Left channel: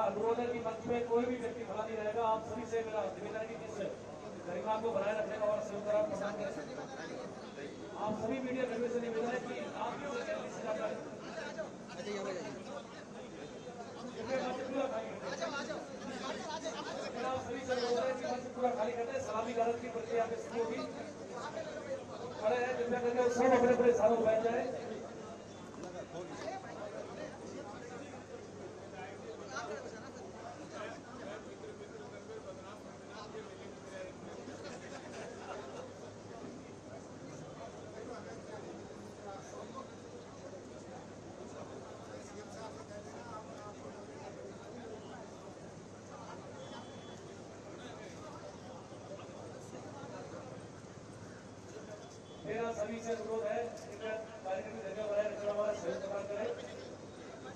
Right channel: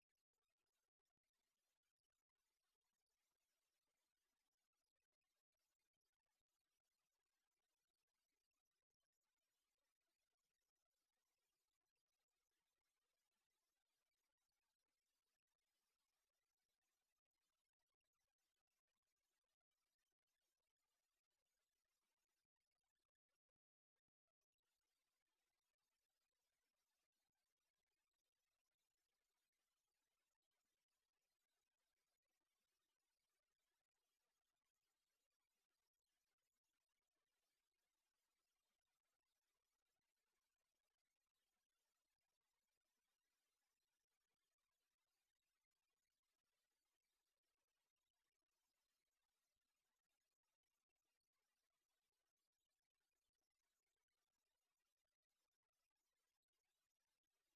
मेरा अनुरोध है कि मंच में कोई भी व्यक्ति खड़ा नहीं रहेगा। आप सभी से मेरा निवेदन है कि जिस गरिमा को बनाए रखने का और संयुक्त आप सभी मीडिया कर्मी से निवेदन है कि आप से जाकर सभी से निवेदन है कि मंच पूरा खाली करते हैं। सलामी गारद की प्रक्रिया में शुरू होगी। खड़े हैं कृपया करके सब अपने अपने स्थानों पर बैठ जाए। मेरा सभी से अनुरोध है कृपया कार्यक्रम की जगह बनाए रखना हमारा सहयोग प्रदान करें।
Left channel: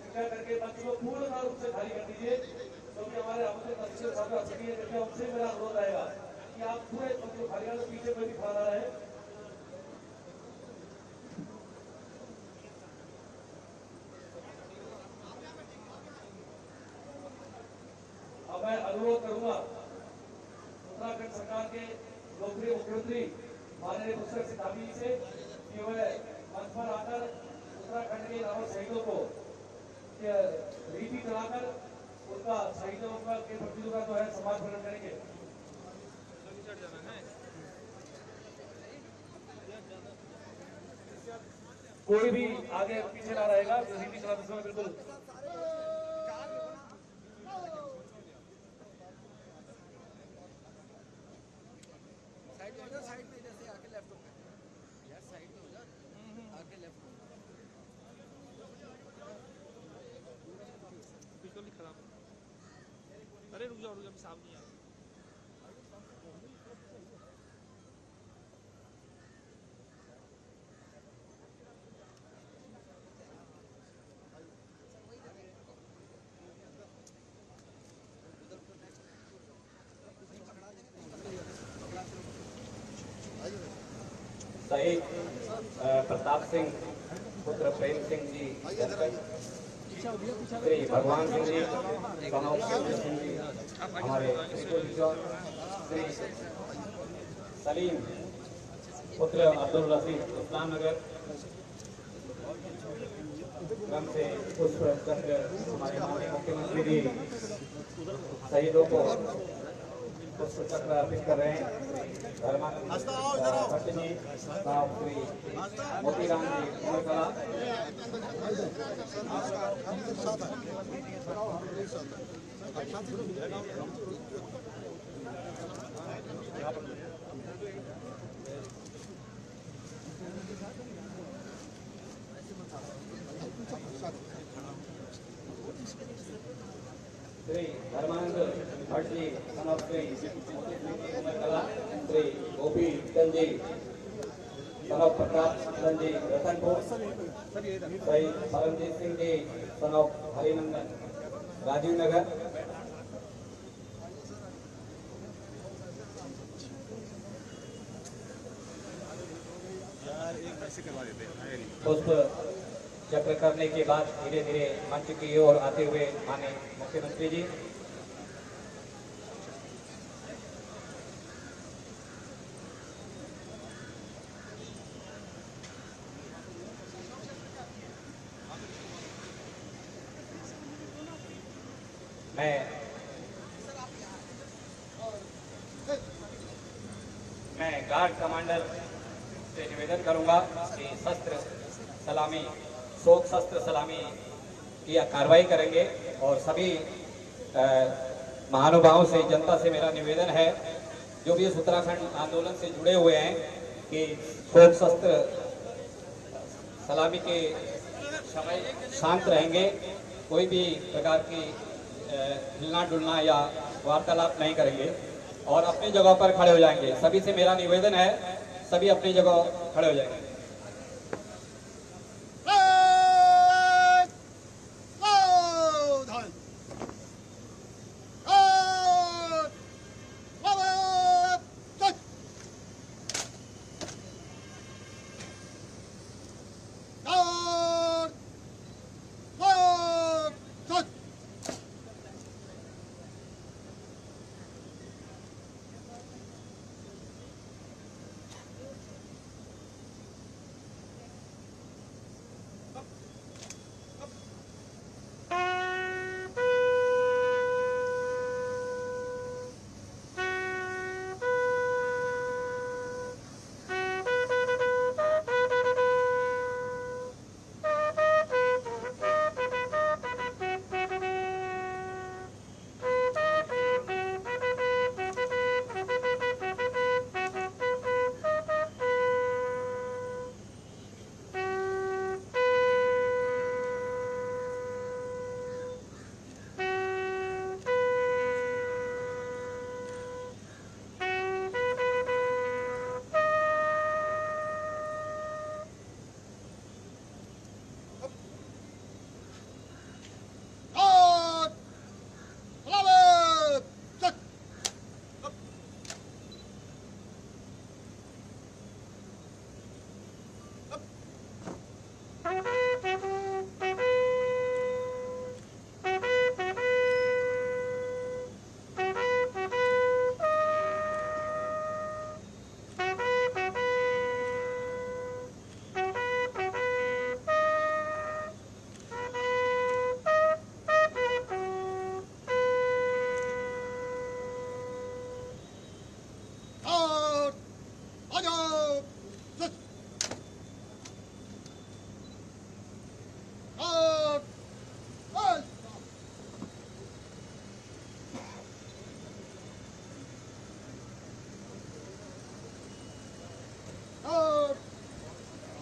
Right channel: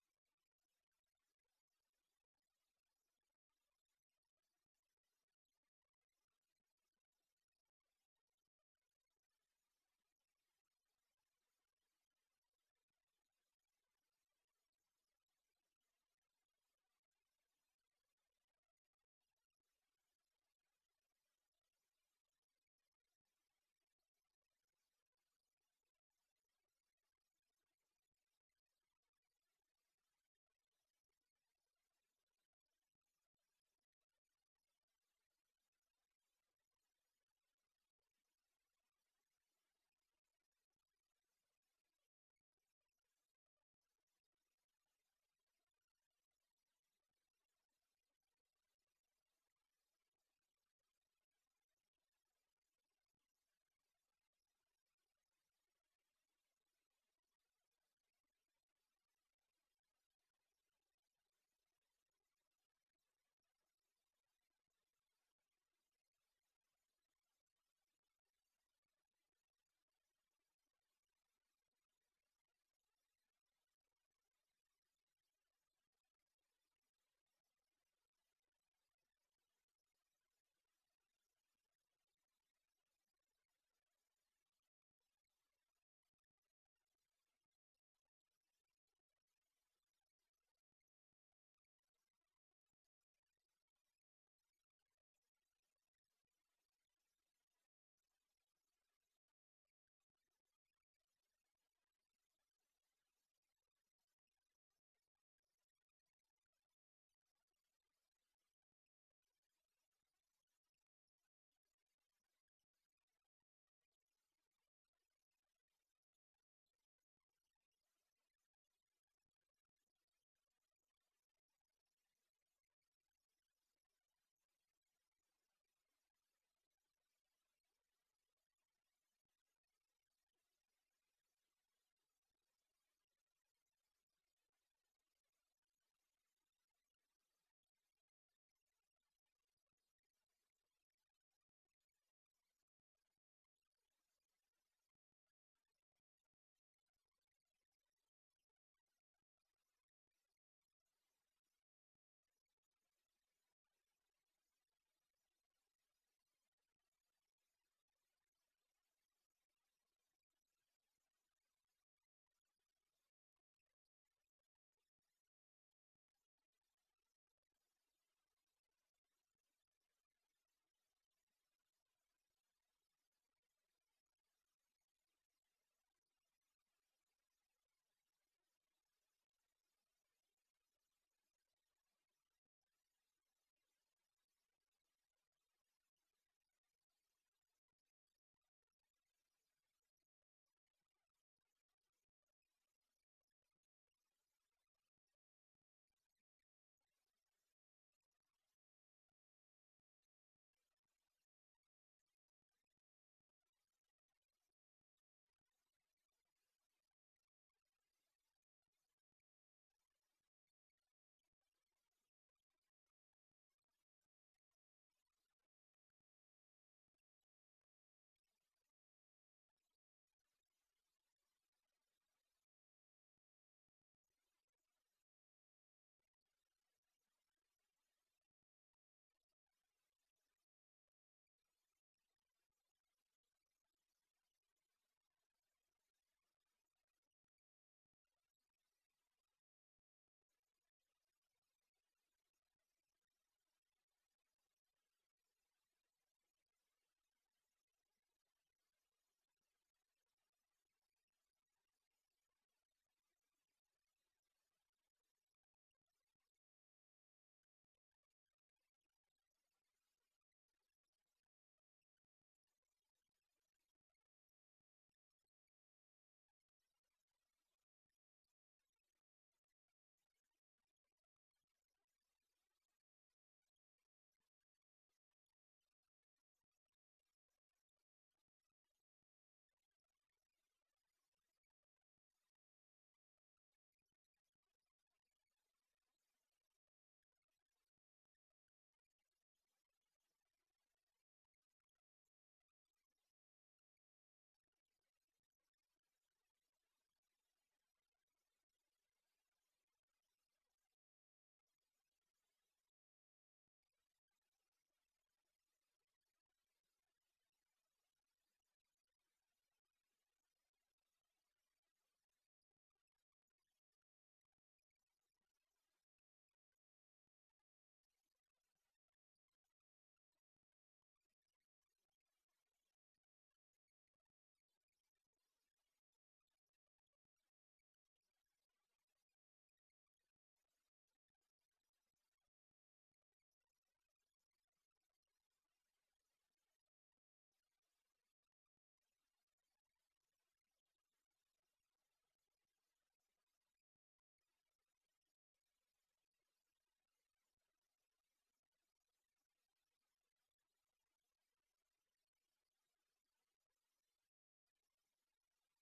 कृपया करके मंच को पूर्ण रूप से खाली कर दीजिए क्योंकि हमारे आमंत्रित अतिथि छात्र अतिथि है। कृपया उनसे मेरा अनुरोध रहेगा कि आप पूरे मंच को खाली कर पीछे कोई भी खड़ा ना रहे। अब मैं अनुरोध करूंगा उत्तराखंड सरकार के लोकप्रिय मुख्यमंत्री माननीय पुष्कर सिंह धामी से कि वह मंच पर आकर उत्तराखंड के अमर शहीदों को रीति चलाकर उनका शहीदों के प्रतियों का जो है सम्मान प्रकट करेंगे। कोई भी आगे पीछे ना रहेगा। रीति चलाते समय बिल्कुल साइड में जैसे आके लेफ्ट हो यार, साइड में हो जा, आके लेफ्ट हो। बिल्कुल खराब। अरे रुक जाओ अभी सामने आ शहीद प्रताप सिंह पुत्र प्रेम सिंह जी, श्री भगवान सिंह जी, सिंह जी, हमारे श्री सलीम पुत्र अब्दुल रशीद इस्लाम नगर क्रम से पुष्प चक्र हमारे माननीय मुख्यमंत्री जी शहीदों को पुष्प चक्र अर्पित कर रहे हैं। भट्ट जी, श्री मोतीराम जी उमरकला, श्री धर्मानंद भट्ट जी श्री उमरकला, श्री गोपी चंद जी प्रताप चंद जी रतनपुर, श्री परमजीत सिंह जी हरिनंदन राजीव नगर, पुष्प चक्र करने के बाद धीरे धीरे मंच की ओर आते हुए माननीय मुख्यमंत्री जी मैं गार्ड कमांडर से निवेदन करूंगा कि शस्त्र सलामी शोक शस्त्र सलामी की कार्रवाई करेंगे और सभी महानुभावों से जनता से मेरा निवेदन है जो भी इस उत्तराखंड आंदोलन से जुड़े हुए हैं कि शोक शस्त्र सलामी के समय शांत रहेंगे, कोई भी प्रकार की हिलना डुलना या वार्तालाप नहीं करेंगे और अपनी जगह पर खड़े हो जाएंगे। सभी से मेरा निवेदन है, सभी अपनी जगह खड़े हो जाएंगे।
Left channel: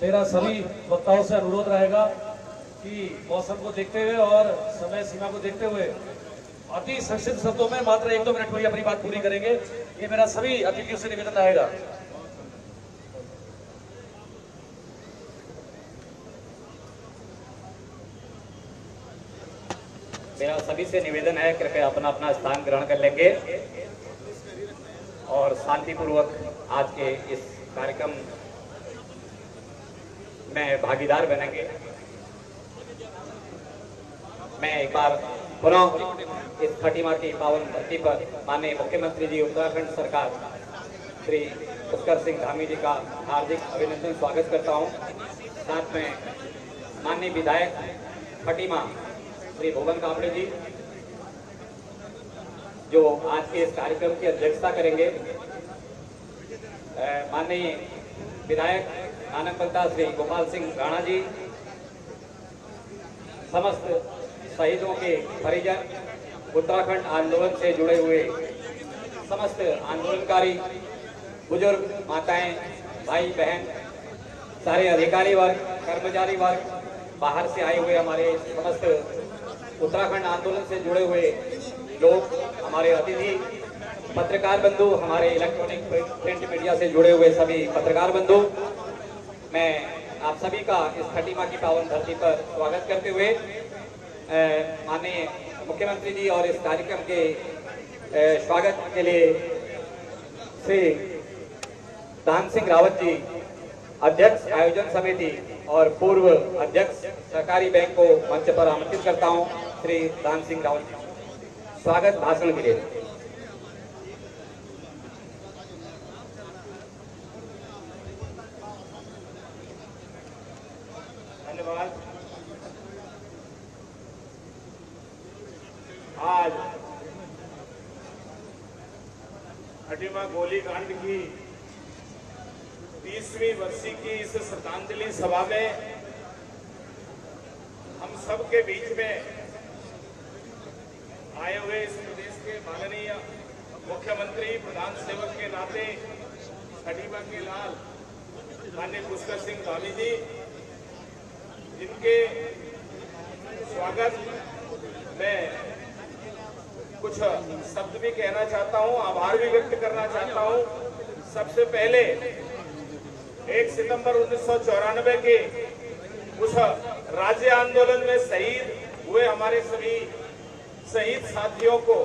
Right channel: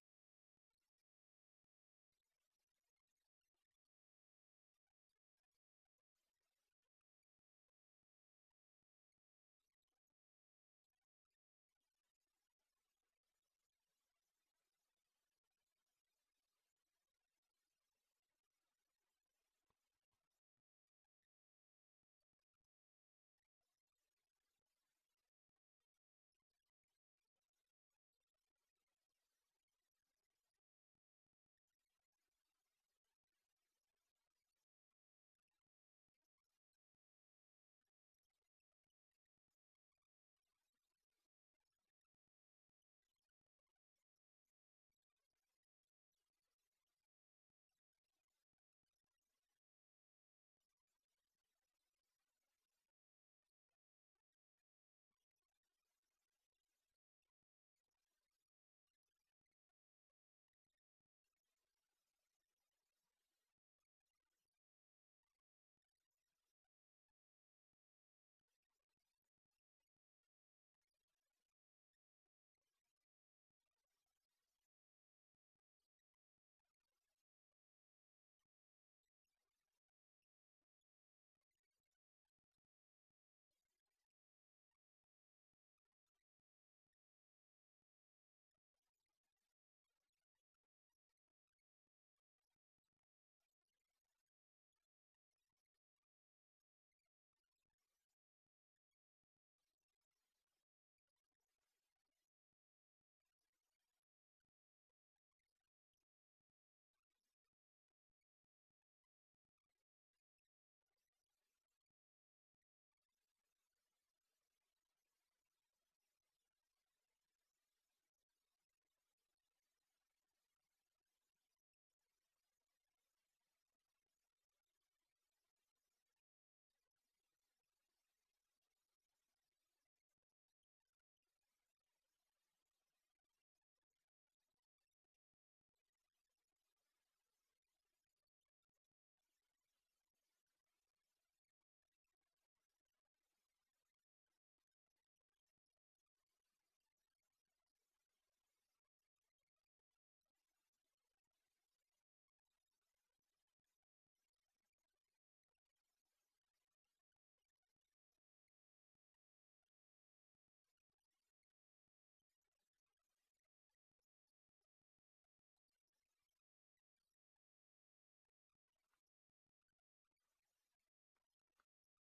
मेरा सभी वक्ताओं से अनुरोध रहेगा कि मौसम को देखते हुए और समय सीमा को देखते हुए अति संक्षिप्त शब्दों में मात्र 1-2 मिनट में ही अपनी बात पूरी करेंगे। ये मेरा सभी अतिथियों से निवेदन रहेगा। मेरा सभी से निवेदन है, कृपया अपना अपना स्थान ग्रहण कर लेंगे और शांतिपूर्वक आज के इस कार्यक्रम में भागीदार बनेंगे। मैं एक बार पुनः इस खटीमा की पावन धरती पर माननीय मुख्यमंत्री जी उत्तराखंड सरकार श्री पुष्कर सिंह धामी जी का हार्दिक अभिनंदन स्वागत करता हूं। साथ में माननीय विधायक खटीमा श्री भुवन कामड़े जी जो आज के इस कार्यक्रम की अध्यक्षता करेंगे। माननीय विधायक आनंदपंता श्री गोपाल सिंह राणा जी, समस्त शहीदों के परिजन, उत्तराखंड आंदोलन से जुड़े हुए समस्त आंदोलनकारी, बुजुर्ग, माताएं, भाई बहन, सारे अधिकारी वर्ग, कर्मचारी वर्ग, बाहर से आए हुए हमारे समस्त उत्तराखंड आंदोलन से जुड़े हुए लोग, हमारे अतिथि, पत्रकार बंधु, हमारे इलेक्ट्रॉनिक प्रिंट मीडिया से जुड़े हुए सभी पत्रकार बंधु, मैं आप सभी का इस खटीमा की पावन धरती पर स्वागत करते हुए माननीय मुख्यमंत्री जी और इस कार्यक्रम के स्वागत के लिए श्री दान सिंह रावत जी, अध्यक्ष आयोजन समिति और पूर्व अध्यक्ष सहकारी बैंक को मंच पर आमंत्रित करता हूं। श्री दान सिंह रावत जी, स्वागत भाषण के लिए। धन्यवाद। आज खटीमा गोलीकांड की 30वीं वर्षी की इस श्रद्धांजलि सभा में हम सब के बीच में आए हुए इस प्रदेश के माननीय मुख्यमंत्री, प्रधान सेवक के नाते खटीमा के लाल माननीय पुष्कर सिंह धामी जी, जिनके स्वागत में कुछ शब्द भी कहना चाहता हूं, आभार भी व्यक्त करना चाहता हूं। सबसे पहले 1 सितंबर 1994 के उस राज्य आंदोलन में शहीद हुए हमारे सभी शहीद साथियों को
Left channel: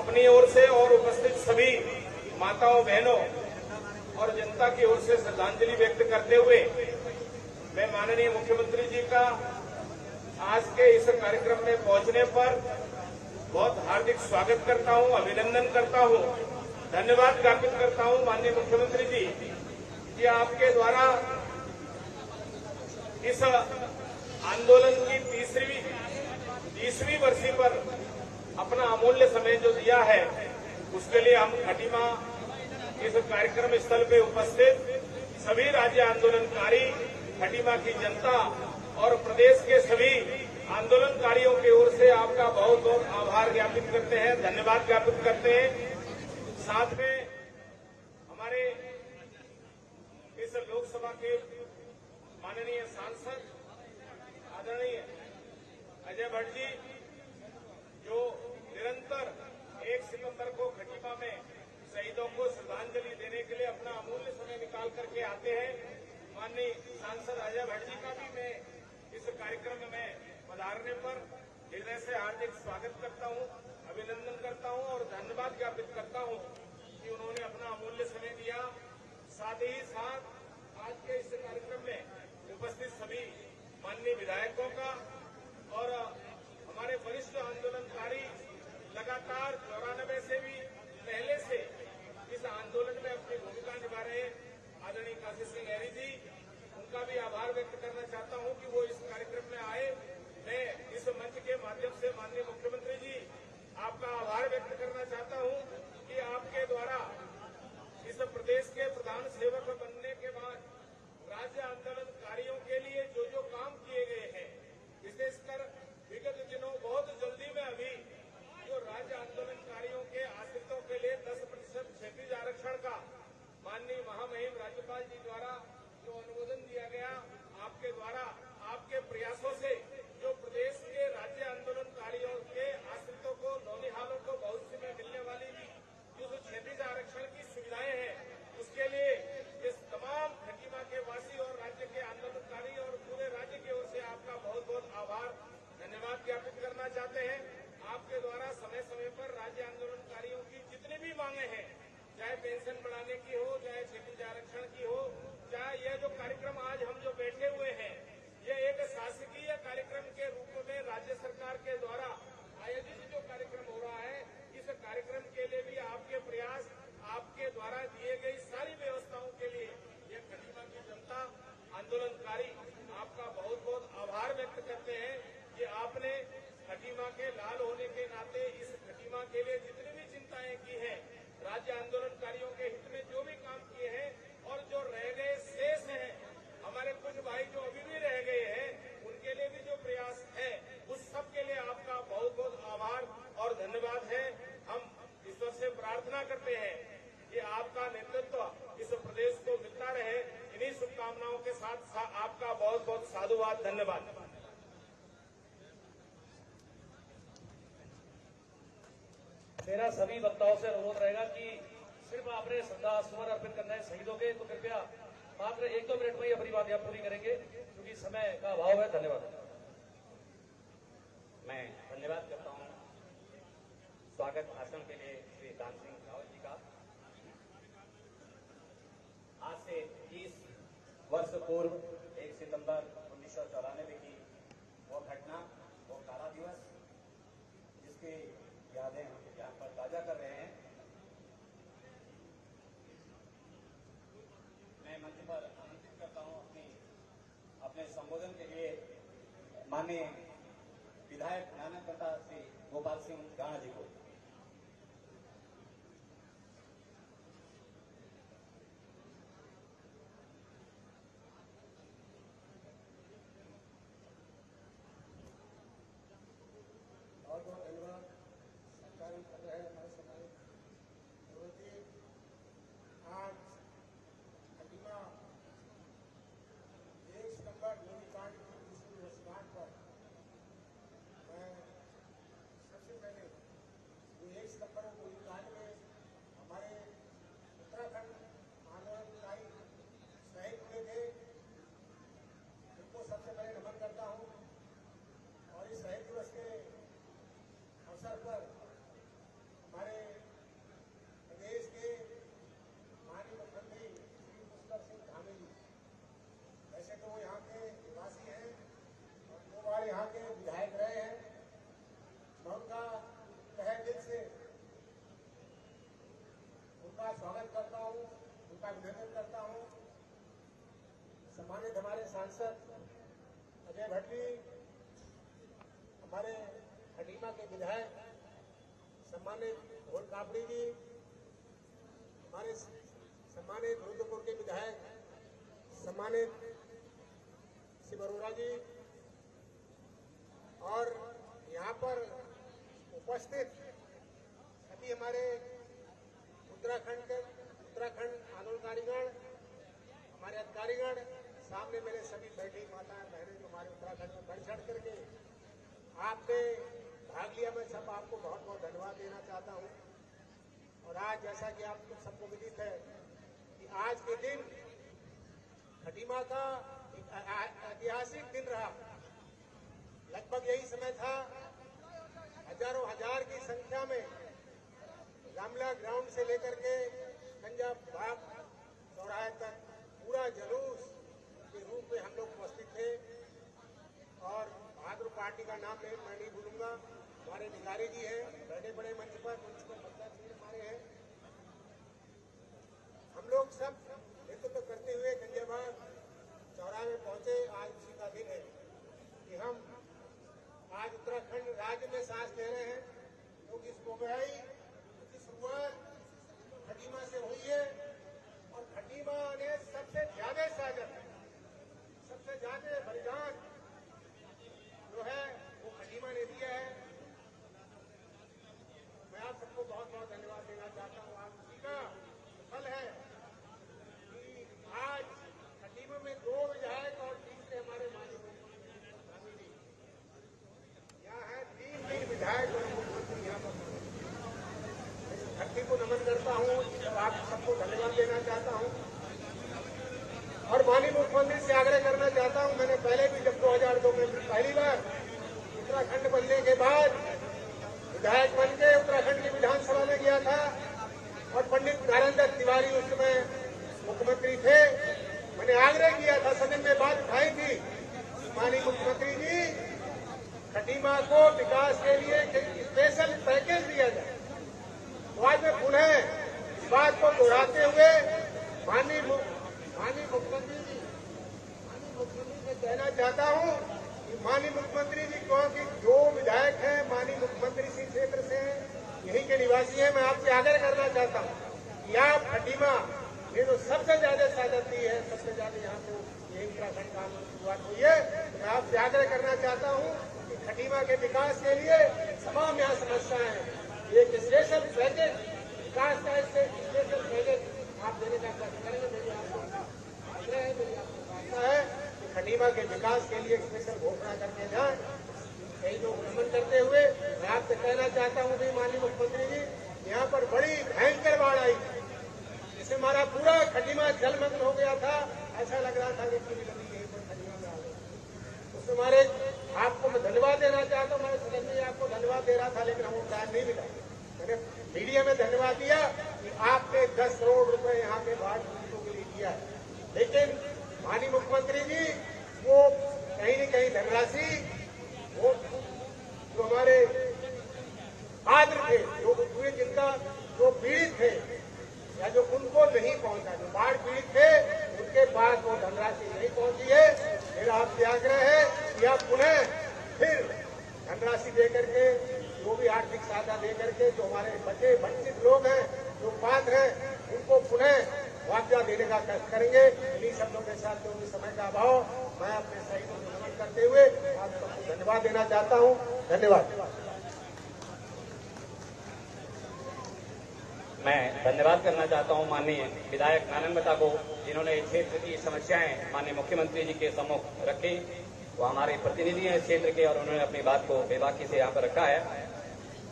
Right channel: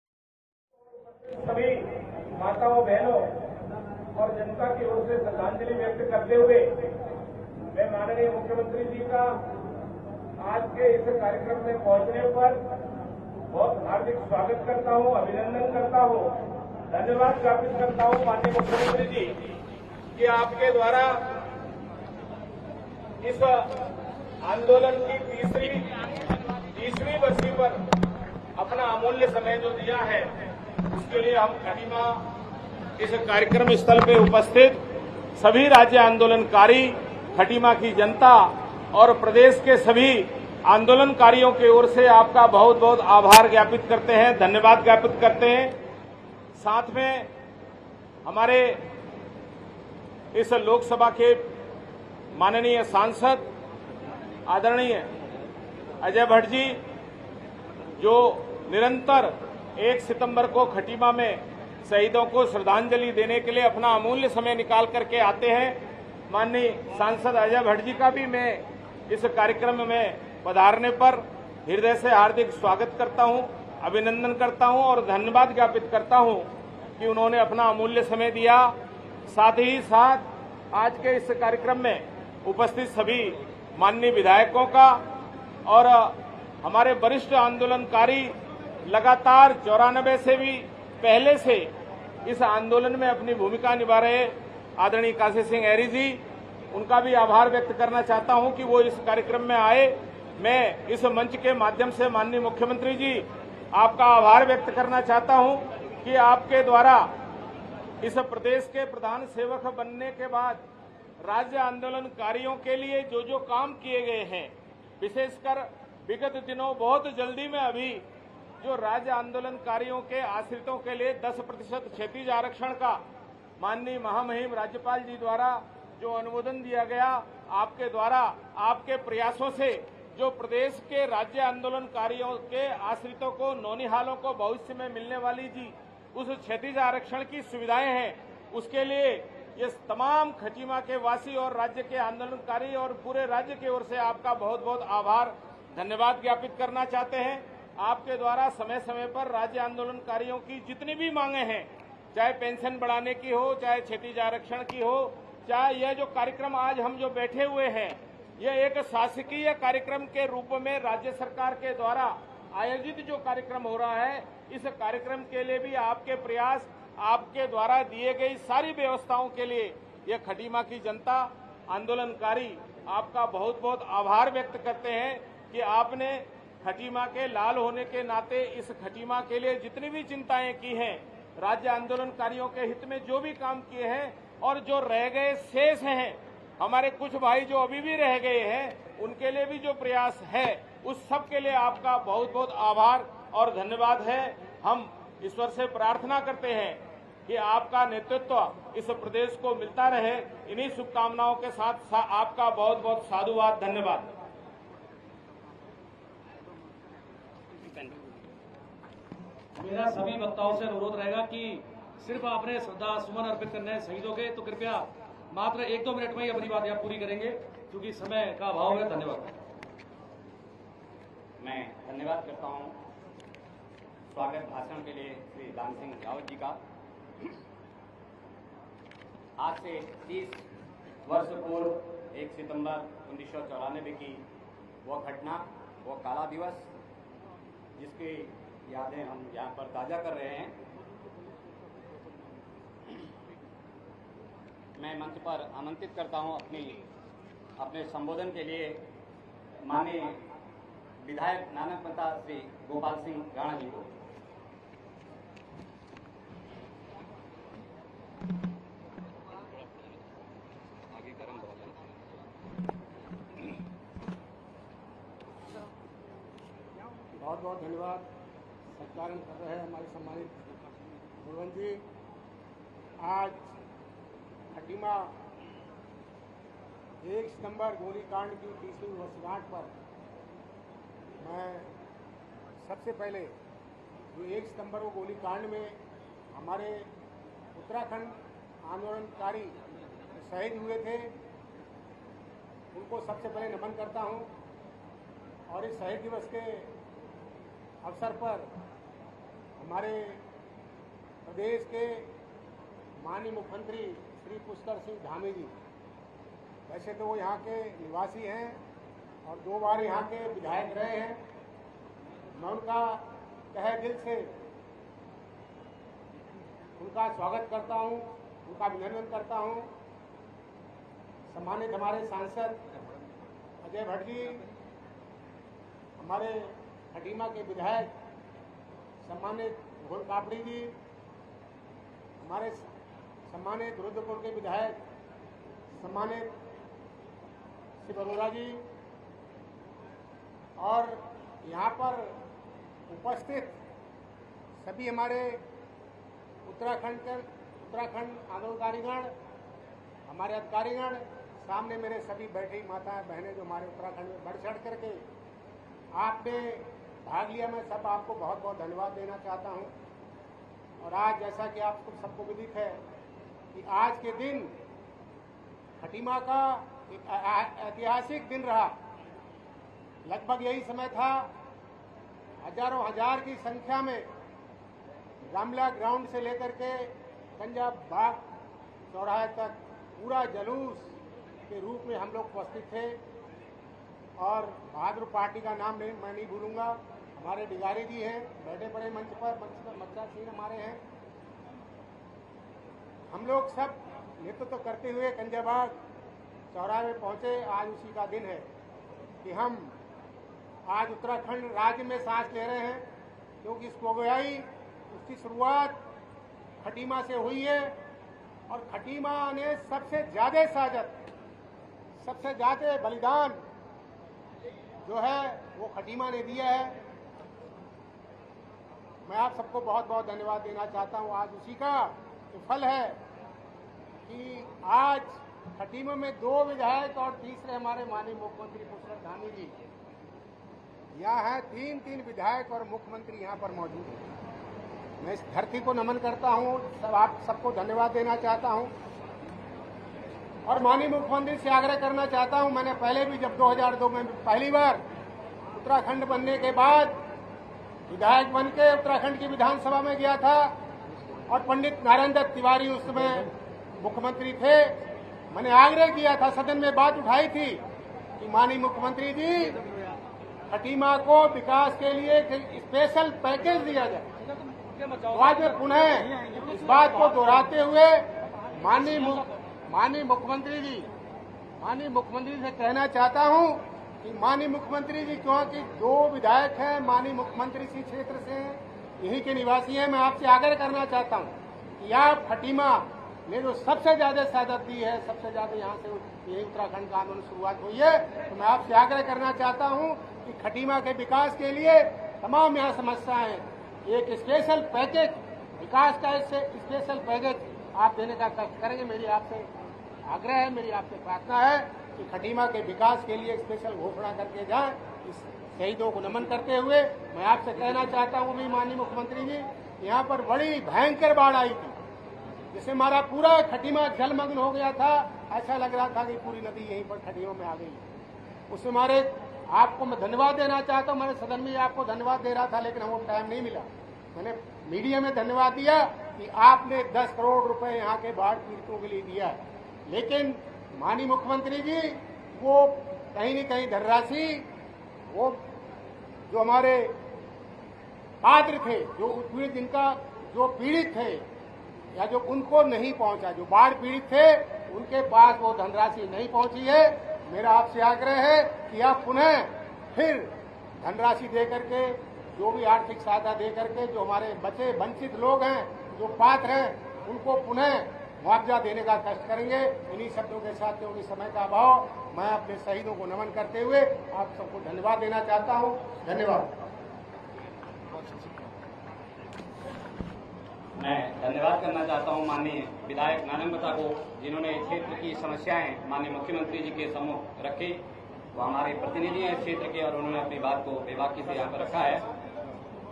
अपनी ओर से और उपस्थित सभी माताओं, बहनों और जनता की ओर से श्रद्धांजलि व्यक्त करते हुए मैं माननीय मुख्यमंत्री जी का आज के इस कार्यक्रम में पहुंचने पर बहुत हार्दिक स्वागत करता हूं, अभिनंदन करता हूं, धन्यवाद ज्ञापित करता हूं माननीय मुख्यमंत्री जी कि आपके द्वारा इस आंदोलन की 30वीं वर्षी पर अपना अमूल्य समय जो दिया है, उसके लिए हम खटीमा इस कार्यक्रम स्थल पे उपस्थित सभी राज्य आंदोलनकारी, खटीमा की जनता और प्रदेश के सभी आंदोलनकारियों की ओर से आपका बहुत बहुत आभार ज्ञापित करते हैं, धन्यवाद ज्ञापित करते हैं। साथ में हमारे इस लोकसभा के माननीय सांसद आदरणीय अजय भट्ट जी, जो निरंतर 1 सितंबर को खटीमा में शहीदों को श्रद्धांजलि देने के लिए अपना अमूल्य समय निकाल करके आते हैं। माननीय सांसद अजय भट्ट जी का भी मैं इस कार्यक्रम में पधारने पर हृदय से हार्दिक स्वागत करता हूं, अभिनंदन करता हूं और धन्यवाद ज्ञापित करता हूं कि उन्होंने अपना अमूल्य समय दिया। साथ ही साथ आज के इस कार्यक्रम में उपस्थित सभी माननीय विधायकों का और हमारे वरिष्ठ आंदोलनकारी लगातार 94 से भी पहले से इस आंदोलन में अपनी भूमिका निभा रहे आदरणीय काशी सिंह ऐरी जी, उनका भी आभार व्यक्त करना चाहता हूं कि वो इस कार्यक्रम में आए। मैं इस मंच के माध्यम से माननीय मुख्यमंत्री जी आपका आभार व्यक्त करना चाहता हूं कि आपके द्वारा इस प्रदेश के प्रधान सेवक बनने के बाद राज्य आंदोलनकारियों के लिए जो जो काम किए गए हैं, विशेषकर विगत दिनों बहुत जल्दी में अभी जो राज्य आंदोलनकारियों के आश्रितों के लिए 10% क्षैतिज आरक्षण का माननीय महामहिम राज्यपाल जी द्वारा जो अनुमोदन दिया गया आपके द्वारा, आपके प्रयासों से जो प्रदेश के राज्य आंदोलनकारियों के आश्रितों को, नौनिहालों को भविष्य में मिलने वाली जी उस क्षैतिज आरक्षण की सुविधाएं हैं, उसके लिए ये तमाम खटीमा के वासी और राज्य के आंदोलनकारी और पूरे राज्य की ओर से आपका बहुत बहुत आभार, धन्यवाद ज्ञापित करना चाहते हैं। आपके द्वारा समय समय पर राज्य आंदोलनकारियों की जितनी भी मांगे हैं, चाहे पेंशन बढ़ाने की हो, चाहे क्षैतिज आरक्षण की हो, चाहे यह जो कार्यक्रम आज हम जो बैठे हुए हैं, यह एक शासकीय कार्यक्रम के रूप में राज्य सरकार के द्वारा आयोजित जो कार्यक्रम हो रहा है, इस कार्यक्रम के लिए भी आपके प्रयास, आपके द्वारा दिए गई सारी व्यवस्थाओं के लिए यह खटीमा की जनता, आंदोलनकारी आपका बहुत बहुत आभार व्यक्त करते हैं कि आपने खटीमा के लाल होने के नाते इस खटीमा के लिए जितनी भी चिंताएं की हैं, राज्य आंदोलनकारियों के हित में जो भी काम किए हैं और जो रह गए शेष हैं, हमारे कुछ भाई जो अभी भी रह गए हैं, उनके लिए भी जो प्रयास है, उस सब के लिए आपका बहुत बहुत आभार और धन्यवाद है। हम ईश्वर से प्रार्थना करते हैं कि आपका नेतृत्व इस प्रदेश को मिलता रहे। इन्हीं शुभकामनाओं के साथ आपका बहुत बहुत साधुवाद, धन्यवाद। मेरा सभी वक्ताओं से अनुरोध रहेगा कि सिर्फ आपने श्रद्धा सुमन अर्पित करने हैं शहीदों के, तो कृपया मात्र 1-2 मिनट में ही अपनी बात यहाँ पूरी करेंगे, क्योंकि समय का अभाव है। धन्यवाद। मैं धन्यवाद करता हूँ स्वागत भाषण के लिए श्री दान सिंह रावत जी का। आज से 30 वर्ष पूर्व 1 सितंबर 1994 की वह घटना, वो काला दिवस, जिसकी यादें हम यहाँ पर ताज़ा कर रहे हैं। मैं मंच पर आमंत्रित करता हूँ अपने संबोधन के लिए माननीय विधायक नानक प्रताप श्री गोपाल सिंह राणा जी को। बहुत बहुत धन्यवाद सत्कार कर रहे हैं हमारे सम्मानित गुरुवन जी। आज खटीमा 1 सितंबर गोलीकांड की 30वीं वर्षगांठ पर मैं सबसे पहले जो 1 सितंबर को गोलीकांड में हमारे उत्तराखंड आंदोलनकारी शहीद हुए थे, उनको सबसे पहले नमन करता हूं। और इस शहीद दिवस के अवसर पर हमारे प्रदेश के माननीय मुख्यमंत्री श्री पुष्कर सिंह धामी जी, वैसे तो वो यहाँ के निवासी हैं और 2 बार यहाँ के विधायक रहे हैं, मैं उनका तहे दिल से उनका स्वागत करता हूँ, उनका अभिनंदन करता हूँ। सम्मानित हमारे सांसद अजय भट्ट जी, हमारे खटीमा के विधायक सम्मानित घोर कापड़ी जी, हमारे सम्मानित रुद्रपुर के विधायक सम्मानित श्री बरोरा जी, और यहाँ पर उपस्थित सभी हमारे उत्तराखंड आंदोलनकारीगण, हमारे अधिकारीगण, सामने मेरे सभी बैठी माताएं बहनें जो हमारे उत्तराखंड में बढ़ चढ़ करके आपने भाग लिया, मैं सब आपको बहुत बहुत धन्यवाद देना चाहता हूं। और आज जैसा कि आपको सबको विदित है कि आज के दिन खटीमा का एक ऐतिहासिक दिन रहा। लगभग यही समय था, हजारों हजार की संख्या में रामलीला ग्राउंड से लेकर के पंजाब बाग चौराहे तक पूरा जुलूस के रूप में हम लोग उपस्थित थे। और बहादुर पार्टी का नाम मैं नहीं भूलूंगा, हमारे डिगारी जी हैं, बैठे पड़े मंच पर, मतदार सिंह हमारे हैं। हम लोग सब नेतृत्व करते हुए कंजाबाग चौराहे में पहुंचे। आज उसी का दिन है कि हम आज उत्तराखंड राज्य में सांस ले रहे हैं, क्योंकि इसको गई उसकी शुरुआत खटीमा से हुई है। और खटीमा ने सबसे ज्यादा साजत, सबसे ज्यादा बलिदान जो है वो खटीमा ने दिया है। मैं आप सबको बहुत बहुत धन्यवाद देना चाहता हूं। आज उसी का फल है कि आज खटीमा में 2 विधायक और तीसरे हमारे माननीय मुख्यमंत्री पुष्कर धामी जी यहाँ है। 3 विधायक और मुख्यमंत्री यहाँ पर मौजूद हैं। मैं इस धरती को नमन करता हूँ, आप सबको धन्यवाद देना चाहता हूँ और माननीय मुख्यमंत्री से आग्रह करना चाहता हूँ। मैंने पहले भी जब 2002 में पहली बार उत्तराखंड बनने के बाद विधायक बन के उत्तराखंड की विधानसभा में गया था और पंडित नारायण दत्त तिवारी उस समय मुख्यमंत्री थे। मैंने आग्रह किया था, सदन में बात उठाई थी कि माननीय मुख्यमंत्री जी खटीमा को विकास के लिए स्पेशल पैकेज दिया जाए। तो आज मैं पुनः इस बात को दोहराते हुए माननीय मुख्यमंत्री से कहना चाहता हूं कि माननीय मुख्यमंत्री जी, क्योंकि 2 विधायक हैं, माननीय मुख्यमंत्री इसी क्षेत्र से हैं, यहीं के निवासी हैं, मैं आपसे आग्रह करना चाहता हूं कि आप खटीमा, ये जो सबसे ज्यादा ज्यादती है, सबसे ज्यादा यहाँ से ये उत्तराखंड का आंदोलन शुरुआत हुई है, तो मैं आपसे आग्रह करना चाहता हूँ कि खटीमा के विकास के लिए तमाम यहाँ समस्याएं, एक स्पेशल पैकेज, विकास का स्पेशल पैकेज आप देने का करेंगे। मेरी आपसे आग्रह है, मेरी आपसे प्रार्थना है कि खटीमा के विकास के लिए स्पेशल घोषणा करके जाए। शहीदों को नमन करते हुए मैं आपसे कहना चाहता हूँ भी माननीय मुख्यमंत्री जी, यहाँ पर बड़ी भयंकर बाढ़ आई थी, जिससे हमारा पूरा खटीमा जलमग्न हो गया था। ऐसा लग रहा था कि पूरी नदी यहीं पर खटीमा में आ गई। उसमें हमारे आपको मैं धन्यवाद देना चाहता हूँ। मैंने सदन में आपको धन्यवाद दे रहा था, लेकिन हमको टाइम नहीं मिला। मैंने मीडिया में धन्यवाद दिया कि आपने 10 करोड़ रुपए यहाँ के बाढ़ पीड़ितों के लिए दिया है, लेकिन माननीय मुख्यमंत्री जी वो कहीं न कहीं धनराशि वो जो हमारे पात्र थे, जो पूरे दिन का जो पीड़ित थे या जो उनको नहीं पहुंचा, जो बाढ़ पीड़ित थे उनके पास वो धनराशि नहीं पहुंची है। मेरा आपसे आग्रह है कि आप पुनः फिर धनराशि देकर के, जो भी आर्थिक सहायता देकर के जो हमारे बचे वंचित लोग हैं, जो पात्र हैं, उनको पुनः मुआवजा देने का कार्य करेंगे। इन्हीं शब्दों के साथ, जो भी समय का अभाव, मैं अपने शहीदों को नमन करते हुए आप सबको धन्यवाद देना चाहता हूँ। धन्यवाद। मैं धन्यवाद करना चाहता हूं माननीय विधायक नानंगटा को, जिन्होंने क्षेत्र की समस्याएं माननीय मुख्यमंत्री जी के सम्मुख रखी। वो हमारे प्रतिनिधि हैं क्षेत्र के और उन्होंने अपनी बात को बेबाकी से यहाँ पर रखा है।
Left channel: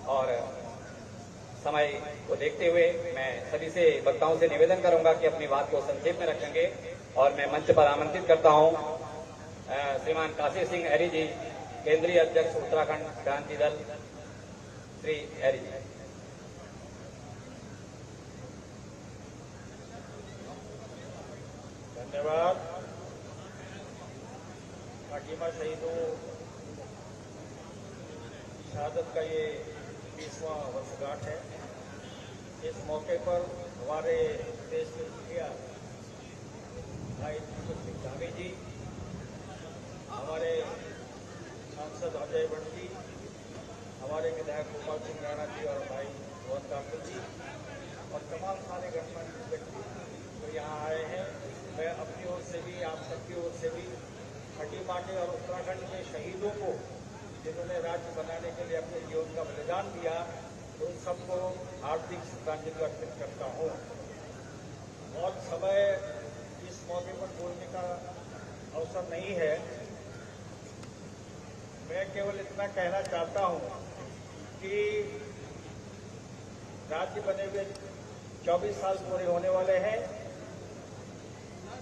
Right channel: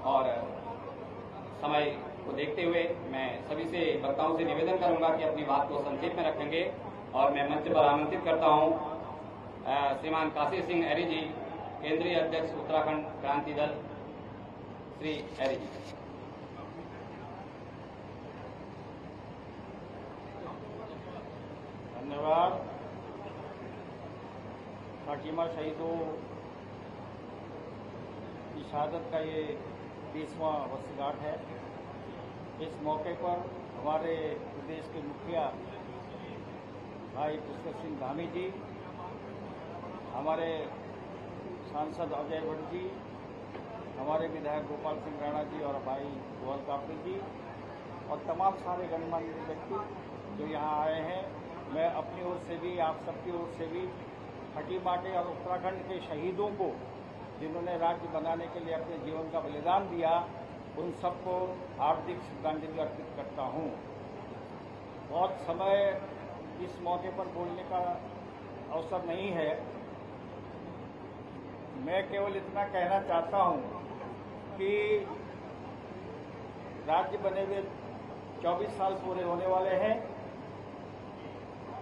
और समय को देखते हुए मैं सभी से वक्ताओं से निवेदन करूंगा कि अपनी बात को संक्षेप में रखेंगे। और मैं मंच पर आमंत्रित करता हूं श्रीमान काशी सिंह एरी जी, केंद्रीय अध्यक्ष उत्तराखंड क्रांति दल, श्री एरी जी। धन्यवाद। खटीमा शहीदों की शहादत का ये 30वां वर्षगांठ है। इस मौके पर हमारे देश के मुखिया भाई पुष्कर सिंह धामी जी, हमारे सांसद अजय भट्ट जी, हमारे विधायक गोपाल सिंह राणा जी और भाई गौर काफी जी और तमाम सारे गणमान्य व्यक्ति जो यहाँ आए हैं, मैं अपनी ओर से भी, आप सबकी ओर से भी खटीमा के और उत्तराखंड के शहीदों को, जिन्होंने राज्य बनाने के लिए अपने जीवन का बलिदान दिया, उन सबको हार्दिक श्रद्धांजलि अर्पित करता हूँ। बहुत समय इस मौके पर बोलने का अवसर नहीं है। मैं केवल इतना कहना चाहता हूँ कि राज्य बने हुए 24 साल पूरे होने वाले हैं।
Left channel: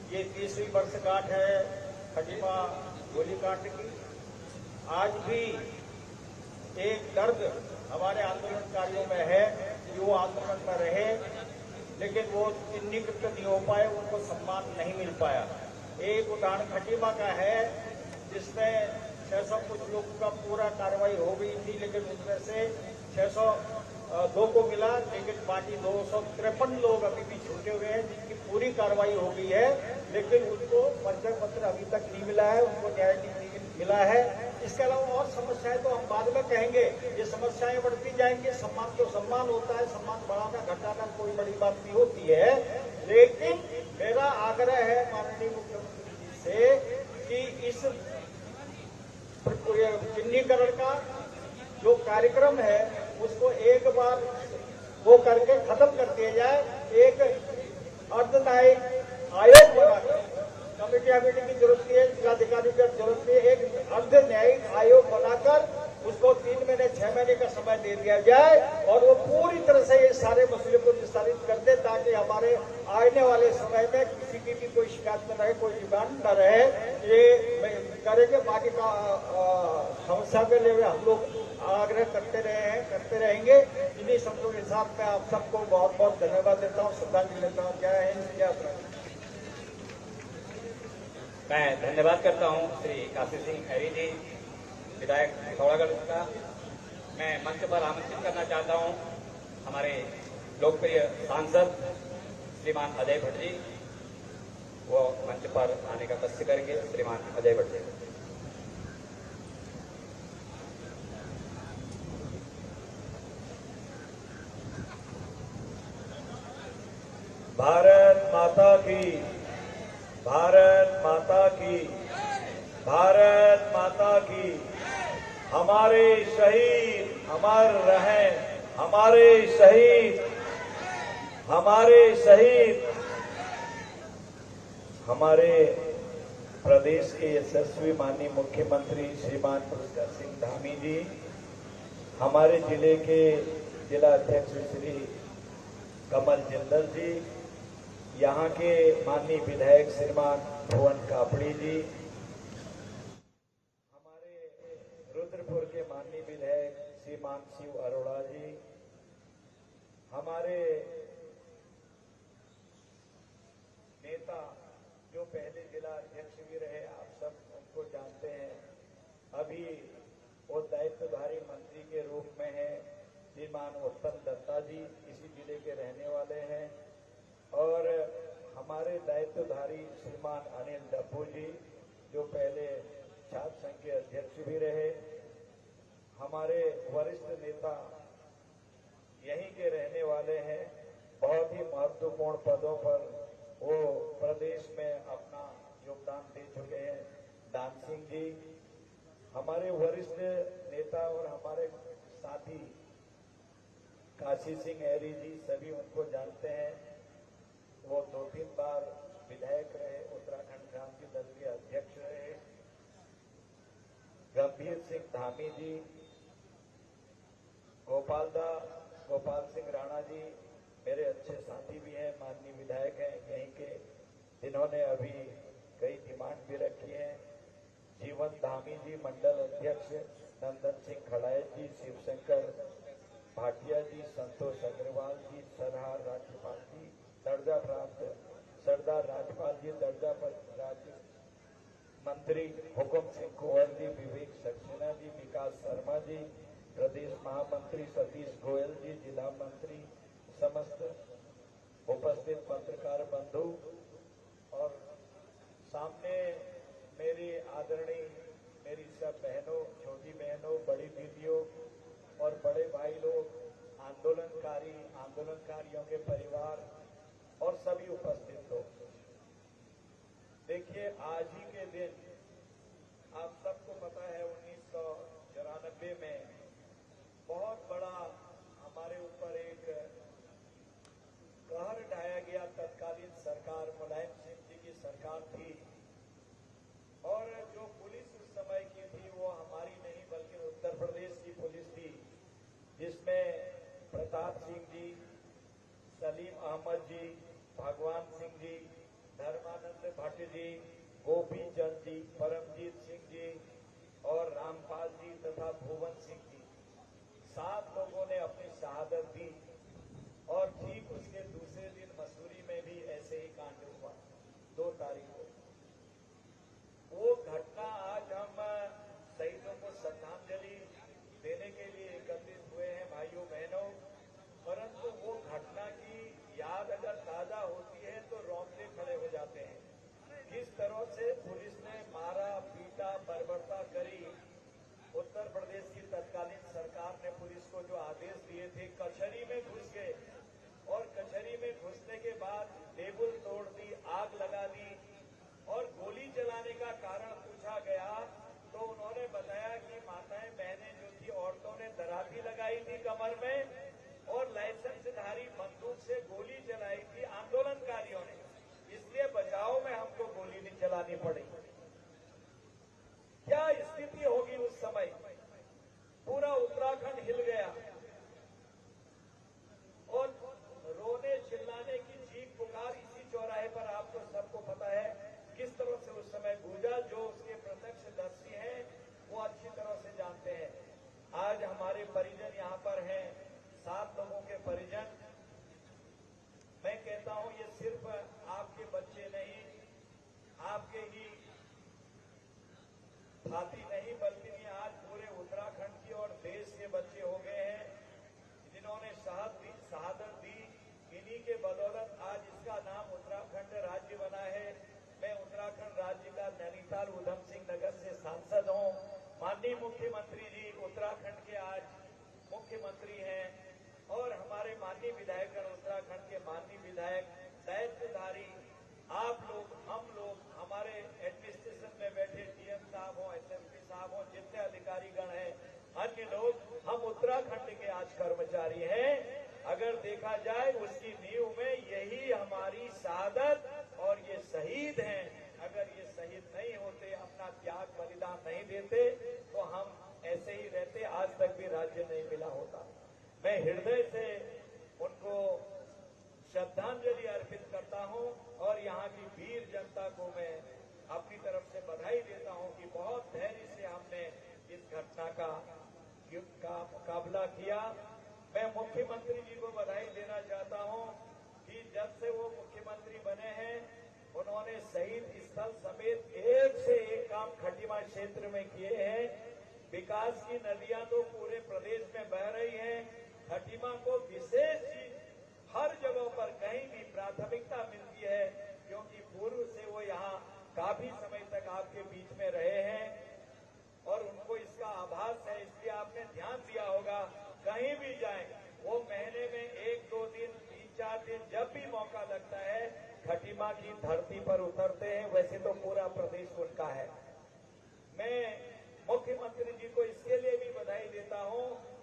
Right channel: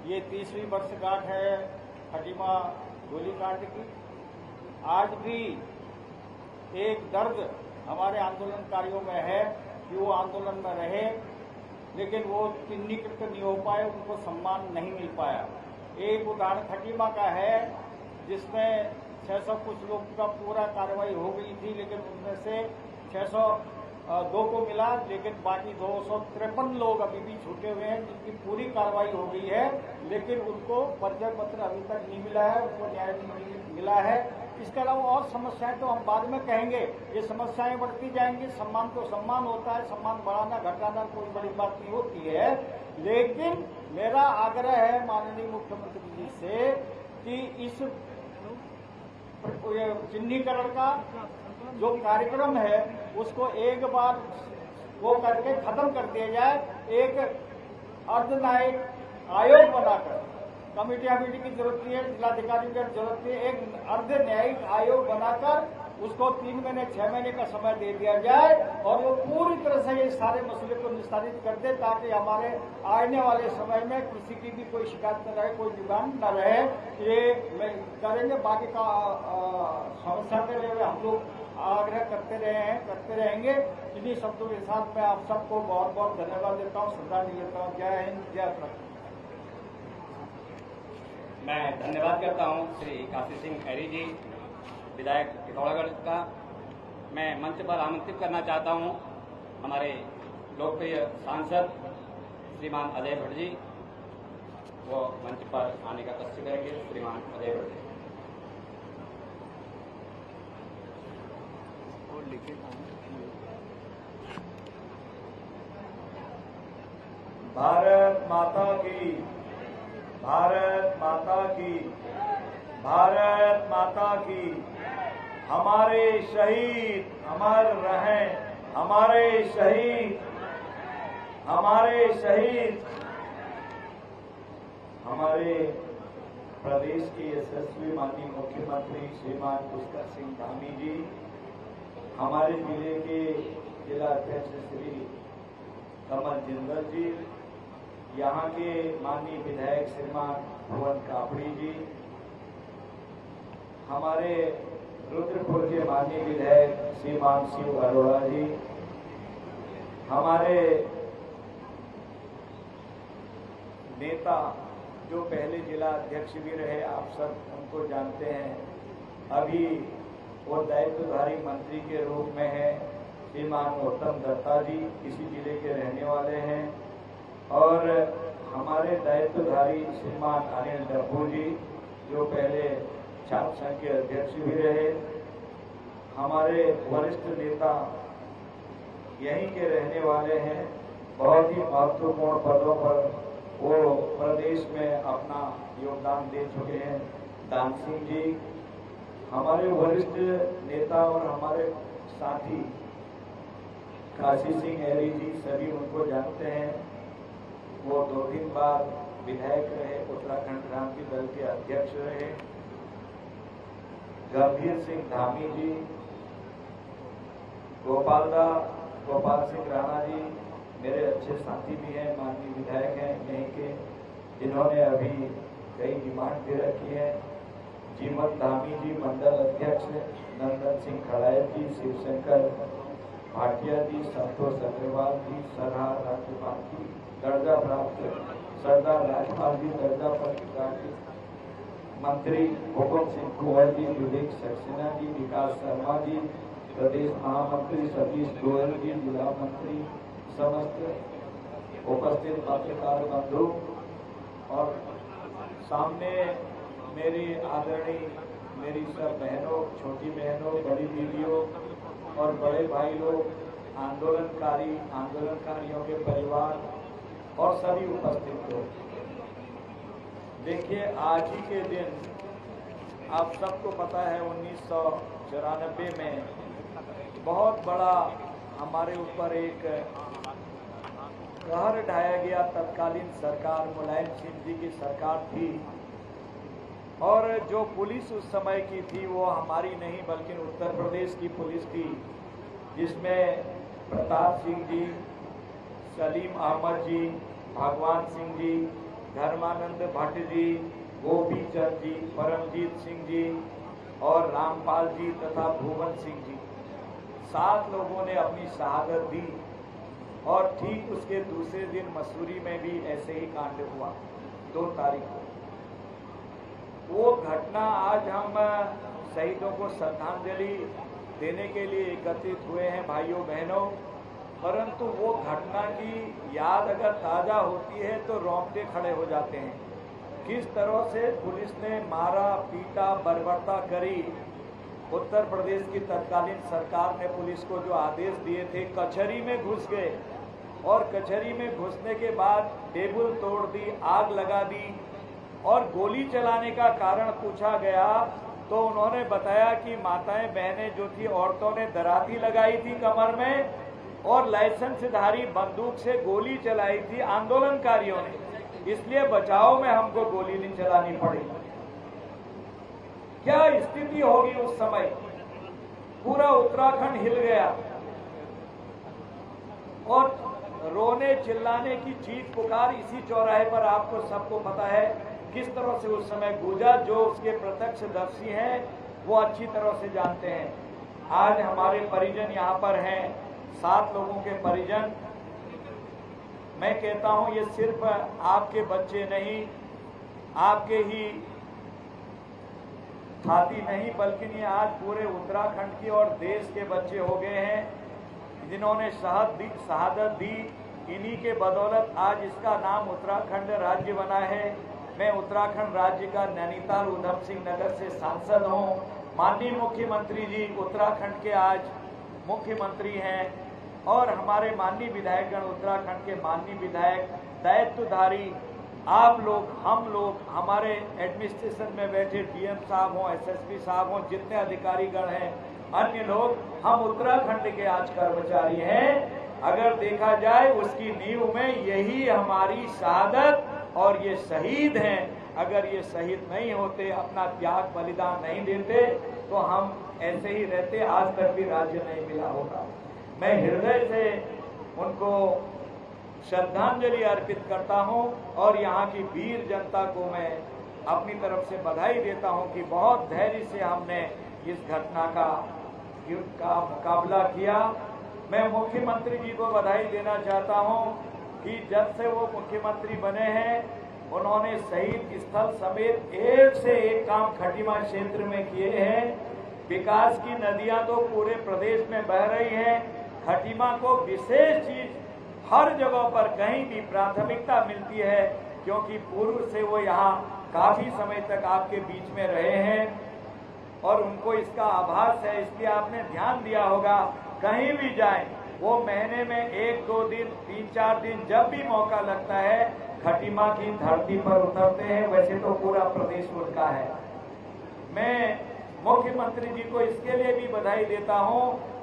ये 30वीं वर्षगांठ है खटीमा गोलीकांड की। आज भी एक दर्द हमारे आंदोलनकारियों में है कि वो आंदोलन में रहे, लेकिन वो चिन्हीकृत नहीं हो पाए, उनको सम्मान नहीं मिल पाया। एक उदाहरण खटीमा का है, जिसमें 600 कुछ लोग का पूरा कार्रवाई हो गई थी, लेकिन उसमें से 602 को मिला, लेकिन बाकी 253 लोग अभी भी छूटे हुए हैं, जिनकी पूरी कार्रवाई हो गई है, लेकिन उनको परिचय पत्र अभी तक नहीं मिला है, उनको न्याय नहीं मिला है। इसके अलावा और समस्याएं तो हम बाद में कहेंगे। ये समस्याएं बढ़ती जाएंगी। सम्मान तो सम्मान होता है, सम्मान बढ़ाना घटाना कोई बड़ी बात नहीं होती है, लेकिन मेरा आग्रह है माननीय मुख्यमंत्री जी से कि इस चिन्हीकरण का जो कार्यक्रम है उसको एक बार वो करके खत्म कर दिया जाए। एक अर्धन्यायिक आयोग बनाकर कमेटी की जरूरत नहीं है, जिलाधिकारी की जरूरत नहीं है। एक अर्ध न्यायिक आयोग बनाकर उसको 3 महीने 6 महीने का समय दे दिया जाए और वो पूरी तरह से ये सारे मसले को निस्तारित कर दे, ताकि हमारे आने वाले समय में किसी की भी कोई शिकायत न रहे, कोई डिमांड न रहे। ये करेंगे, बाकी का समस्या के लिए हम लोग आग्रह करते रहेंगे। इन्हीं शब्दों के साथ मैं आप सबको बहुत बहुत धन्यवाद देता हूँ, श्रद्धांजलि देता हूँ। जय हिंद, जय भारत। मैं धन्यवाद करता हूँ श्री काशी सिंह खैरी जी, विधायक पिथौरागढ़ का। मैं मंच पर आमंत्रित करना चाहता हूँ हमारे लोकप्रिय सांसद श्रीमान अजय भट्ट जी, वो मंच पर आने का कष्ट करेंगे। श्रीमान अजय भट्ट जी। भारत माता की, भारत माता की, भारत माता की। हमारे शहीद अमर रहें, हमारे शहीद, हमारे शहीद। हमारे प्रदेश के यशस्वी माननीय मुख्यमंत्री श्रीमान पुष्कर सिंह धामी जी, हमारे जिले के जिला अध्यक्ष श्री कमल जिंदल जी, यहाँ के माननीय विधायक श्रीमान भुवन कापड़ी जी, हमारे रुद्रपुर के माननीय विधायक श्रीमान शिव अरोड़ा जी, हमारे नेता जो पहले जिला अध्यक्ष भी रहे, आप सब उनको जानते हैं, अभी वो दायित्वधारी मंत्री के रूप में है, श्रीमान उत्तम दत्ता जी, इसी जिले के रहने वाले हैं। और हमारे दायित्वधारी श्रीमान अनिल डब्बू जी, जो पहले छात्र संघ के अध्यक्ष भी रहे। हमारे वरिष्ठ नेता यहीं के रहने वाले हैं, बहुत ही महत्वपूर्ण पदों पर वो प्रदेश में अपना योगदान दे चुके हैं। दान सिंह जी, हमारे वरिष्ठ नेता और हमारे साथी काशी सिंह खैरी जी, सभी उनको जानते हैं। वो 2-3 बार विधायक रहे, उत्तराखंड क्रांति दल के अध्यक्ष रहे। गंभीर सिंह धामी जी, गोपाल सिंह राणा जी मेरे अच्छे साथी भी हैं, माननीय विधायक हैं यहीं के, जिन्होंने अभी कई डिमांड दे रखी है। जीवन धामी जी मंडल अध्यक्ष, नंदन सिंह खड़ायत जी, शिवशंकर भाटिया जी, संतोष अग्रवाल जी, सरदार राज्यपाल जी दर्जा प्राप्त, सरदार राजपाल जी दर्जा प्राप्त, मंत्री हुकुम सिंह कुंवर जी, विवेक सक्सेना जी, विकास शर्मा जी, प्रदेश महामंत्री सतीश गोयल जी, जिला मंत्री, समस्त उपस्थित पत्रकार बंधु और सामने मेरी आदरणीय मेरी सब बहनों, छोटी बहनों, बड़ी दीदियों और बड़े भाई लोग, आंदोलनकारियों के परिवार और सभी उपस्थित लोग। देखिए, आज ही के दिन आप सबको पता है 1994 में बहुत बड़ा हमारे ऊपर एक कहर ढाया गया। तत्कालीन सरकार मुलायम सिंह जी की सरकार थी और जो पुलिस उस समय की थी वो हमारी नहीं बल्कि उत्तर प्रदेश की पुलिस थी, जिसमें प्रताप सिंह जी, सलीम अहमद जी, भगवान सिंह जी, धर्मानंद भट्ट जी, गोपी चंद जी, परमजीत सिंह जी और रामपाल जी तथा भुवन सिंह जी, 7 लोगों ने अपनी शहादत दी। और ठीक उसके दूसरे दिन मसूरी में भी ऐसे ही कांड हुआ 2 तारीख को। वो घटना आज हम शहीदों को श्रद्धांजलि देने के लिए एकत्रित हुए हैं भाइयों बहनों, परंतु वो घटना की याद अगर ताज़ा होती है तो रोंगटे खड़े हो जाते हैं। किस तरह से पुलिस ने मारा पीटा बर्बरता करी। उत्तर प्रदेश की तत्कालीन सरकार ने पुलिस को जो आदेश दिए थे, कचहरी में घुस गए और कचहरी में घुसने के बाद टेबल तोड़ दी, आग लगा दी और गोली चलाने का कारण पूछा गया तो उन्होंने बताया कि माताएं बहनें जो थी, औरतों ने दराती लगाई थी कमर में और लाइसेंसधारी बंदूक से गोली चलाई थी आंदोलनकारियों ने। इसलिए बचाव में हमको गोली नहीं चलानी पड़ी। क्या स्थिति होगी उस समय, पूरा उत्तराखंड हिल गया और रोने चिल्लाने की चीख पुकार इसी चौराहे पर आपको सबको पता है किस तरह से उस समय गूंजा। जो उसके प्रत्यक्षदर्शी हैं वो अच्छी तरह से जानते हैं। आज हमारे परिजन यहाँ पर हैं, 7 लोगों के परिजन। मैं कहता हूँ ये सिर्फ आपके बच्चे नहीं, आपके ही साथी नहीं, बल्कि ये आज पूरे उत्तराखंड की और देश के बच्चे हो गए हैं जिन्होंने शहादत दी। इन्हीं के बदौलत आज इसका नाम उत्तराखंड राज्य बना है। मैं उत्तराखंड राज्य का नैनीताल उधम सिंह नगर से सांसद हूँ। माननीय मुख्यमंत्री जी उत्तराखंड के आज मुख्यमंत्री हैं और हमारे माननीय विधायकगण उत्तराखंड के माननीय विधायक, दायित्वधारी आप लोग, हम लोग, हमारे एडमिनिस्ट्रेशन में बैठे डीएम साहब हों, एसएसपी साहब हों, जितने अधिकारीगण हैं, अन्य लोग, हम उत्तराखंड के आज कर्मचारी हैं। अगर देखा जाए उसकी नींव में यही हमारी शहादत और ये शहीद हैं। अगर ये शहीद नहीं होते, अपना त्याग बलिदान नहीं देते, तो हम ऐसे ही रहते, आज तक भी राज्य नहीं मिला होगा। मैं हृदय से उनको श्रद्धांजलि अर्पित करता हूं और यहाँ की वीर जनता को मैं अपनी तरफ से बधाई देता हूं कि बहुत धैर्य से हमने इस घटना का मुकाबला किया। मैं मुख्यमंत्री जी को बधाई देना चाहता हूं कि जब से वो मुख्यमंत्री बने हैं उन्होंने शहीद स्थल समेत एक से एक काम खटीमा क्षेत्र में किए हैं। विकास की नदियां तो पूरे प्रदेश में बह रही हैं, खटीमा को विशेष चीज हर जगह पर कहीं भी प्राथमिकता मिलती है, क्योंकि पूर्व से वो यहाँ काफी समय तक आपके बीच में रहे हैं और उनको इसका आभास है। इसलिए आपने ध्यान दिया होगा, कहीं भी जाएं वो महीने में 1-2 दिन, 3-4 दिन जब भी मौका लगता है खटीमा की धरती पर उतरते हैं। वैसे तो पूरा प्रदेश उनका है। मैं मुख्यमंत्री जी को इसके लिए भी बधाई देता हूं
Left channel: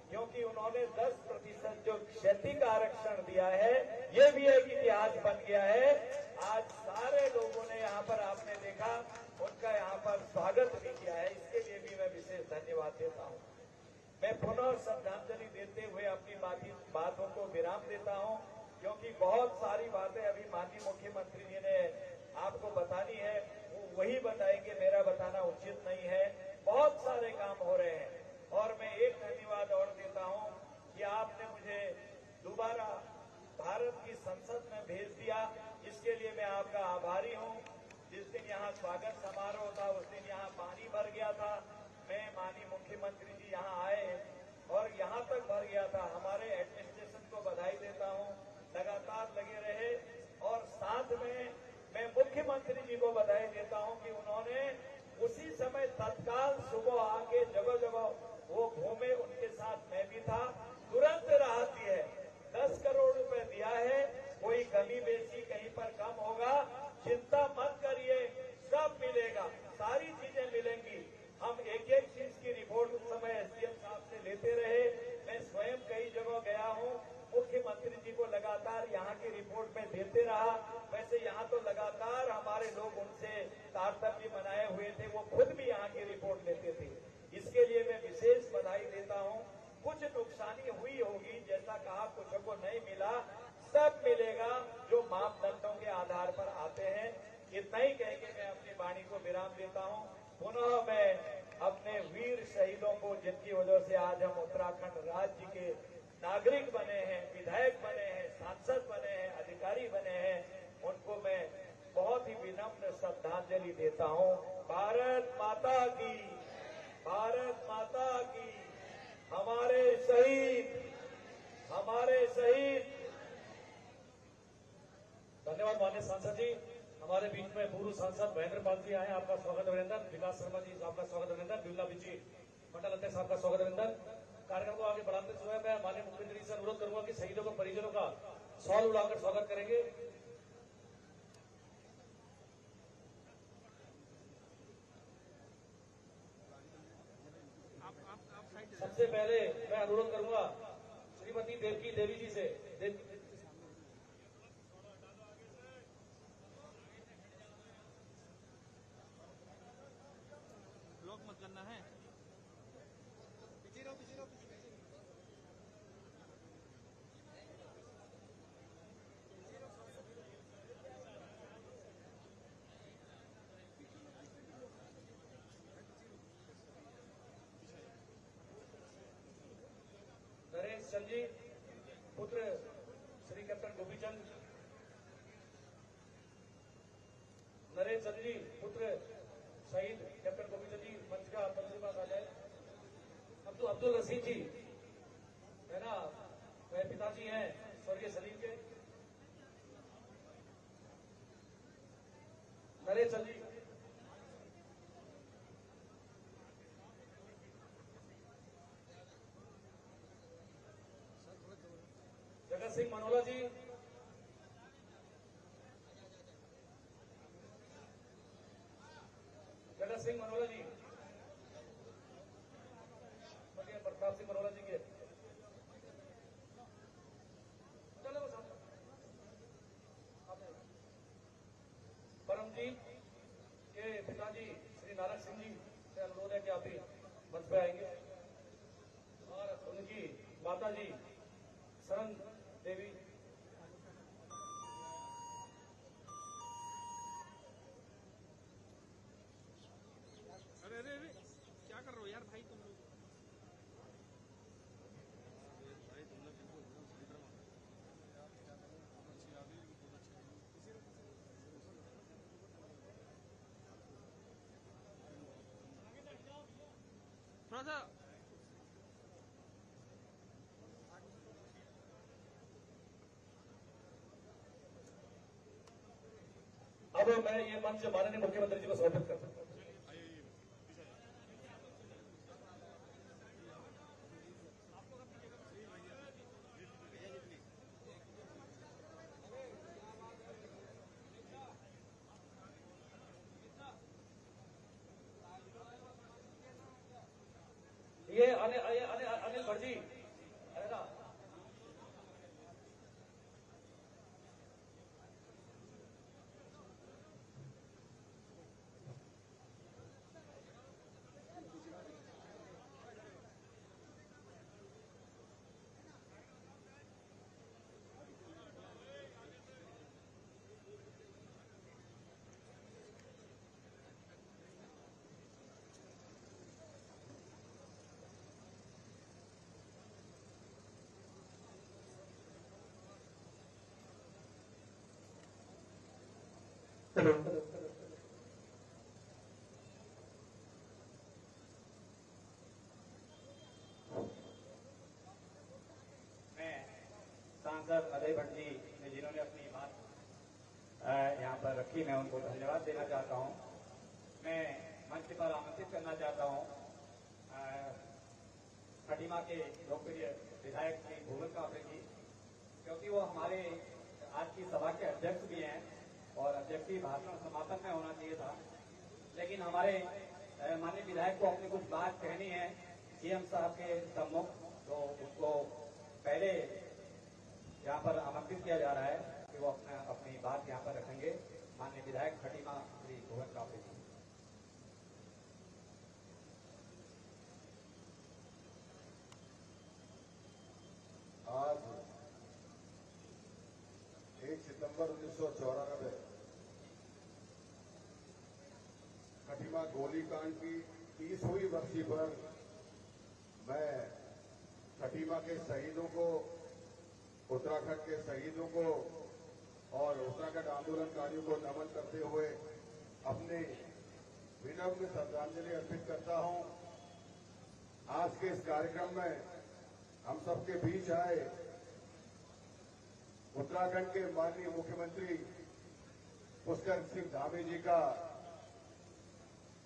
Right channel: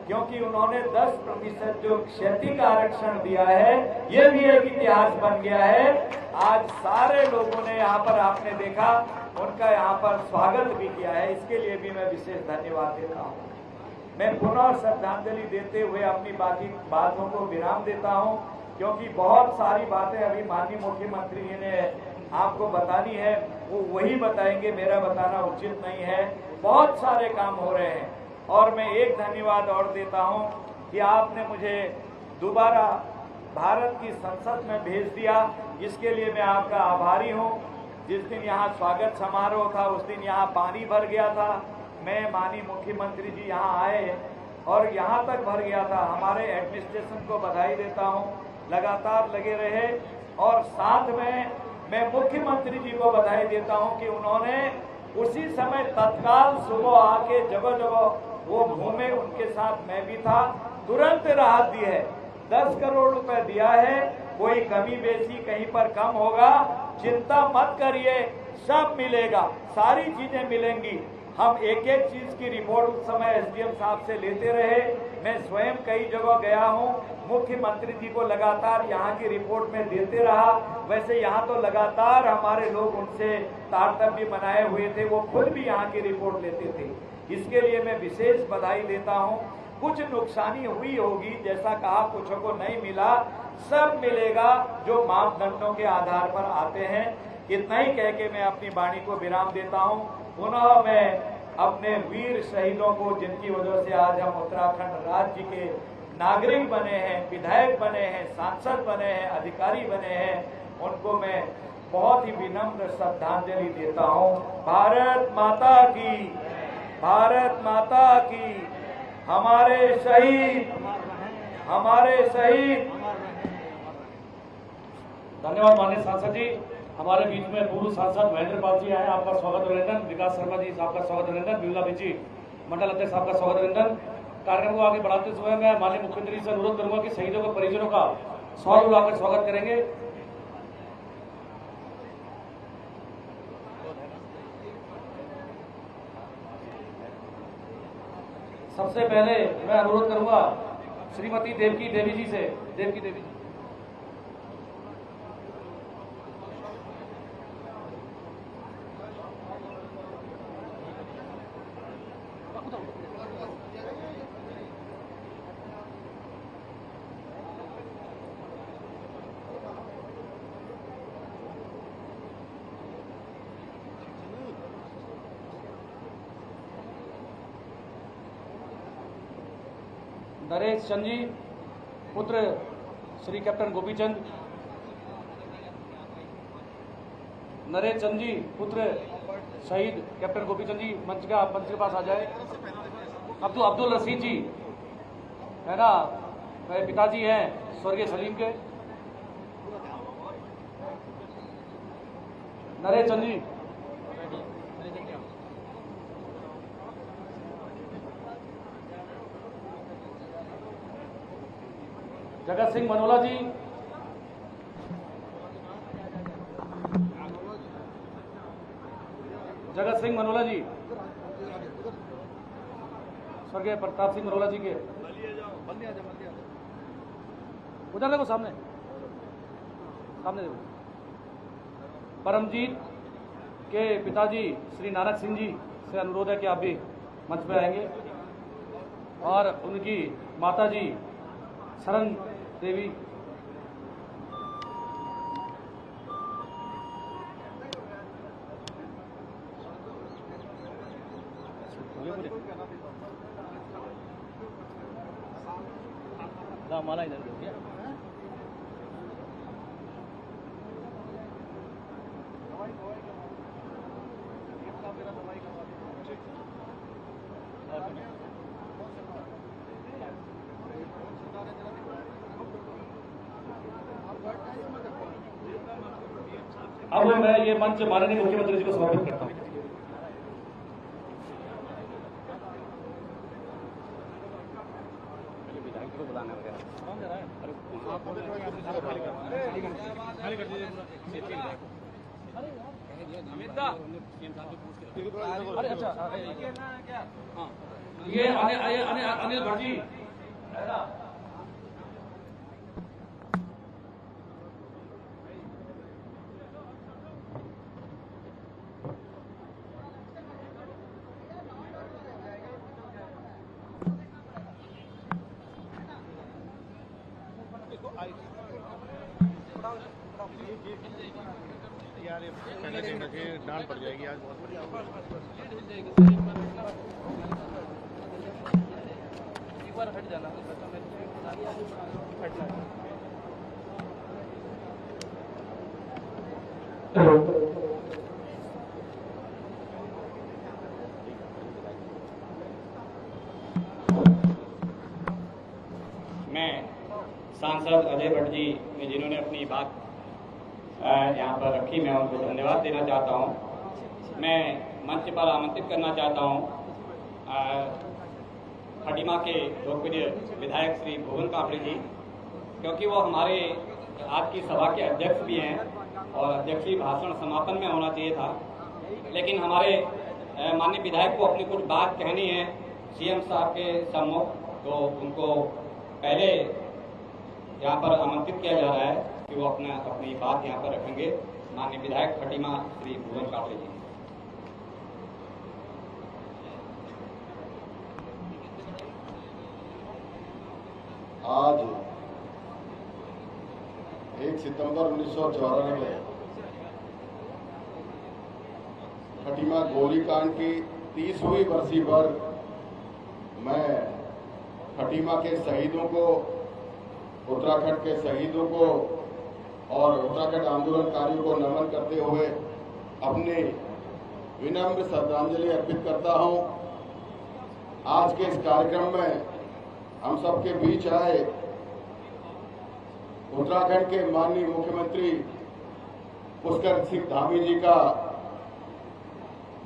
क्योंकि उन्होंने 10% जो क्षति का आरक्षण दिया है, ये भी एक इतिहास बन गया है। आज सारे लोगों ने यहाँ पर, आपने देखा, उनका यहाँ पर स्वागत भी किया है। इसके लिए भी मैं विशेष धन्यवाद देता हूँ। मैं पुनः श्रद्धांजलि देते हुए अपनी बाकी बातों को विराम देता हूँ, क्योंकि बहुत सारी बातें अभी माननीय मुख्यमंत्री जी ने आपको बतानी है, वो वही बताएंगे, मेरा बताना उचित नहीं है। बहुत सारे काम हो रहे हैं और मैं एक धन्यवाद और देता हूं कि आपने मुझे दोबारा भारत की संसद में भेज दिया, इसके लिए मैं आपका आभारी हूं। जिस दिन यहाँ स्वागत समारोह था उस दिन यहाँ पानी भर गया था। मैं माननीय मुख्यमंत्री जी यहाँ आए और यहाँ तक भर गया था। हमारे एडमिनिस्ट्रेशन को बधाई देता हूँ, लगातार लगे रहे। और साथ में मैं मुख्यमंत्री जी को बधाई देता हूँ कि उन्होंने उसी समय तत्काल सुबह आके जगह जगह वो घूमे, उनके साथ मैं भी था, तुरंत राहत दी है। 10 करोड़ रुपए दिया है, कोई कमी बेची कहीं पर कम होगा, चिंता मत करिए, सब मिलेगा, सारी चीजें मिलेंगी। हम एक एक चीज की रिपोर्ट उस समय एसडीएम साहब से लेते रहे। मैं स्वयं कई जगह गया हूँ, मुख्यमंत्री जी को लगातार यहाँ की रिपोर्ट में देते रहा। वैसे यहाँ तो लगातार हमारे लोग उनसे तारतम्य बनाए हुए थे, वो खुद भी यहाँ की रिपोर्ट लेते थे। इसके लिए मैं विशेष बधाई देता हूँ। कुछ नुकसानी हुई होगी, जैसा कहा, कुछ को नहीं मिला, सब मिलेगा जो मापदंडों के आधार पर आते हैं। इतना ही कह के मैं अपनी वाणी को विराम देता हूँ। पुनः मैं अपने वीर शहीदों को, जिनकी वजह से आज हम उत्तराखंड राज्य के नागरिक बने हैं, विधायक बने हैं, सांसद बने हैं, अधिकारी बने हैं, उनको मैं बहुत ही विनम्र श्रद्धांजलि देता हूँ। भारत माता की, भारत माता की। हमारे शहीद, हमारे शहीद। धन्यवाद माननीय सांसद जी। हमारे बीच में पूर्व सांसद महेंद्र पाल जी आए, आपका स्वागत अभिनंदन। विकास शर्मा जी, आपका स्वागत अभिनंदन। विमला जी, मंडल अध्यक्ष, आपका स्वागत अभिनंदन। कार्यक्रम को आगे बढ़ाते हुए मैं माननीय मुख्यमंत्री से अनुरोध करूंगा कि शहीदों के परिजनों का सवाल उठाकर स्वागत करेंगे। सबसे पहले मैं अनुरोध करूंगा श्रीमती देवकी देवी जी से। देवकी देवी जी। नरेश चंद जी पुत्र श्री कैप्टन गोपीचंद, नरेश चंद जी पुत्र शहीद कैप्टन गोपीचंद जी मंच के पास आ जाए। अब्दुल रशीद जी है ना, पिताजी हैं स्वर्गीय सलीम के। नरेश चंद जी, जगत सिंह मनोला जी, जगत सिंह मनोला जी स्वर्गीय प्रताप सिंह मनोला जी के उधर देखो, सामने देखो। परमजीत के पिताजी श्री नानक सिंह जी से अनुरोध है कि आप भी मंच पर आएंगे, और उनकी माता जी शरण देवी। माला इधर दो। अब मैं ये मंच माननीय मुख्यमंत्री जी को समर्पित करता हूँ। अरे अच्छा, ये अनिल भट्ट जी है ना। डांट पड़ जाएगी आज बहुत बढ़िया। एक बार हट जाना। मैं सांसद अजय भट्ट जी ने जिन्होंने अपनी बात यहाँ पर रखी, मैं उनको धन्यवाद देना चाहता हूँ। मैं मंच पर आमंत्रित करना चाहता हूँ खटीमा के लोकप्रिय विधायक श्री भुवन कापड़े जी, क्योंकि वो हमारे आज की सभा के अध्यक्ष भी हैं और अध्यक्षीय भाषण समापन में होना चाहिए था, लेकिन हमारे माननीय विधायक को अपनी कुछ बात कहनी है सीएम साहब के सम्मुख, तो उनको पहले यहाँ पर आमंत्रित किया जा रहा है कि वो अपनी बात यहाँ पर रखेंगे। माननीय विधायक खटीमा श्री भुवन कापड़े जी। आज 1 सितंबर 1994 खटीमा गोलीकांड की 30वीं बरसी पर मैं खटीमा के शहीदों को, उत्तराखंड के शहीदों को और उत्तराखंड आंदोलनकारियों को नमन करते हुए अपनी विनम्र श्रद्धांजलि अर्पित करता हूं। आज के इस कार्यक्रम में हम सबके बीच आए उत्तराखंड के माननीय मुख्यमंत्री पुष्कर सिंह धामी जी का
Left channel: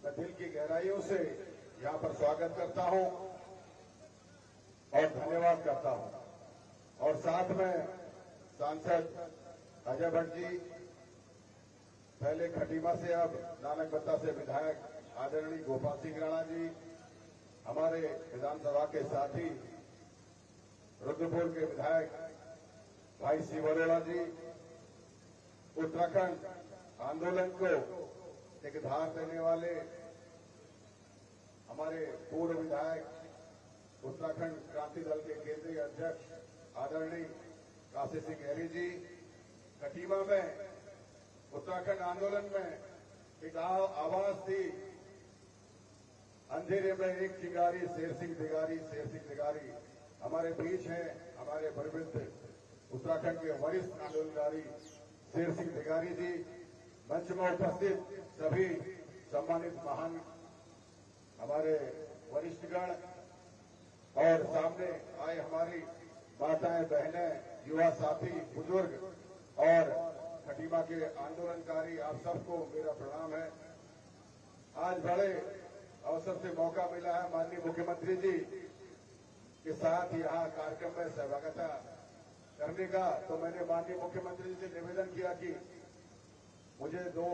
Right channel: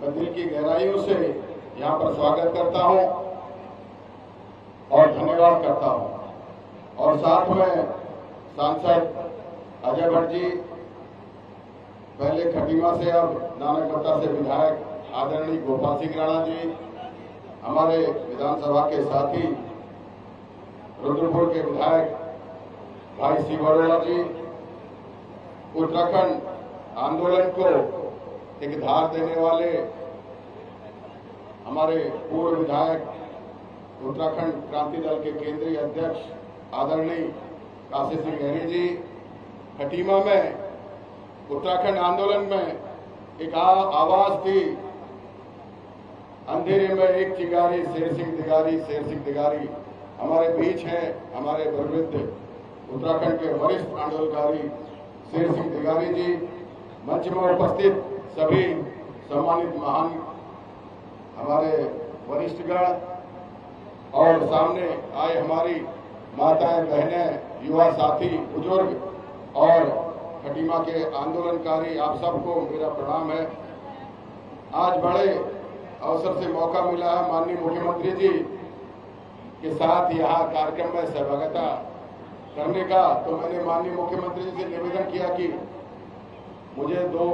मैं दिल की गहराइयों से यहाँ पर स्वागत करता हूं और धन्यवाद करता हूं। और साथ में सांसद अजय भट्ट जी, पहले खटीमा से अब नानकबट्टा से विधायक आदरणीय गोपाल सिंह राणा जी, हमारे विधानसभा के साथी रुद्रपुर के विधायक भाई सी बरोड़ा जी, उत्तराखंड आंदोलन को एक धार देने वाले हमारे पूर्व विधायक उत्तराखंड क्रांति दल के केंद्रीय अध्यक्ष आदरणीय काशी सिंह गहरी जी, खटीमा में उत्तराखंड आंदोलन में एक आवाज थी, अंधेरे में एक चिंगारी शेर सिंह दिगारी, शेर सिंह दिगारी, हमारे बीच हैं हमारे प्रवृत्त उत्तराखंड के वरिष्ठ आंदोलनकारी शेर सिंह दिगारी जी, मंच में उपस्थित सभी सम्मानित महान हमारे वरिष्ठगण और सामने आए हमारी माताएं, बहनें, युवा साथी, बुजुर्ग और खटीमा के आंदोलनकारी, आप सबको मेरा प्रणाम है। आज बड़े अवसर से मौका मिला है माननीय मुख्यमंत्री जी के साथ यहाँ कार्यक्रम में सहभागिता करने का, तो मैंने माननीय मुख्यमंत्री जी से निवेदन किया कि मुझे 2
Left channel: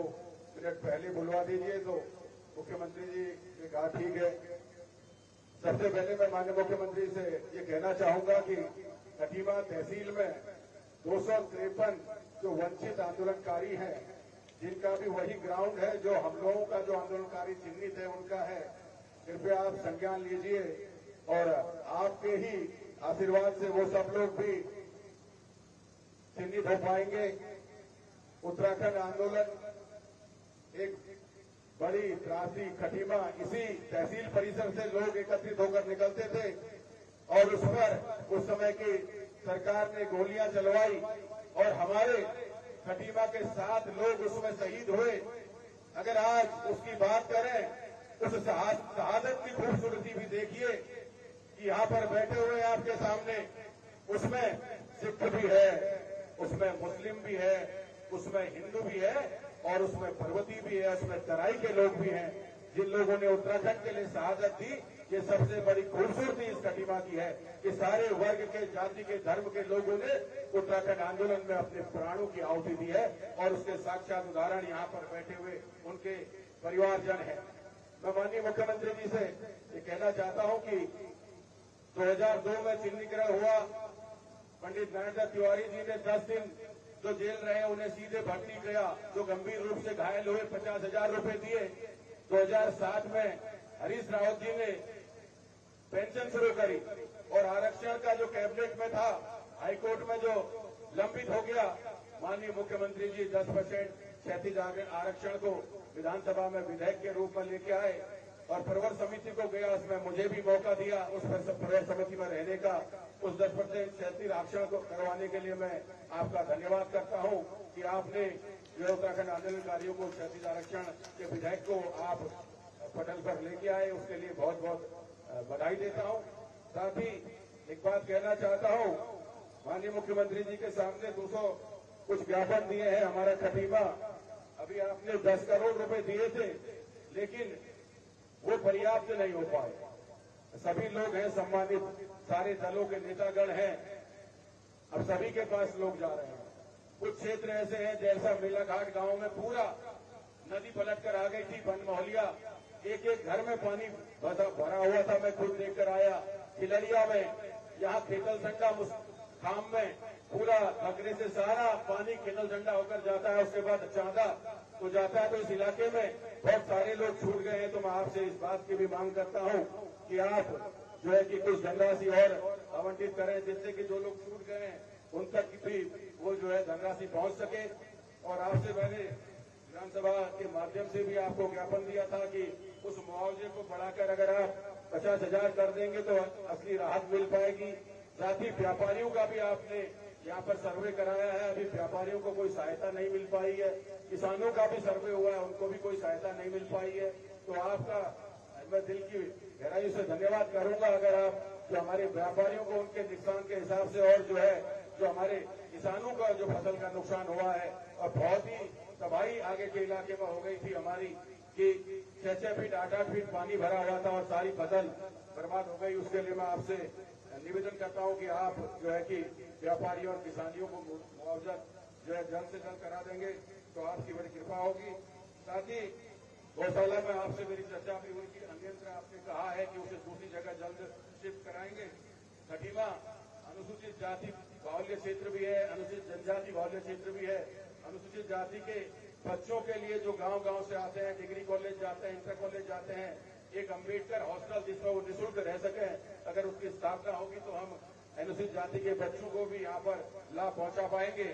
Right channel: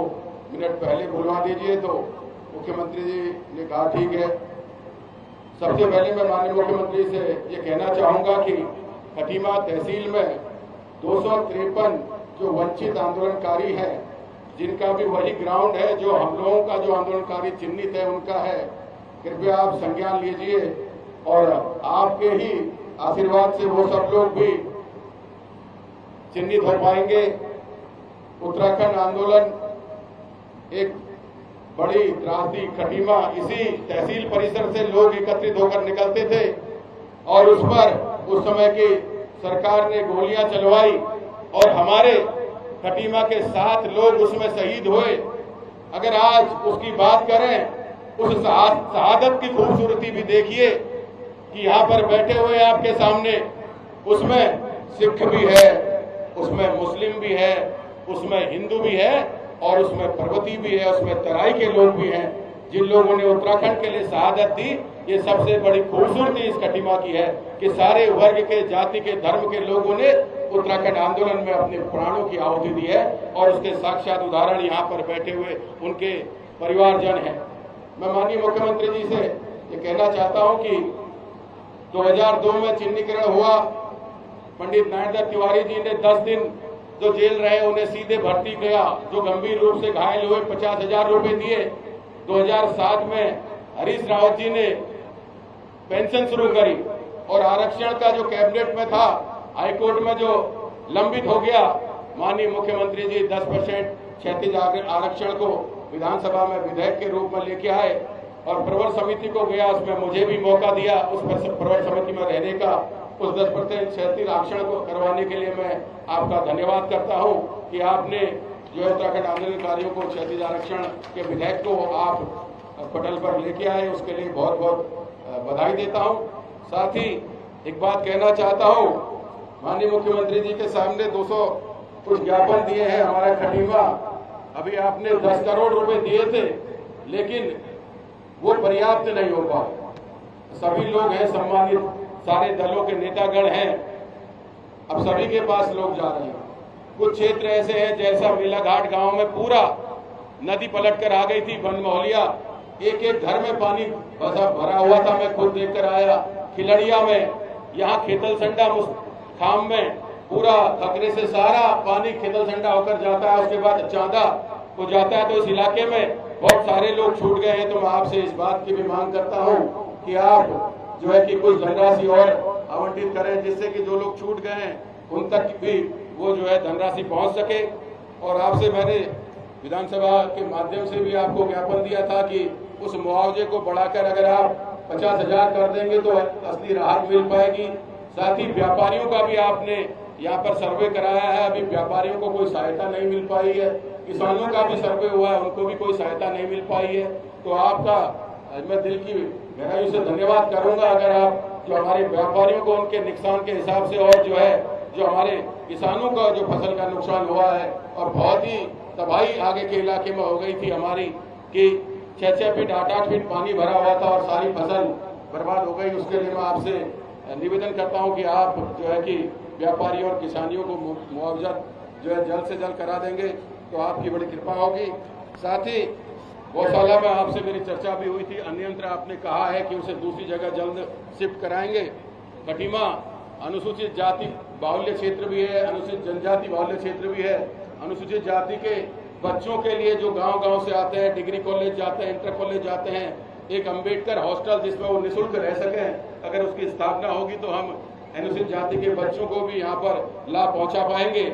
मिनट पहले बुलवा दीजिए, तो मुख्यमंत्री जी ने कहा ठीक है। सबसे पहले मैं माननीय मुख्यमंत्री से ये कहना चाहूंगा कि खटीमा तहसील में 253 जो वंचित आंदोलनकारी हैं, जिनका भी वही ग्राउंड है जो हम लोगों का जो आंदोलनकारी चिन्हित है उनका है, कृपया आप संज्ञान लीजिए और आपके ही आशीर्वाद से वो सब लोग भी चिन्हित हो पाएंगे। उत्तराखंड आंदोलन एक बड़ी त्रासदी, खटीमा इसी तहसील परिसर से लोग एकत्रित होकर निकलते थे और उस पर उस समय की सरकार ने गोलियां चलवाई और हमारे खटीमा के 7 लोग उसमें शहीद हुए। अगर आज उसकी बात करें, उस शहादत की खूबसूरती भी देखिए कि यहाँ पर बैठे हुए आपके सामने, उसमें सिख भी है, उसमें मुस्लिम भी है, उसमें हिंदू भी है और उसमें पर्वती भी है, उसमें तराई के लोग भी हैं, जिन लोगों ने उत्तराखंड के लिए शहादत दी। ये सबसे बड़ी खूबसूरती इस खटीमा की है कि सारे वर्ग के, जाति के, धर्म के लोगों ने उत्तराखंड आंदोलन में अपने प्राणों की आहुति दी है और उसके साक्षात उदाहरण यहाँ पर बैठे हुए उनके परिवारजन हैं। मैं माननीय मुख्यमंत्री जी से ये कहना चाहता हूँ कि 2002 में चिन्हीकरण हुआ, पंडित नारायण तिवारी जी ने 10 दिन जो जेल रहे उन्हें सीधे भर्ती किया, जो गंभीर रूप से घायल हुए 50,000 रुपए दिए। 2007 में हरीश रावत जी ने पेंशन शुरू करी और आरक्षण का जो कैबिनेट में था, हाईकोर्ट में जो लंबित हो गया, माननीय मुख्यमंत्री जी 10% क्षैतिज आरक्षण को विधानसभा में विधेयक के रूप में लेके आए और प्रवर समिति को गया, उसमें मुझे भी मौका दिया उस प्रवर समिति में रहने का। उस 10% क्षैतिज आरक्षण को करवाने के लिए मैं आपका धन्यवाद करता हूं कि आपने जो उत्तराखंड आंदोलनकारियों को क्षैतिज आरक्षण के विधेयक को आप पटल पर लेके आए, उसके लिए बहुत बहुत बधाई देता हूं। साथ ही एक बात कहना चाहता हूं, माननीय मुख्यमंत्री जी के सामने 200 कुछ ज्ञापन दिए हैं हमारा खटीमा, अभी आपने 10 करोड़ रुपए दिए थे लेकिन वो पर्याप्त नहीं हो पाए। सभी लोग हैं सम्मानित, सारे दलों के नेतागण हैं, अब सभी के पास लोग जा रहे हैं। कुछ क्षेत्र ऐसे हैं जैसा मेलाघाट गांव में पूरा नदी पलट कर आ गई थी, बनमोहलिया, एक घर में पानी भरा हुआ था, मैं खुद देखकर आया। खिलड़िया में, यहाँ खेतलसंडा खाम में पूरा खतरे से सारा पानी खेतलसंडा होकर जाता है, उसके बाद चांदा को जाता है। तो इस इलाके में बहुत सारे लोग छूट गए हैं, तो मैं आपसे इस बात की भी मांग करता हूँ कि आप जो है कि कुछ धनराशि और आवंटित करें, जिससे कि जो लोग छूट गए हैं उन तक भी वो जो है धनराशि पहुंच सके। और आपसे मैंने विधानसभा के माध्यम से भी आपको ज्ञापन दिया था कि उस मुआवजे को बढ़ाकर अगर आप 50,000 कर देंगे तो असली राहत मिल पाएगी। साथ ही व्यापारियों का भी आपने यहाँ पर सर्वे कराया है, अभी व्यापारियों को कोई सहायता नहीं मिल पाई है। किसानों का भी सर्वे हुआ है, उनको भी कोई सहायता नहीं मिल पाई है। तो आपका मैं दिल की गहराई से धन्यवाद करूंगा अगर आप जो हमारे व्यापारियों को उनके नुकसान के हिसाब से, और जो है जो हमारे किसानों का जो फसल का नुकसान हुआ है और बहुत ही तबाही आगे के इलाके में हो गई थी हमारी कि 6-6 फीट 8-8 फीट पानी भरा हुआ था और सारी फसल बर्बाद हो गई। उसके लिए मैं आपसे निवेदन करता हूं कि आप जो है कि व्यापारियों और किसानियों को मुआवजा जो है जल्द से जल्द करा देंगे तो आपकी बड़ी कृपा होगी। साथ ही गौशाला में आपसे मेरी चर्चा भी हुई थी, अन्यंत्र आपने कहा है कि उसे दूसरी जगह जल्द शिफ्ट कराएंगे। खटीमा अनुसूचित जाति बाहुल्य क्षेत्र भी है, अनुसूचित जनजाति बाहुल्य क्षेत्र भी है। अनुसूचित जाति के बच्चों के लिए जो गांव-गांव से आते हैं, डिग्री कॉलेज जाते हैं, इंटर कॉलेज जाते हैं, एक अंबेडकर हॉस्टल जिसमें वो निःशुल्क रह सकें, अगर उसकी स्थापना होगी तो हम अनुसूचित जाति के बच्चों को भी यहाँ पर लाभ पहुँचा पाएंगे।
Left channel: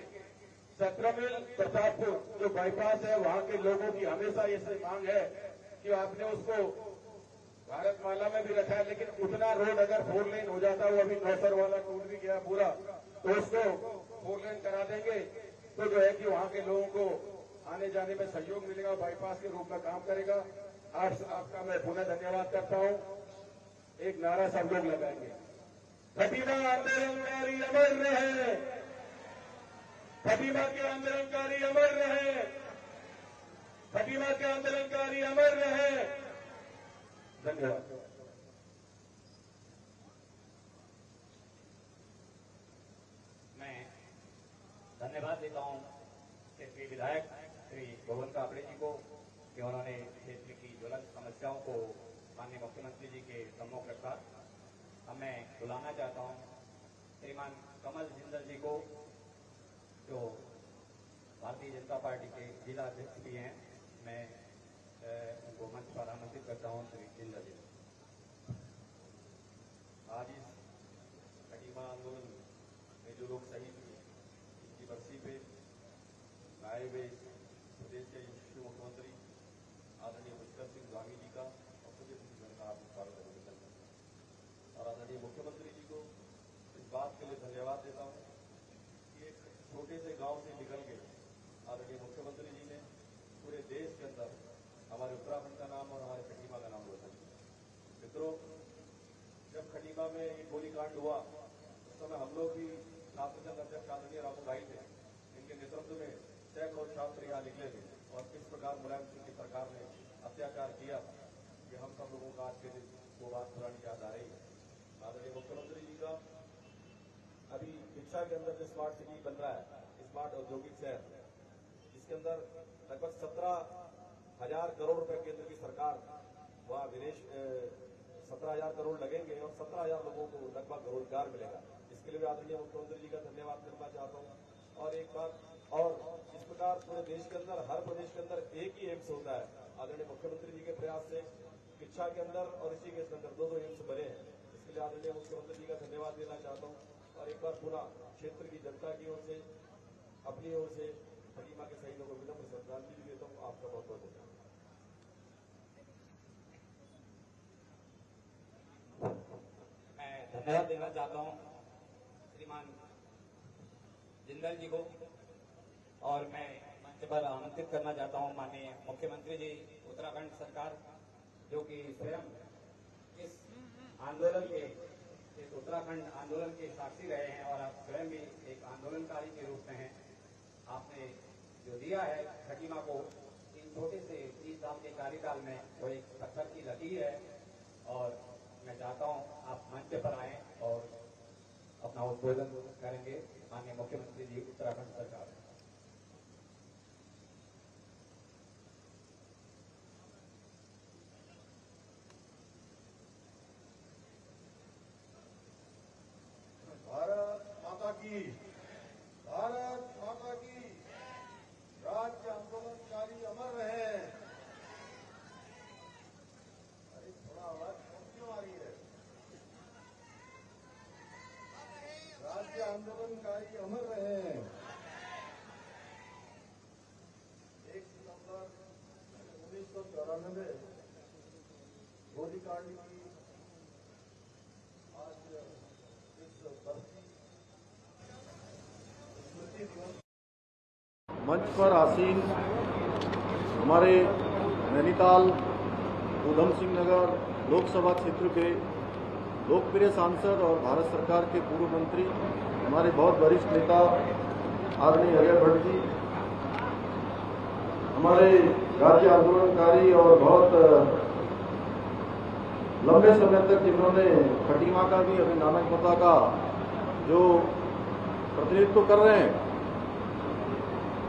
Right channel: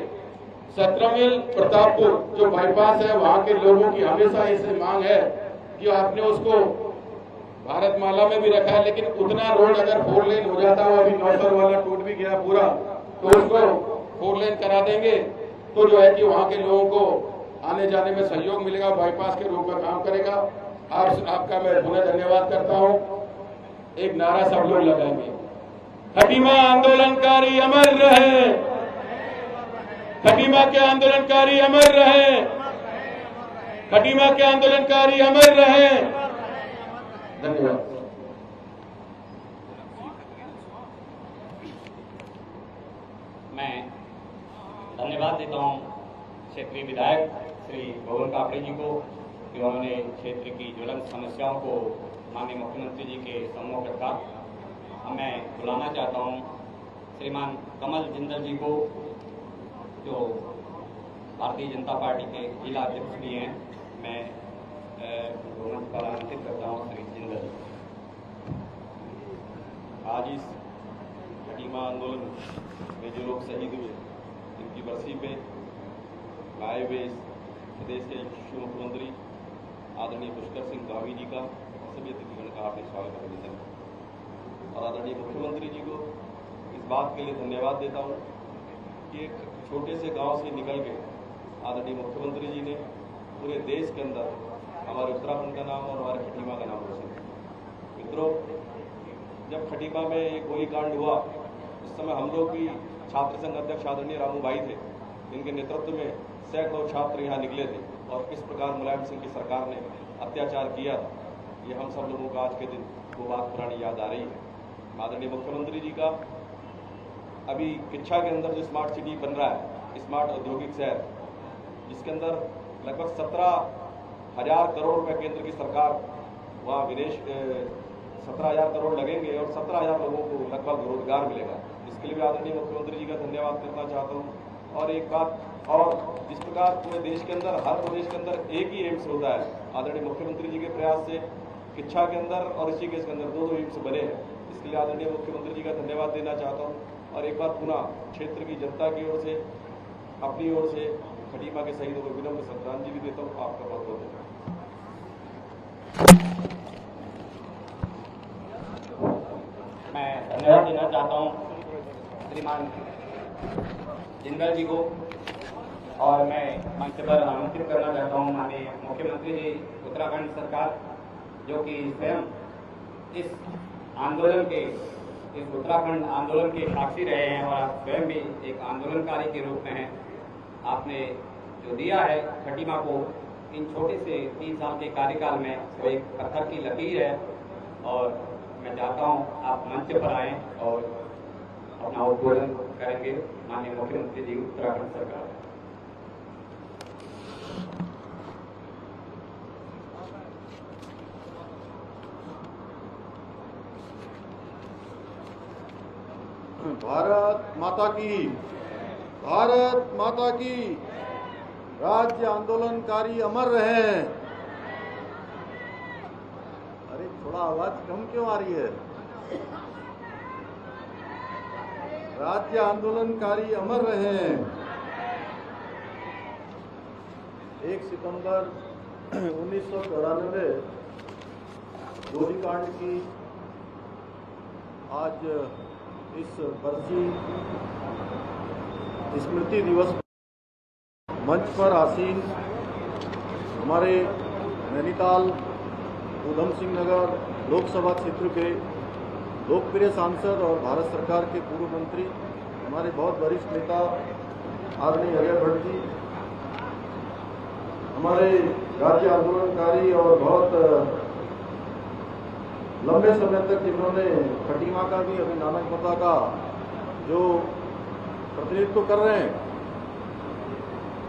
17 मील प्रतापपुर जो बाईपास है, वहाँ के लोगों की हमेशा इससे मांग है कि आपने उसको भारतमाला में भी रखा है, लेकिन उतना रोड अगर 4 लेन हो जाता है, अभी नौसर वाला टूट भी गया पूरा, तो उसको 4 लेन करा देंगे तो जो है कि वहाँ के लोगों को आने जाने में सहयोग मिलेगा, बाईपास के रूप में काम करेगा। आपका मैं पुनः धन्यवाद करता हूँ। एक नारा सब लोग लगाएंगे, खटीमा आंदोलनकारी अमर रहे, खटीमा के आंदोलनकारी अमर रहे, खटीमा के आंदोलनकारी अमर रहे। धन्यवाद। मैं धन्यवाद देता हूं क्षेत्रीय विधायक श्री गोविंद कापड़ी जी को कि उन्होंने क्षेत्र की ज्वलंत समस्याओं को माननीय मुख्यमंत्री जी के सम्मुख रखा। मैं बुलाना चाहता हूं श्रीमान कमल जिंदल जी को, जो भारतीय जनता पार्टी के जिला अध्यक्ष भी हैं। मैं मंच पर आमंत्रित करता हूं श्री जिंदल। आज इस खटीमा आंदोलन में जो लोग शहीद हुए, इनकी बरसी पे आए हुए प्रदेश के यशस्वी मुख्यमंत्री आदरणीय पुष्कर सिंह धामी जी का सभी अतिथिगण का हार्दिक स्वागत अभिनंदन, और आदरणीय मुख्यमंत्री जी को इस बात के लिए धन्यवाद देता हूँ कि एक छोटे से गांव से निकल के आदरणीय मुख्यमंत्री जी ने पूरे देश के अंदर हमारे उत्तराखंड का नाम और हमारे खटीमा का नाम रोशन किया। मित्रों, जब खटीमा में एक गोलीकांड हुआ, उस समय हम लोग भी छात्र संघ अध्यक्ष आदरणीय रामू भाई थे, इनके नेतृत्व में सैकड़ों छात्र यहाँ निकले थे, और किस प्रकार मुलायम सिंह की सरकार ने अत्याचार किया, ये हम सब लोगों का आज के दिन वो बात पुरानी याद आ रही है। आदरणीय मुख्यमंत्री जी का अभी किच्छा के अंदर जो स्मार्ट सिटी बन रहा है, स्मार्ट औद्योगिक शहर, जिसके अंदर लगभग 17,000 करोड़ रुपए केंद्र की सरकार वहाँ विदेश 17,000 करोड़ लगेंगे और 17,000 लोगों को लगभग रोजगार मिलेगा। इसके लिए भी आदरणीय मुख्यमंत्री जी का धन्यवाद करना चाहता हूँ। और एक बात और, जिस प्रकार पूरे देश के अंदर, हर प्रदेश के अंदर एक ही एम्स होता है, आदरणीय मुख्यमंत्री जी के प्रयास से किच्छा के अंदर और ऋषिकेश के अंदर 2 एम्स बने हैं। इसके लिए आदरणीय मुख्यमंत्री जी का धन्यवाद देना चाहता हूँ। और एक बार पुनः क्षेत्र की जनता की ओर से, अपनी ओर से खटीमा के शहीदों को विनम्र श्रद्धांजलि देता हूँ। आपका बहुत बहुत धन्यवाद। मैं धन्यवाद देना चाहता हूँ श्रीमान जिंदल जी को, और मैं मंच पर आमंत्रित करना चाहता हूँ माननीय मुख्यमंत्री जी उत्तराखंड सरकार, जो कि स्वयं इस आंदोलन के, इस उत्तराखंड आंदोलन के साक्षी रहे हैं और आप स्वयं भी एक आंदोलनकारी के रूप में हैं। आपने जो दिया है खटीमा को इन छोटे से 3 साल के कार्यकाल में, वो एक पत्थर की लकीर है, और मैं चाहता हूँ आप मंच पर आएँ और अपना उद्बोधन करेंगे माननीय मुख्यमंत्री जी उत्तराखंड सरकार। भारत माता की, भारत माता की। राज्य आंदोलनकारी अमर रहे। अरे थोड़ा आवाज कम क्यों आ रही है? राज्य आंदोलनकारी अमर रहे। 1 सितंबर 1994 गोलीकांड की आज इस बरसी स्मृति दिवस मंच पर आसीन हमारे नैनीताल ऊधम सिंह नगर लोकसभा क्षेत्र के लोकप्रिय सांसद और भारत सरकार के पूर्व मंत्री, हमारे बहुत वरिष्ठ नेता आदरणीय अजय भट्ट जी, हमारे राज्य आंदोलनकारी और बहुत लंबे समय तक जिन्होंने खटीमा का भी, अभी नानकमता का जो प्रतिनिधित्व कर रहे हैं,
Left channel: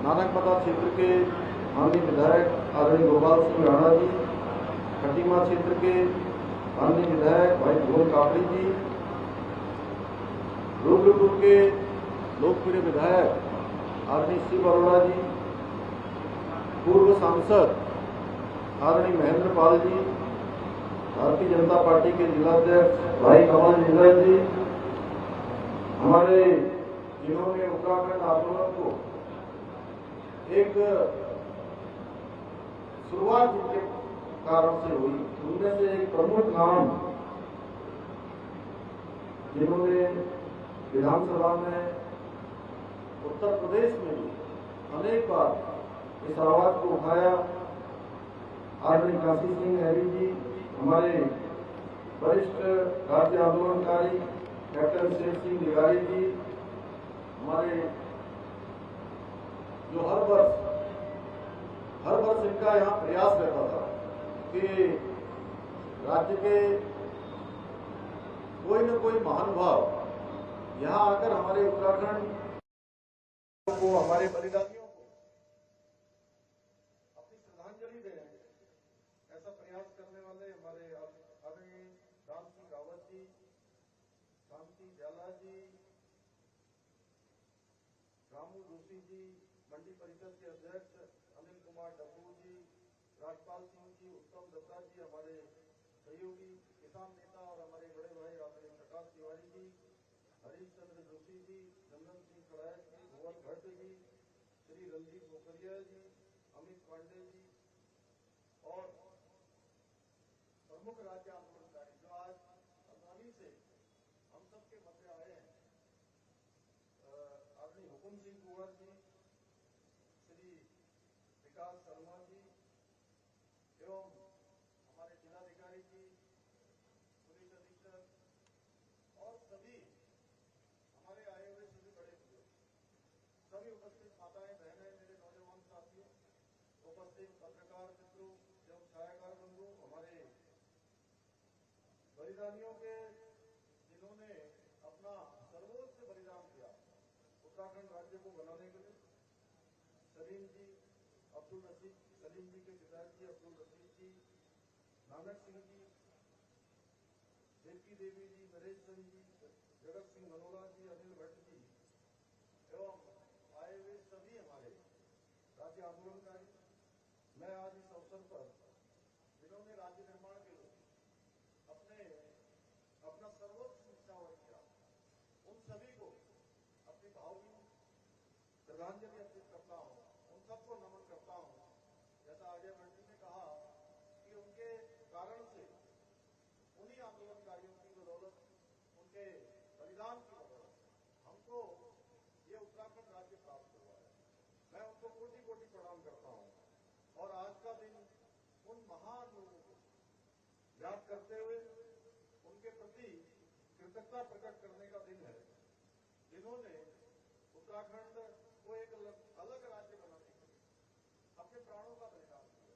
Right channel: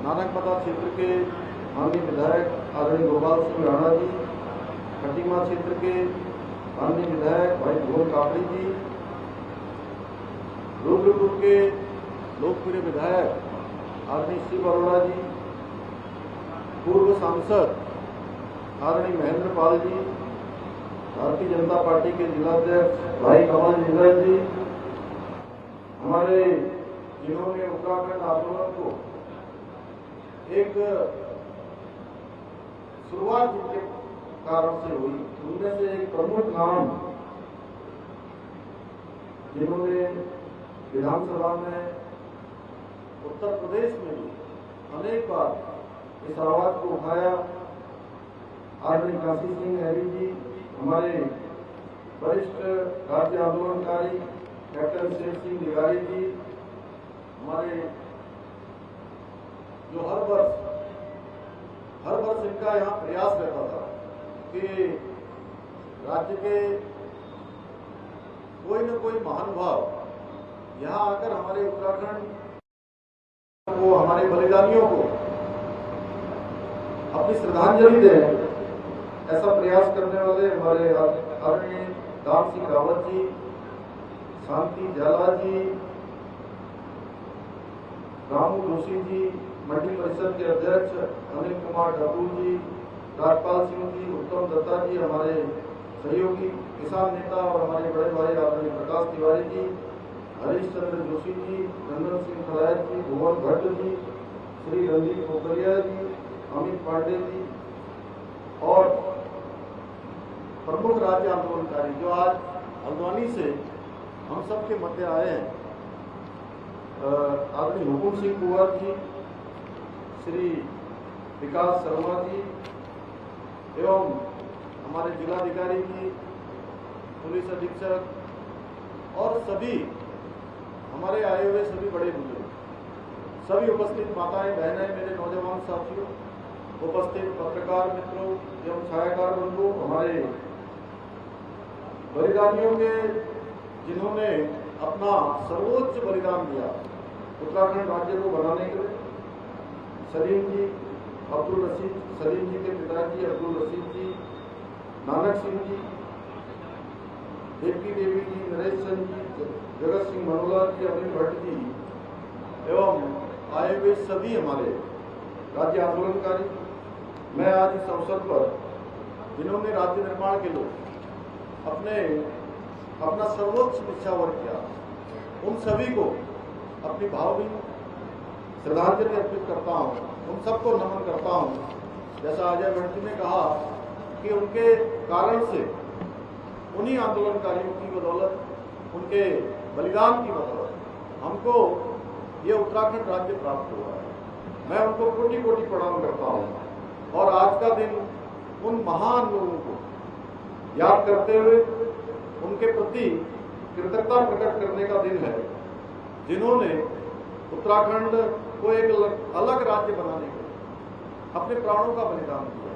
नानकमता क्षेत्र के माननीय विधायक आदरणीय गोपाल सिंह राणा जी, खटीमा क्षेत्र के माननीय विधायक भाई गोविंद कापड़ी जी, रुद्रपुर के लोकप्रिय विधायक आदरणीय शिव अरोड़ा जी, पूर्व सांसद आदरणीय महेंद्र पाल जी, भारतीय जनता पार्टी के जिलाध्यक्ष भाई कमल जिंदल जी, हमारे जिन्होंने उत्तराखंड आंदोलन को एक शुरुआत जिनके कारण से हुई। उनमें से एक प्रमुख नाम जिन्होंने विधानसभा में, उत्तर प्रदेश में भी अनेक बार इस आवाज को उठाया, आदरणीय काशी सिंह हैरी जी, हमारे वरिष्ठ राज्य आंदोलनकारी कैप्टन शेर सिंह दिगारी जी, हमारे जो हर वर्ष इनका यहाँ प्रयास रहता था कि राज्य के कोई न कोई महानुभाव यहाँ आकर हमारे उत्तराखंड को, हमारे बलिदानियों को अपनी श्रद्धांजलि दें। ऐसा प्रयास करने वाले हमारे आदरणीय दाम सिंह रावत जी, शांति झाला जी, रामू जोशी जी, मंडी परिषद के अध्यक्ष अनिल कुमार ठाकुर जी, राजपाल सिंह जी, उत्तम दत्ता जी, हमारे सहयोगी किसान नेता और हमारे बड़े भाई आदरणीय प्रकाश तिवारी जी, हरीश चंद्र जोशी जी, नंदन सिंह खलायत जी, भुवन भट्ट जी, श्री रणदीप पोखरिया जी, अमित पांडे जी और प्रमुख राज्य आंदोलनकारी जो आज हल्द्वानी से हम सब के मध्य आए हैं, आदरणीय हुकुम सिंह कुंवर जी, श्री विकास शर्मा जी एवं हमारे जिलाधिकारी जी, पुलिस अधीक्षक और सभी हमारे आए हुए सभी बड़े बुजुर्ग, सभी उपस्थित माताएं बहनें, मेरे नौजवान साथियों, उपस्थित पत्रकार मित्रों एवं छायाकार बंधु, हमारे बलिदानियों के जिन्होंने अपना सर्वोच्च बलिदान दिया उत्तराखंड राज्य को बनाने के लिए, सलीम जी, अब्दुल रशीद, सलीम जी के पिताजी अब्दुल रशीद जी, नानक सिंह जी, देवकी देवी जी, नरेश चंद जी, जगत सिंह मनोला जी, अनिल भट्ट जी एवं आए हुए सभी हमारे राज्य आंदोलनकारी। मैं आज इस अवसर पर जिन्होंने राज्य निर्माण के लिए अपना सर्वोच्च निछावर किया, उन सभी को अपनी भावभीनी श्रद्धांजलि अर्पित करता हूँ, उन सबको नमन करता हूँ। जैसा अजय भट्ट जी ने कहा कि उनके कारण से, उन्हीं आंदोलनकारियों की बदौलत, उनके बलिदान की बदौलत हमको ये उत्तराखंड राज्य प्राप्त हुआ है। मैं उनको कोटि कोटि प्रणाम करता हूँ और आज का दिन उन महान लोगों को याद करते हुए उनके प्रति कृतज्ञता प्रकट करने का दिन है, जिन्होंने उत्तराखंड को एक अलग राज्य बनाने के लिए अपने प्राणों का बलिदान दिया।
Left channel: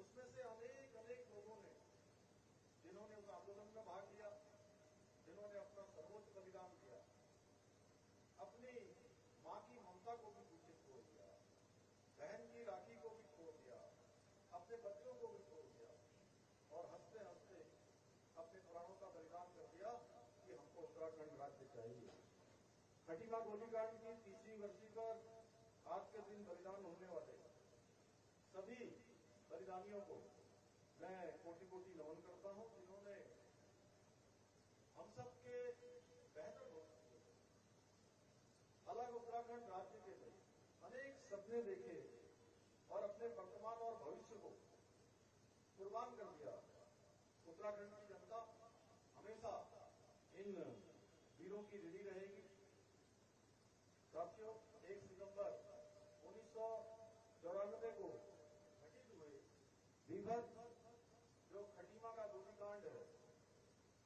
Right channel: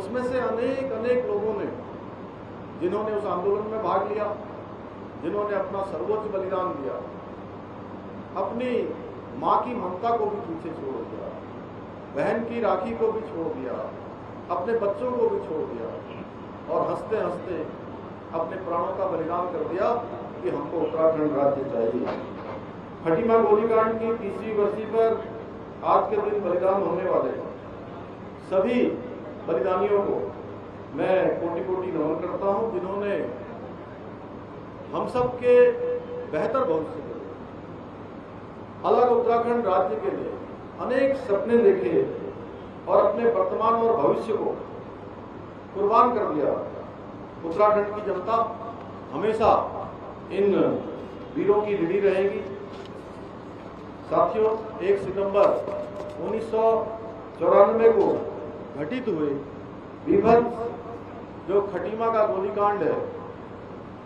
उसमें से अनेक लोगों ने, जिन्होंने उस आंदोलन में भाग लिया, जिन्होंने अपना सर्वोच्च बलिदान दिया, अपनी माँ की ममता को भी पीछे छोड़ दिया, बहन की राखी को भी छोड़ दिया, अपने बच्चों को भी छोड़ दिया और हंसते हंसते अपने प्राणों का बलिदान कर दिया कि हमको उत्तराखंड राज्य चाहिए। खटीमा गोलीकांड की 30वीं वर्षी पर आज के दिन बलिदान होने वाले सभी बलिदानियों को मैं कोटि कोटि नमन करता हूं, जिन्होंने हम सब के बेहतर भविष्य के लिए, अलग उत्तराखंड राज्य के लिए अनेक सपने देखे और अपने वर्तमान और भविष्य को कुर्बान कर दिया। उत्तराखंड की जनता हमेशा इन वीरों की ऋणी रहेगी। साथियों, 1 सितंबर 1994 को घटित हुए बीभत्स जो खटीमा का गोलीकांड है,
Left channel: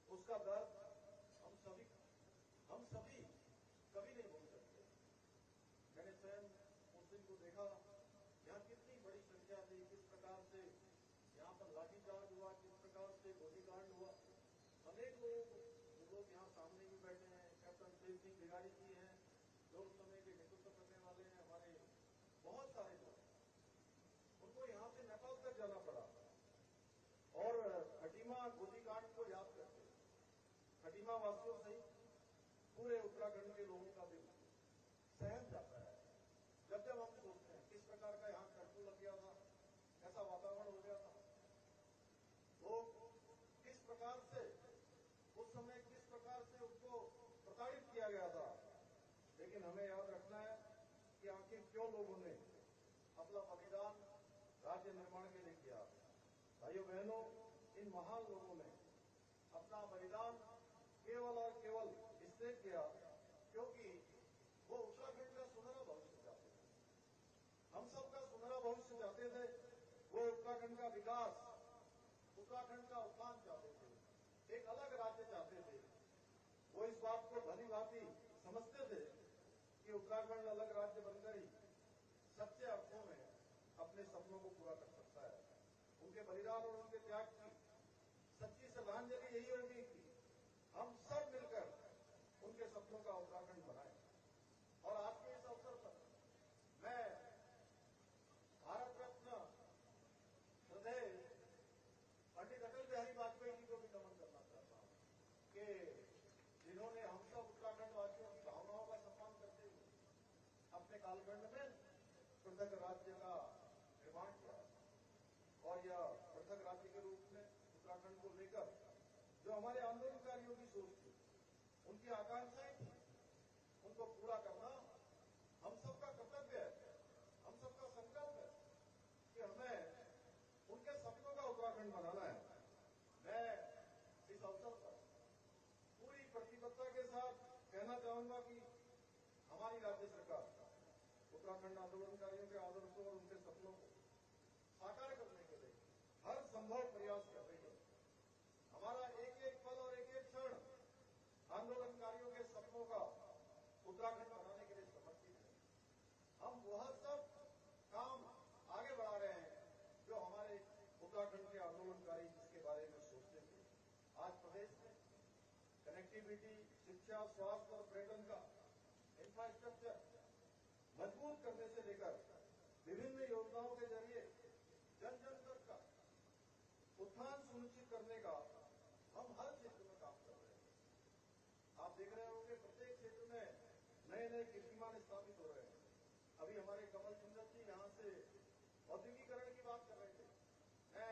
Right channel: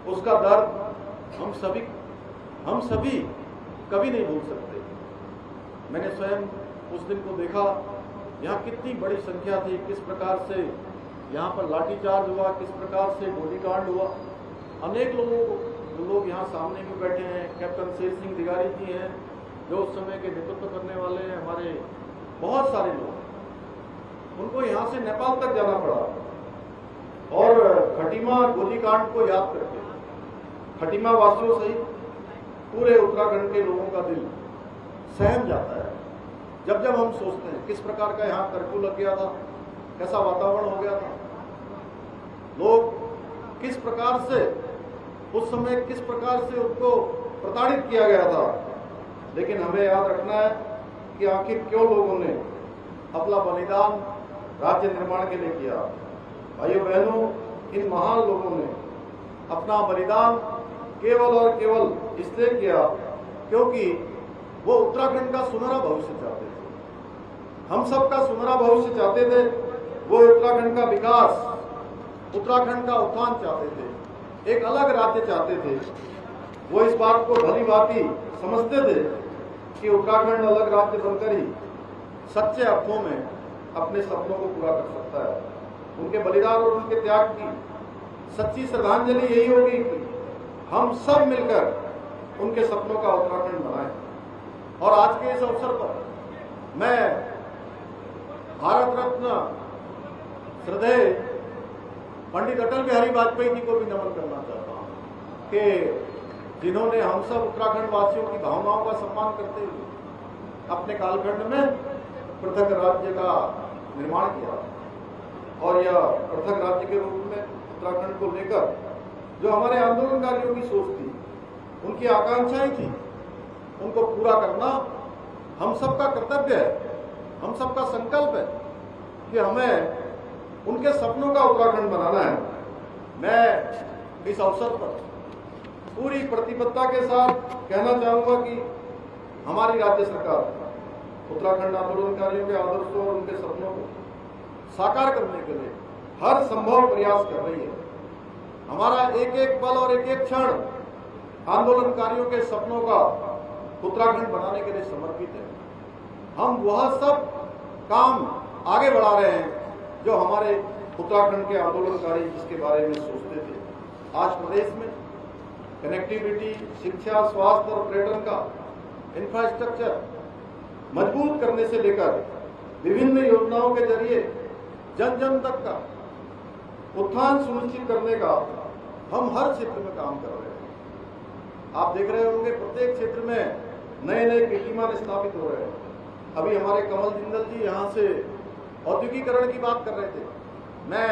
उसका दर्द हम सभी कभी नहीं भूल सकते। मैंने स्वयं उस दिन को देखा, यहाँ कितनी बड़ी संख्या थी, किस प्रकार से यहाँ पर लाठीचार्ज हुआ, किस प्रकार से गोलीकांड हुआ। अनेक लोग यहाँ सामने भी बैठे हैं, कैप्टन शेर सिंह दिगारी जी हैं जो उस समय के नेतृत्व करने वाले हैं, हमारे बहुत सारे लोग, उनको यहाँ से नेपाल तक जाना पड़ा और खटीमा गोलीकांड को याद करके खटीमा वासियों सहित पूरे उत्तराखंड के लोगों का दिल सहम जाता है जब हम सोचते हैं किस प्रकार का यहाँ कर्फ्यू लग गया था, कैसा वातावरण हो गया था, लोग किस प्रकार से उस समय किस प्रकार से उनको प्रताड़ित किया गया था। लेकिन हमें याद रखना है कि आखिर क्यों लोगों ने अपना बलिदान राज्य निर्माण के लिए किया। भाइयों बहनों, इन महान लोगों ने अपना बलिदान केवल और केवल इसलिए किया क्योंकि वो उत्तराखंड का सुनहरा भविष्य चाहते थे। हम सब का सुनहरा भविष्य चाहते थे। वो उत्तराखंड का विकास, उत्तराखंड का उत्थान चाहते थे, एक अलग राज्य चाहते थे। वो इस बात को भली भांति समझते थे कि उत्तराखंड अलग राज्य बनकर ही सच्चे अर्थों में अपने सपनों को पूरा कर सकता है। उनके बलिदान और उनके त्याग की सच्ची श्रद्धांजलि यही होगी कि हम सब मिलकर उनके सपनों का उत्तराखंड बनाएं। और आज के इस अवसर पर मैं भारत रत्न श्रद्धेय पंडित अटल बिहारी वाजपेयी जी को भी नमन करना चाहता हूं कि जिन्होंने हम सब उत्तराखंड वासियों की भावनाओं का सम्मान करते हुए अपने कालखंड में पृथक राज्य का निर्माण किया और यह पृथक राज्य के रूप में उत्तराखंड को लेकर जो हमारे आंदोलनकारियों की सोच थी, उनकी आकांक्षाएं थी, उनको पूरा करना हम सबका कर्तव्य है, हम सबका संकल्प है कि हमें उनके सपनों का उत्तराखंड बनाना है। मैं इस अवसर पर पूरी प्रतिबद्धता के साथ कहना चाहूंगा कि हमारी राज्य सरकार उत्तराखंड आंदोलनकारियों के आदर्शों और उनके सपनों को साकार करने के लिए हर संभव प्रयास कर रही है। हमारा एक एक पल और एक एक क्षण आंदोलनकारियों के सपनों का उत्तराखंड बनाने के लिए समर्पित है। हम वह सब काम आगे बढ़ा रहे हैं जो हमारे उत्तराखंड के आंदोलनकारी जिसके बारे में सोचते थे। आज प्रदेश में कनेक्टिविटी, शिक्षा, स्वास्थ्य और पर्यटन का इंफ्रास्ट्रक्चर मजबूत करने से लेकर विभिन्न योजनाओं के जरिए जन जन तक का उत्थान सुनिश्चित करने का हम हर क्षेत्र में काम कर रहे हैं। आप देख रहे होंगे प्रत्येक क्षेत्र में नए नए कीर्तिमान स्थापित हो रहे हैं। अभी हमारे कमल जिंदल जी यहाँ से औद्योगिकरण की बात कर रहे थे। मैं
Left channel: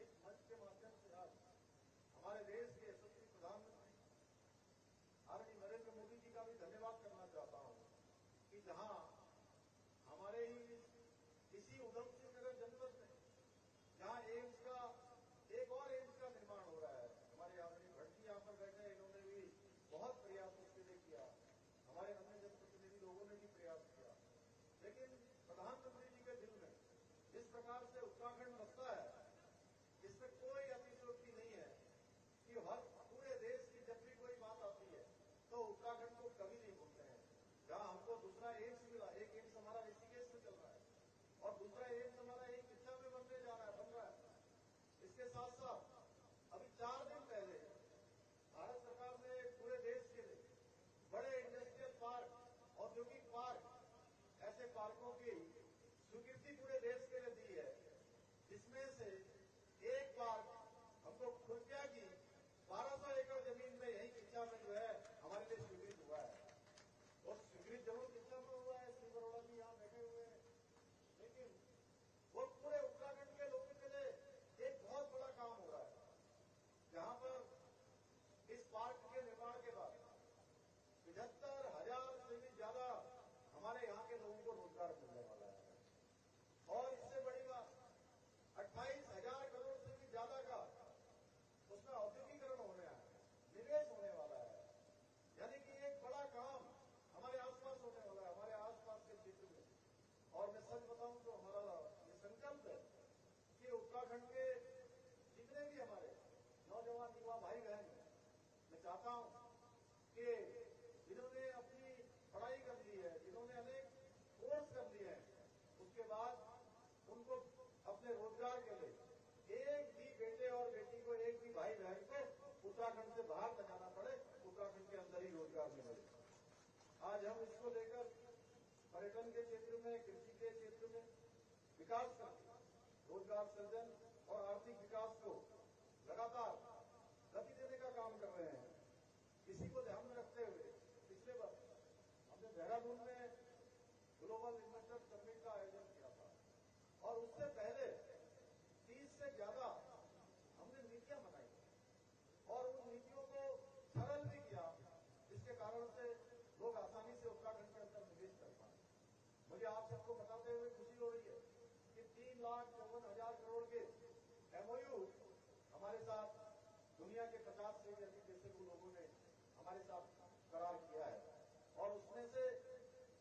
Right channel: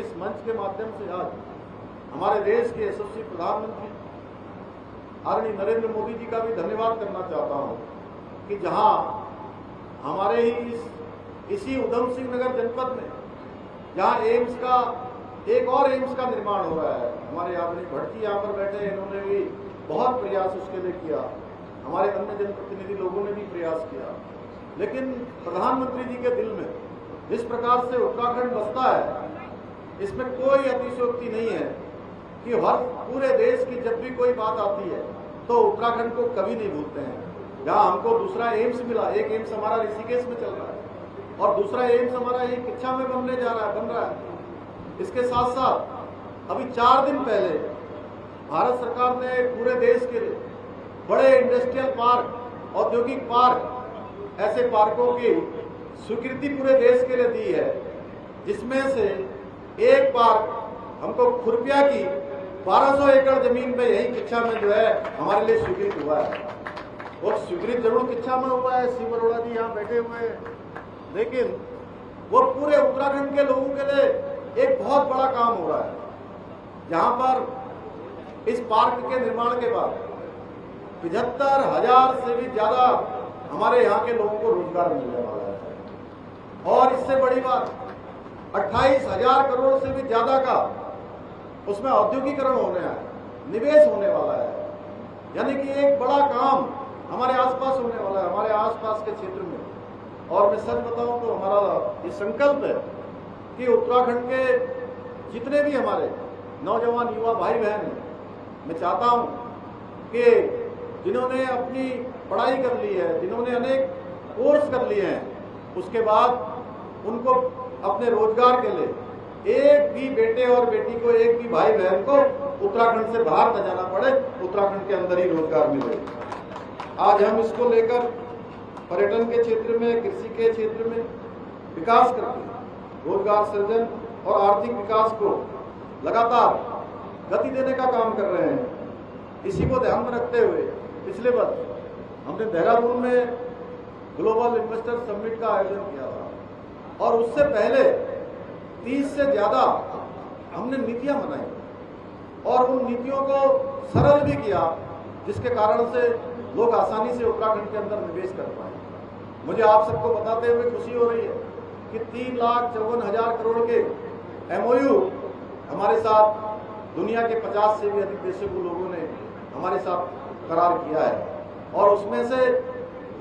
इस मंच के माध्यम से आज हमारे देश के यशस्वी प्रधानमंत्री आदरणीय नरेंद्र मोदी जी का भी धन्यवाद करना चाहता हूँ कि जहाँ हमारे ही इसी उधम सिंह नगर जनपद में जहाँ एम्स का एक और एम्स का निर्माण हो रहा है, हमारे आदरणीय भट्ट जी यहाँ पर बैठे, इन्होंने भी बहुत प्रयास उसके लिए किया। हमारे अन्य जनप्रतिनिधि लोगों ने भी प्रयास किया, लेकिन प्रधानमंत्री जी के दिल में जिस प्रकार से उत्तराखंड बसता है, इसमें कोई अतिशयोक्ति नहीं है कि हर पूरे देश की जब भी कोई बात आती है तो उत्तराखंड को कभी नहीं भूलते हैं। जहाँ हमको दूसरा एम्स मिला, एक एम्स हमारा ऋषिकेश में चल रहा है और दूसरा एम्स हमारा एक किच्छा में बन रहा है। इसके साथ साथ अभी 4 दिन पहले भारत सरकार ने पूरे देश के लिए बड़े इंडस्ट्रियल पार्क, औद्योगिक पार्क, ऐसे पार्कों की स्वीकृति पूरे देश के लिए दी है, जिसमें से एक पार्क हमको खुरपिया की 1200 एकड़ जमीन पे यही किच्छा में जो है हमारे लिए स्वीकृत हुआ है। और स्वीकृत जरूर किच्छा में हुआ है, शिव अरोड़ा जी यहाँ बैठे हुए हैं, लेकिन वो पूरे उत्तराखंड के लोगों के लिए एक बहुत बड़ा काम हो रहा है, जहाँ पर इस पार्क के निर्माण के बाद 75,000 से भी ज्यादा हमारे यहाँ के लोगों को रोजगार मिलने वाला है। और इससे बड़ी बात 28,000 करोड़ से भी ज्यादा का उसमें औद्योगिकरण होने है, निवेश होने वाला है। यानी कि एक बड़ा काम हमारे आसपास होने वाला है, हमारे आसपास के क्षेत्र में। और मैं सच बताऊं तो हमारा ये संकल्प है कि उत्तराखंड के जितने भी हमारे नौजवान युवा भाई बहन हैं, मैं चाहता हूं कि जिन्होंने अपनी पढ़ाई कर ली है, जिन्होंने अनेक कोर्स कर लिए हैं, उसके बाद उनको अपने रोजगार के लिए एक भी बेटे और बेटी को, एक भी भाई बहन को उत्तराखंड से बाहर न जाना पड़े, उत्तराखंड के अंदर ही रोजगार मिले। आज हम इसको लेकर पर्यटन के क्षेत्र में, कृषि के क्षेत्र में विकास करके रोजगार सृजन और आर्थिक विकास को लगातार गति देने का काम कर रहे हैं। इसी को ध्यान में रखते हुए पिछले वर्ष हमने देहरादून में ग्लोबल इन्वेस्टर समिट का आयोजन किया था और उससे पहले 30 से ज्यादा हमने नीतियां बनाई और उन नीतियों को सरल भी किया, जिसके कारण से लोग आसानी से उत्तराखंड के अंदर निवेश कर पाए। मुझे आप सबको बताते हुए खुशी हो रही है कि 3,54,000 करोड़ के MOU हमारे साथ दुनिया के 50 से भी अधिक देशों के लोगों ने हमारे साथ करार किया है और उसमें से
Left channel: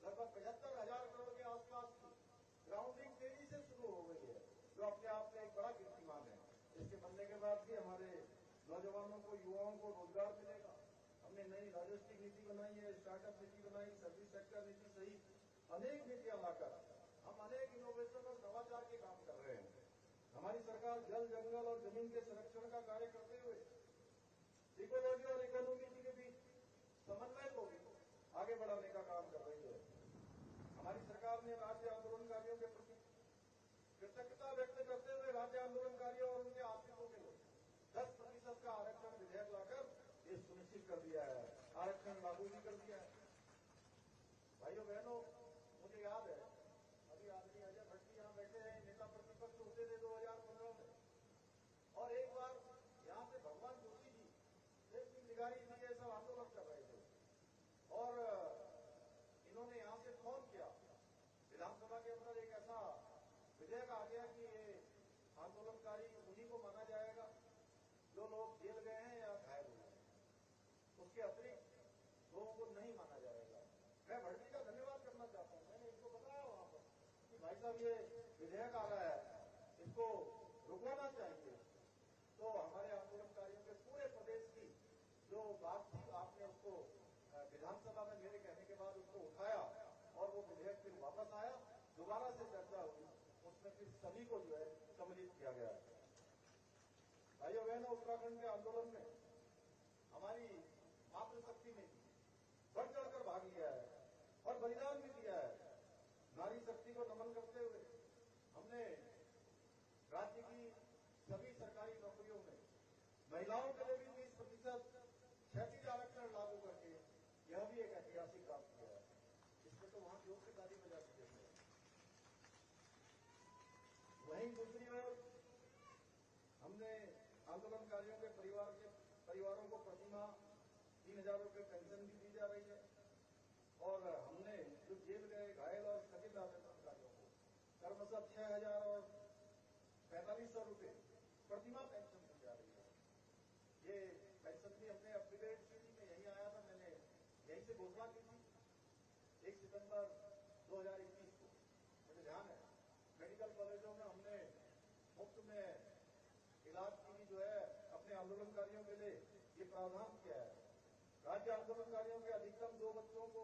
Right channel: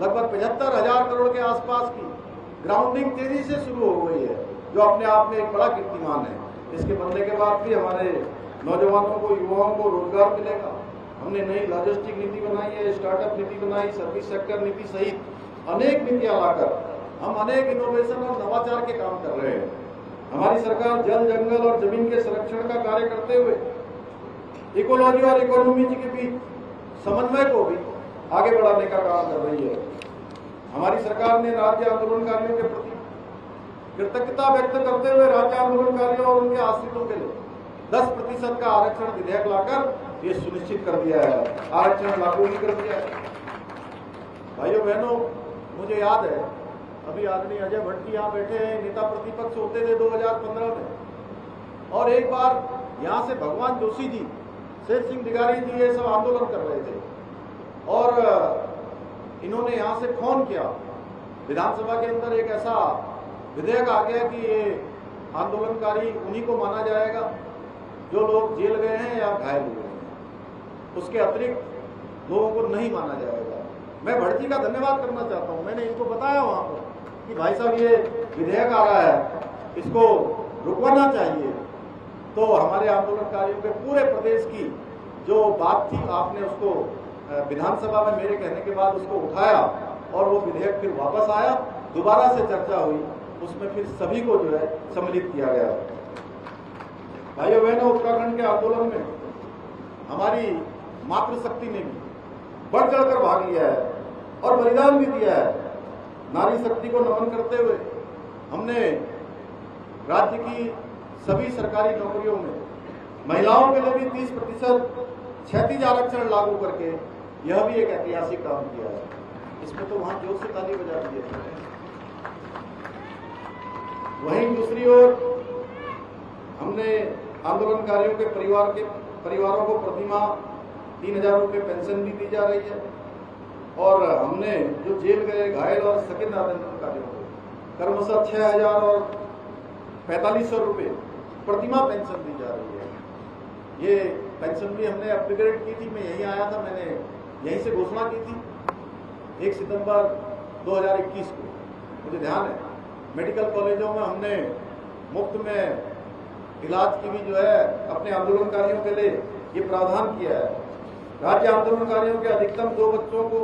लगभग 75,000 करोड़ के आसपास की ग्राउंडिंग तेजी से शुरू हो गई है, जो अपने आप में एक बड़ा कीर्तिमान है। इसके बनने के बाद भी हमारे नौजवानों को, युवाओं को रोजगार मिलेगा। हमने नई लॉजिस्टिक नीति बनाई है, स्टार्टअप नीति बनाई, सर्विस सेक्टर नीति सहित अनेक नीतियां लाकर हम अनेक इनोवेशन और नवाचार के काम कर रहे हैं। हमारी सरकार जल, जंगल और जमीन के संरक्षण का कार्य करते हुए इकोलॉजी और इकोनॉमी के बीच समन्वय को भी आगे बढ़ाने का काम कर रही है। हमारी सरकार ने राज्य आंदोलनकारियों के प्रति कृतज्ञता व्यक्त करते हुए राज्य आंदोलनकारियों और उनके आश्रितों के लिए 10% का आरक्षण विधेयक लाकर ये सुनिश्चित कर दिया है, आरक्षण लागू भी कर दिया है। भाइयों बहनों, मुझे याद है अभी आदरणीय अजय भट्ट जी यहाँ बैठे हैं, नेता प्रतिपक्ष होते थे 2015 में, और एक बार यहाँ से भगवान जोशी जी, शेर सिंह दिगारी जी ये सब आंदोलन कर रहे थे और इन्होंने यहाँ से फोन किया। विधानसभा के अंदर एक ऐसा विधेयक आ गया कि ये आंदोलनकारी उन्हीं को माना जाएगा जो लोग जेल गए हैं या घायल हुए हैं, उसके अतिरिक्त लोगों को नहीं माना जाएगा। मैं भट्ट जी का धन्यवाद करना चाहता हूँ। मैंने इनको बताया वहां पर कि भाई साहब ये विधेयक आ रहा है, इसको रुकवाना चाहिए। तो हमारे आंदोलनकारियों के पूरे प्रदेश की जो बात थी, आपने उसको विधानसभा में मेरे कहने के बाद उसको उठाया और वो विधेयक फिर वापस आया, दोबारा से चर्चा हुई, उसमें फिर सभी को जो है सम्मिलित किया गया। भाइयों बहनों, उत्तराखंड के आंदोलन में हमारी मातृशक्ति ने भी बढ़ चढ़कर भाग लिया है और बलिदान भी दिया है। नारी शक्ति को नमन करते हुए हमने राज्य की सभी सरकारी नौकरियों में महिलाओं के लिए भी 30% क्षैतिज आरक्षण लागू करके यह भी एक ऐतिहासिक काम किया है। इसमें तो वहां जोर से ताली बजा दी है। वहीं दूसरी ओर हमने आंदोलनकारियों के परिवारों को प्रतिमाह 3,000 रुपये पेंशन भी दी जा रही है और हमने जो जेल गए, घायल और सकिंद आंदोलनकारियों को क्रमशः 6,000 और 4,500 रुपये प्रतिमाह पेंशन दी जा रही है। ये पेंशन भी हमने अपग्रेड की थी। मैं यहीं आया था, मैंने यहीं से घोषणा की थी 1 सितंबर 2021 को, मुझे ध्यान है। मेडिकल कॉलेजों में हमने मुफ्त में इलाज की भी जो है अपने आंदोलनकारियों के लिए ये प्रावधान किया है। राज्य आंदोलनकारियों के अधिकतम 2 बच्चों को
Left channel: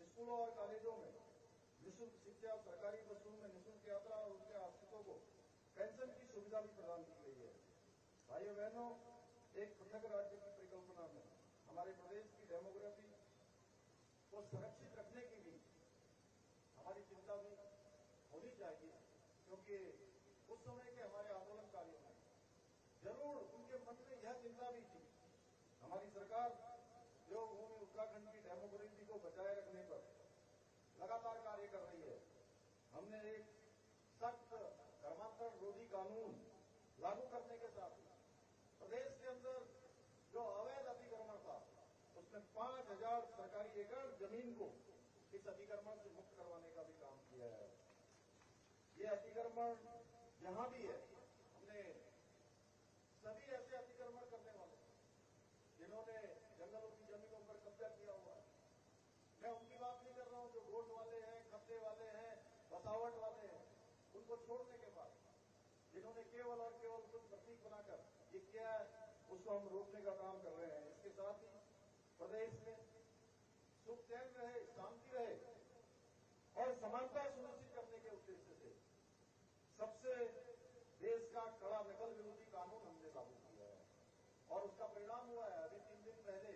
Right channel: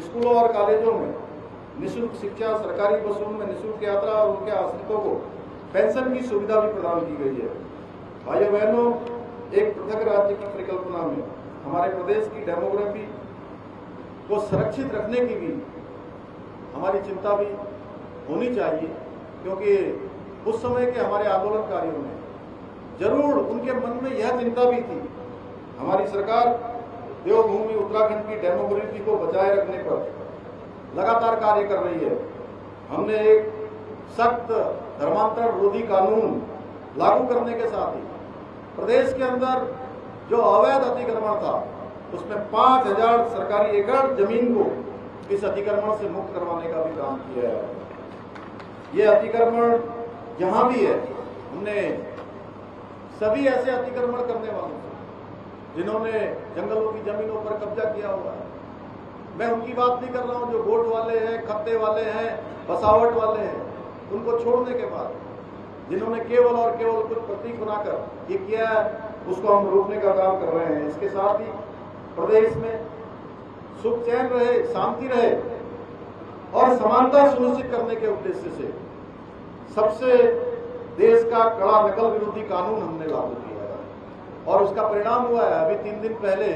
स्कूलों और कॉलेजों में निःशुल्क शिक्षा, सरकारी बसों में निःशुल्क यात्रा और उनके आश्रितों को पेंशन की सुविधा भी प्रदान की गई है। भाइयों बहनों, एक पृथक राज्य की परिकल्पना में हमारे प्रदेश की डेमोग्राफी को सुरक्षित रखने की भी हमारी चिंता भी होनी चाहिए, क्योंकि उस समय के हमारे आंदोलनकारियों ने जरूर उनके मन में यह चिंता भी थी। हमारी सरकार देवभूमि उत्तराखंड की डेमोग्राफी को बचाए रखने पर लगातार कार्य कर रही है। हमने एक सख्त धर्मांतरण विरोधी कानून लागू करने के साथ ही प्रदेश के अंदर जो अवैध अतिक्रमण था उसमें 5,000 सरकारी एकड़ जमीन को इस अतिक्रमण से मुक्त करवाने का भी काम किया है। ये अतिक्रमण जहां भी है, हमने सभी ऐसे अतिक्रमण करने वालों से जिन्होंने जंगलों की जमीनों पर कब्जा किया हुआ है, मैं उनकी बात नहीं कर रहा हूं, जो गोट वाले हैं, खत्ते वाले हैं, बसावट वाले हैं, उनको छोड़ने के बाद जिन्होंने केवल और केवल कुछ प्रतीक बनाकर ये किया है, उसको हम रोकने का काम कर रहे हैं। इसके साथ ही प्रदेश में सुख चैन रहे, शांति रहे और समानता सुनिश्चित करने के उद्देश्य से सबसे देश का कड़ा नकल विरोधी कानून हमने लागू किया है और उसका परिणाम हुआ है। अभी 3 दिन पहले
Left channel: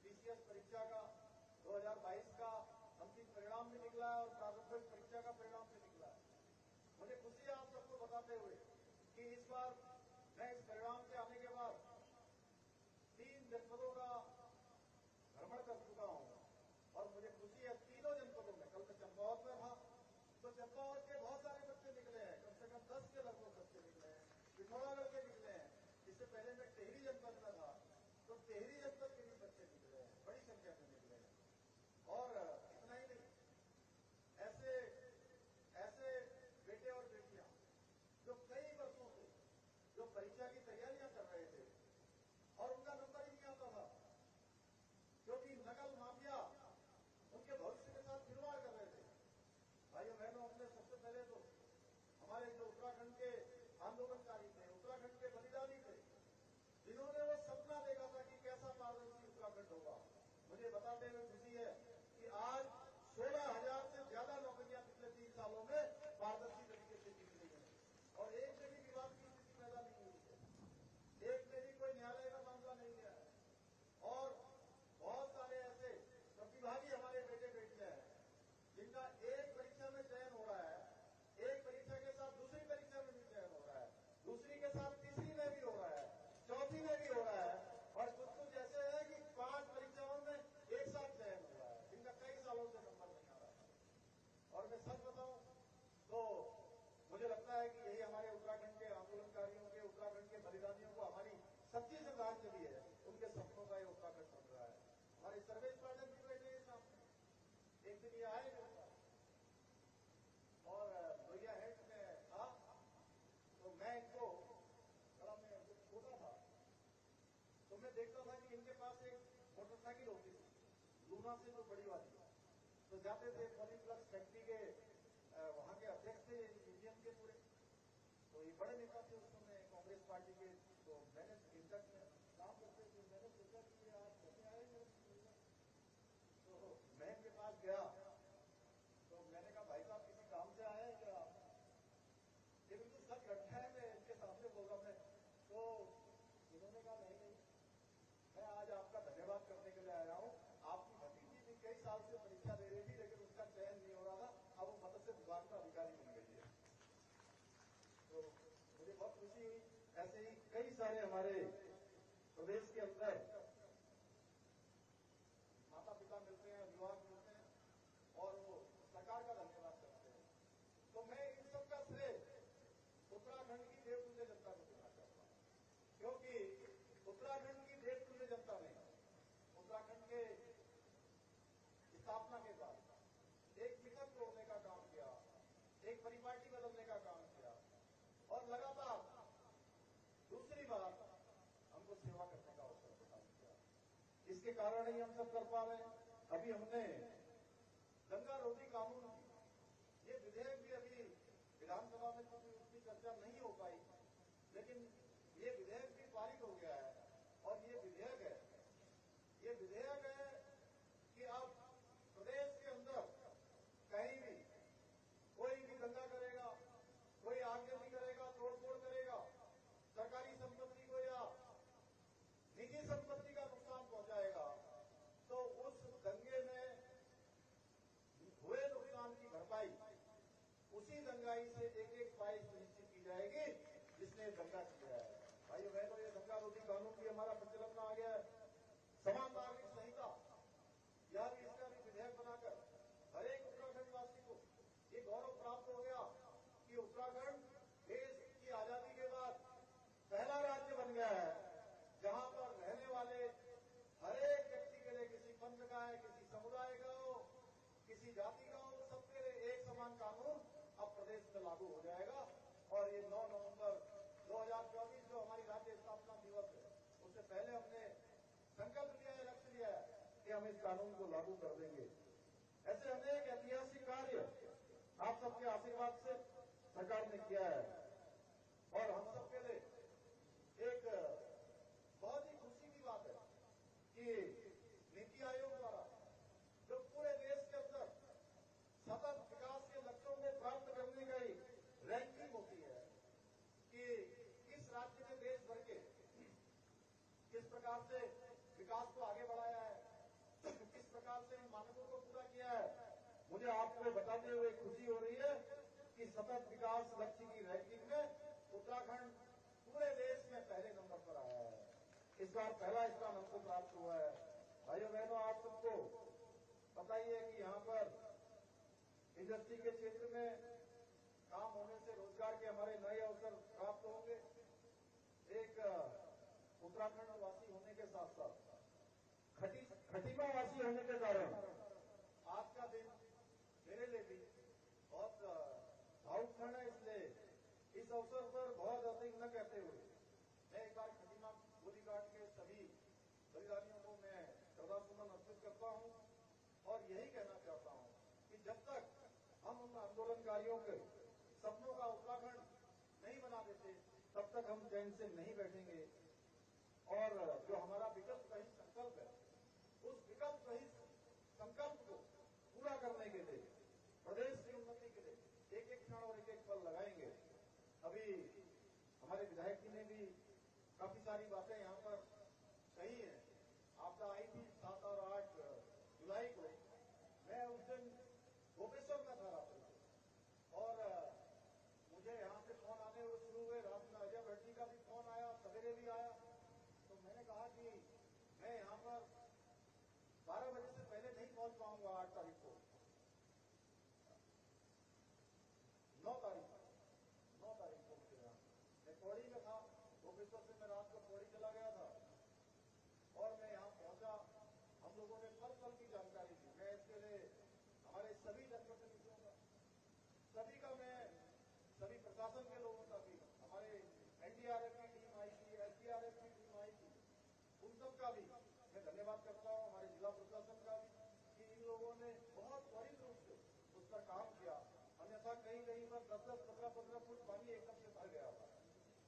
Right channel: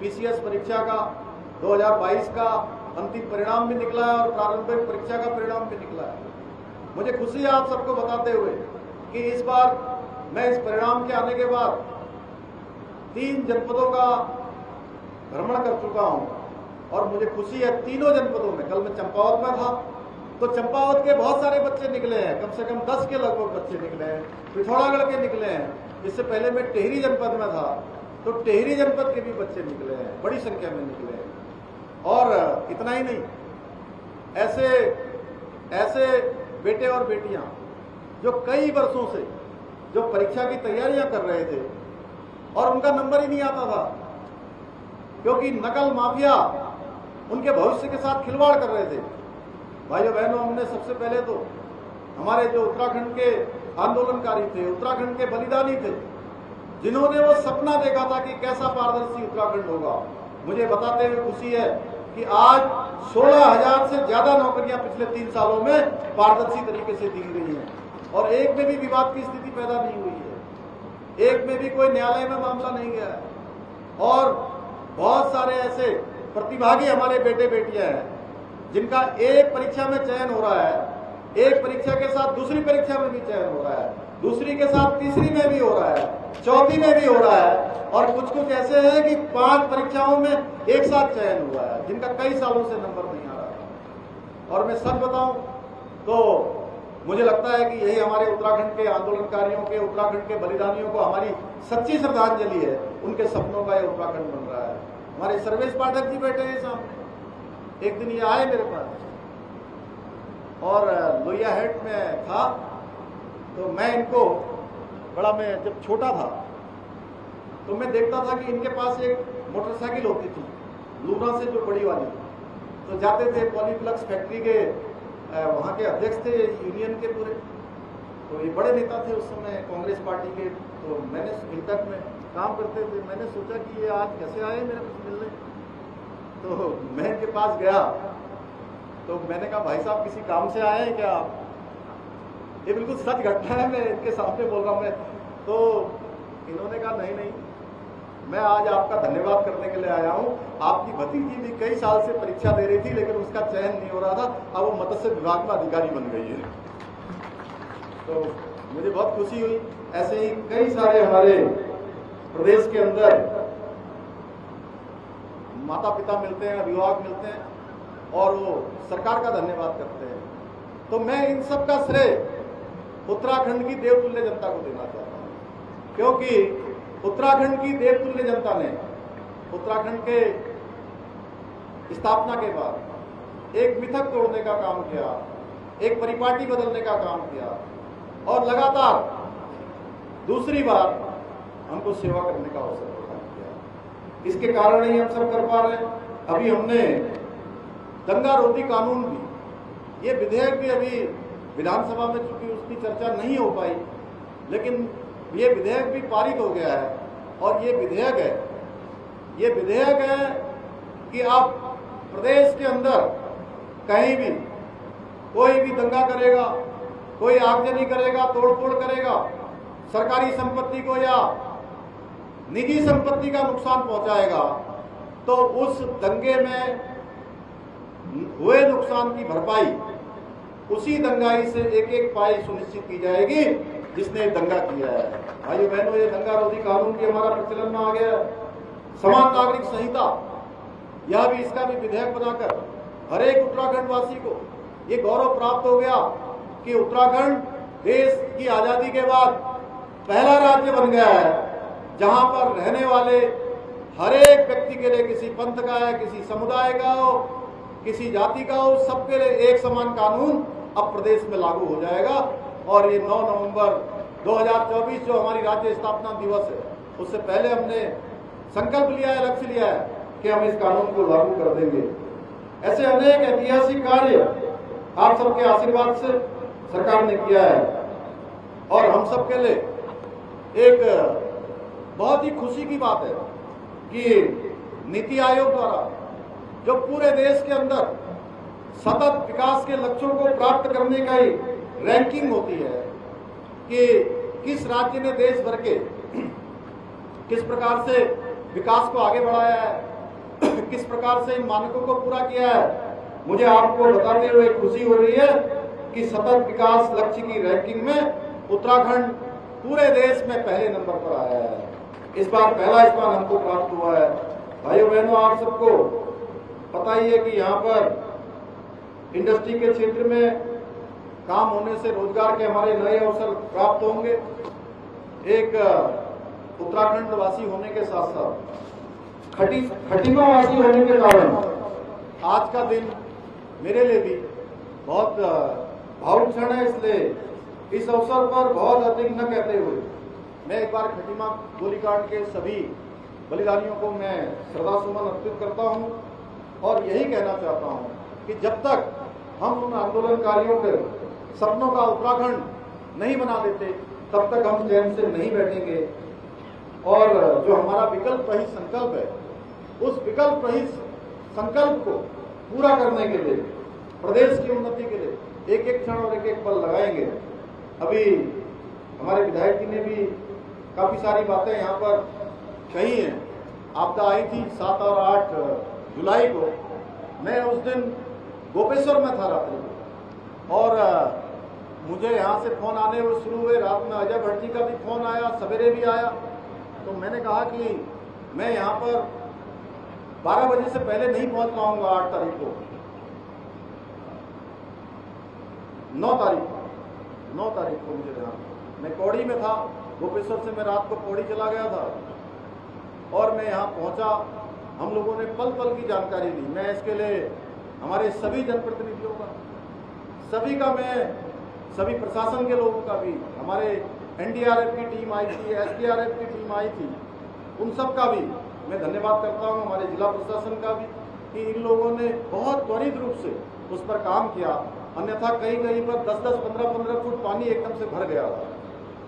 पीसीएस परीक्षा का 2022 का अंतिम परिणाम भी निकला है और प्रारंभिक परीक्षा का परिणाम भी निकला है। मुझे खुशी है आप सबको बताते हुए कि इस बार मैं इस परिणाम के आने के बाद 3 जनपदों का भ्रमण कर चुका हूं और मुझे खुशी है तीनों जनपदों में। कल मैं चंपावत में था तो चंपावत के बहुत सारे बच्चे निकले हैं, कम से कम 10 के लगभग बच्चे निकले हैं, पिथौरागढ़ के निकले हैं। इससे पहले मैं टेहरी जनपद में था तो टेहरी जनपद के भी बच्चे निकले हैं, बड़ी संख्या में निकले हैं। और इतना ही नहीं, ऐसे बेटे और बेटियां जो कई वर्षों से जो परीक्षा की तैयारियां कर रहे थे और उनका नंबर ही नहीं आता था, क्योंकि नकल माफिया उनके भविष्य के साथ खिलवाड़ कर रहे थे। भाइयों बहनों, हमने सबसे पहले तो हमारे जो उत्तराखंड के आंदोलनकारी थे, उत्तराखंड के बलिदानी थे, जिन्होंने वो सपना देखा था कि कैसा पारदर्शी उत्तराखंड होगा, मुझे बताते हुए खुशी है कि आज 16,000 से ज्यादा नौकरियां पिछले 3 सालों में पारदर्शी तरीके से दी गई हैं और एक में भी विवाद की स्थिति पैदा नहीं हुई है, एक में भी कोई न्यायालय में मामला नहीं गया है। और बहुत सारे ऐसे प्रतिभागी हमारे बेटे बेटियां हैं जिनका एक परीक्षा में चयन हो रहा है, एक परीक्षा के साथ दूसरी परीक्षा में भी चयन हो रहा है, दूसरी के साथ तीसरी में भी हो रहा है, चौथी में भी हो रहा है, और कुछ ऐसे हैं कि 5 परीक्षाओं में एक साथ चयन हुआ है, जिनका कई सालों से नंबर नहीं आ रहा है। और मैं सच बताऊं तो मुझे लगता है कि यही हमारे उत्तराखंड के आंदोलनकारियों के, उत्तराखंड के बलिदानियों को हमारी सच्ची श्रद्धांजलि है। उनके सपनों का ये उत्तराखंड बन रहा है। हमारे सर्वेश पाठक जी बैठे हैं सामने, एक दिन ये आए मेरे पास और लोहिया हेड में था, तो मैं इनको मैं जब छोटा था तो मैं देखता था कि इनके पास एक मोटरसाइकिल होती थी लूना से, जो बड़ी वाली, तो जाते थे पॉलीप्लक्स फैक्ट्री के, वहाँ के अध्यक्ष थे यूनियन के पूरे, तो ये बड़े नेता थे उस समय कांग्रेस पार्टी के, तो मैंने इंटक में काम करते थे, मैंने सोचा कि ये आज कैसे आए मेरे कुछ मिलने, तो मैं इनके पास गया, तो मैंने कहा भाई साहब किसी काम से आए हैं क्या आप? ये बिल्कुल सच घटना है, मैं इनके सामने बोल रहा हूँ मैं। तो इन्होंने कहा नहीं नहीं, मैं आज आपका धन्यवाद करने के लिए आया हूँ। आपकी भतीजी भी कई साल से परीक्षा दे रही थी लेकिन उसका चयन नहीं हो रहा था, अब वो मत्स्य विभाग में अधिकारी बन गई है। तो मुझे बहुत खुशी हुई। ऐसे ही कई सारे हमारे प्रदेश के अंदर माता पिता मिलते हैं, अभिभावक मिलते हैं और वो सरकार का धन्यवाद करते हैं। तो मैं इन सब का श्रेय उत्तराखंड की देवतुल्य जनता को देना चाहता हूँ, क्योंकि उत्तराखंड की देवतुल्य जनता ने उत्तराखंड के स्थापना के बाद एक मिथक तोड़ने का काम किया, एक परिपाटी बदलने का काम किया और लगातार दूसरी बार हमको सेवा करने का अवसर प्रदान किया। इसके कारण ही हम सब कर पा रहे हैं। अभी हमने दंगा रोधी कानून भी, ये विधेयक भी अभी विधानसभा में चूंकि उसकी चर्चा नहीं हो पाई, लेकिन ये विधेयक भी पारित हो गया है। और ये विधेयक है कि अब प्रदेश के अंदर कहीं भी कोई भी दंगा करेगा, कोई आगजनी करेगा, तोड़फोड़ करेगा, सरकारी संपत्ति को या निजी संपत्ति का नुकसान पहुंचाएगा, तो उस दंगे में हुए नुकसान की भरपाई उसी दंगाई से एक एक पाई सुनिश्चित की जाएगी जिसने दंगा किया है। भाइयों बहनों, ये दंगा रोधी कानून की हमारा प्रचलन में आ गया। समान नागरिक संहिता, यह भी, इसका भी विधेयक बनाकर हर एक उत्तराखंड वासी को ये गौरव प्राप्त हो गया कि उत्तराखंड देश की आजादी के बाद पहला राज्य बन गया है जहां पर रहने वाले हर एक व्यक्ति के लिए, किसी पंथ का है, किसी समुदाय का हो, किसी जाति का हो, सबके लिए एक समान कानून अब प्रदेश में लागू हो जाएगा। और ये 9 नवंबर 2024 जो हमारी राज्य स्थापना दिवस है, उससे पहले हमने संकल्प लिया है, लक्ष्य लिया है कि हम इस कानून को लागू कर देंगे। ऐसे अनेक ऐतिहासिक कार्य आप सबके आशीर्वाद से सरकार ने किया है और हम सबके लिए एक बहुत ही खुशी की बात है कि नीति आयोग द्वारा जो पूरे देश के अंदर सतत विकास के लक्ष्यों को प्राप्त करने का ही रैंकिंग होती है कि किस राज्य ने देश भर के किस प्रकार से विकास को आगे बढ़ाया है, किस प्रकार से इन मानकों को पूरा किया है। मुझे आपको बताते हुए खुशी हो रही है कि सतत विकास लक्ष्य की रैंकिंग में उत्तराखंड पूरे देश में पहले नंबर पर आया है। इस बार पहला स्थान हमको प्राप्त हुआ है। भाइयों बहनों, आप सबको पता ही है कि यहाँ पर इंडस्ट्री के क्षेत्र में काम होने से रोजगार के हमारे नए अवसर प्राप्त होंगे। एक उत्तराखंड वासी होने के साथ साथ खटीमा वासी होने के कारण आज का दिन मेरे लिए भी बहुत भावुक क्षण है। इसलिए इस अवसर पर बहुत अधिक न कहते हुए मैं एक बार खटीमा गोलीकांड के सभी बलिदानियों को मैं श्रद्धा सुमन अर्पित करता हूं और यही कहना चाहता हूं कि जब तक हम उन आंदोलनकारियों के सपनों का उत्तराखंड नहीं बना देते तब तक हम चैन से नहीं बैठेंगे। और जो हमारा विकल्प रहित संकल्प है उस विकल्प रहित संकल्प को पूरा करने के लिए, प्रदेश की उन्नति के लिए एक एक क्षण और एक एक पल लगाएंगे। अभी हमारे विधायक जी ने भी काफी सारी बातें यहाँ पर कही हैं। आपदा आई थी 7 और 8 जुलाई को। मैं उस दिन गोपेश्वर में था रात्रि को और मुझे यहाँ से फोन आने वो शुरू हुए। रात में अजय भट्ट जी का भी फोन आया, सवेरे भी आया। तो मैंने कहा कि मैं यहाँ पर 12 बजे से पहले नहीं पहुँच पाऊंगा। 8 तारीख को 9 तारीख को मुझे यहाँ, मैं कौड़ी में था। गोपेश्वर से मैं रात को पौड़ी चला गया था और मैं यहाँ पहुँचा। हम लोगों ने पल पल की जानकारी ली। मैं इसके लिए हमारे सभी जनप्रतिनिधियों का, सभी का, मैं सभी प्रशासन के लोगों का भी, हमारे एनडीआरएफ की टीम आई थी, एसडीआरएफ की टीम आई थी, उन सब का भी मैं धन्यवाद करता हूँ। हमारे जिला प्रशासन का भी कि इन लोगों ने बहुत त्वरित रूप से उस पर काम किया। अन्यथा कहीं कहीं पर 10-10, 15-15 फुट पानी एकदम से भर गया था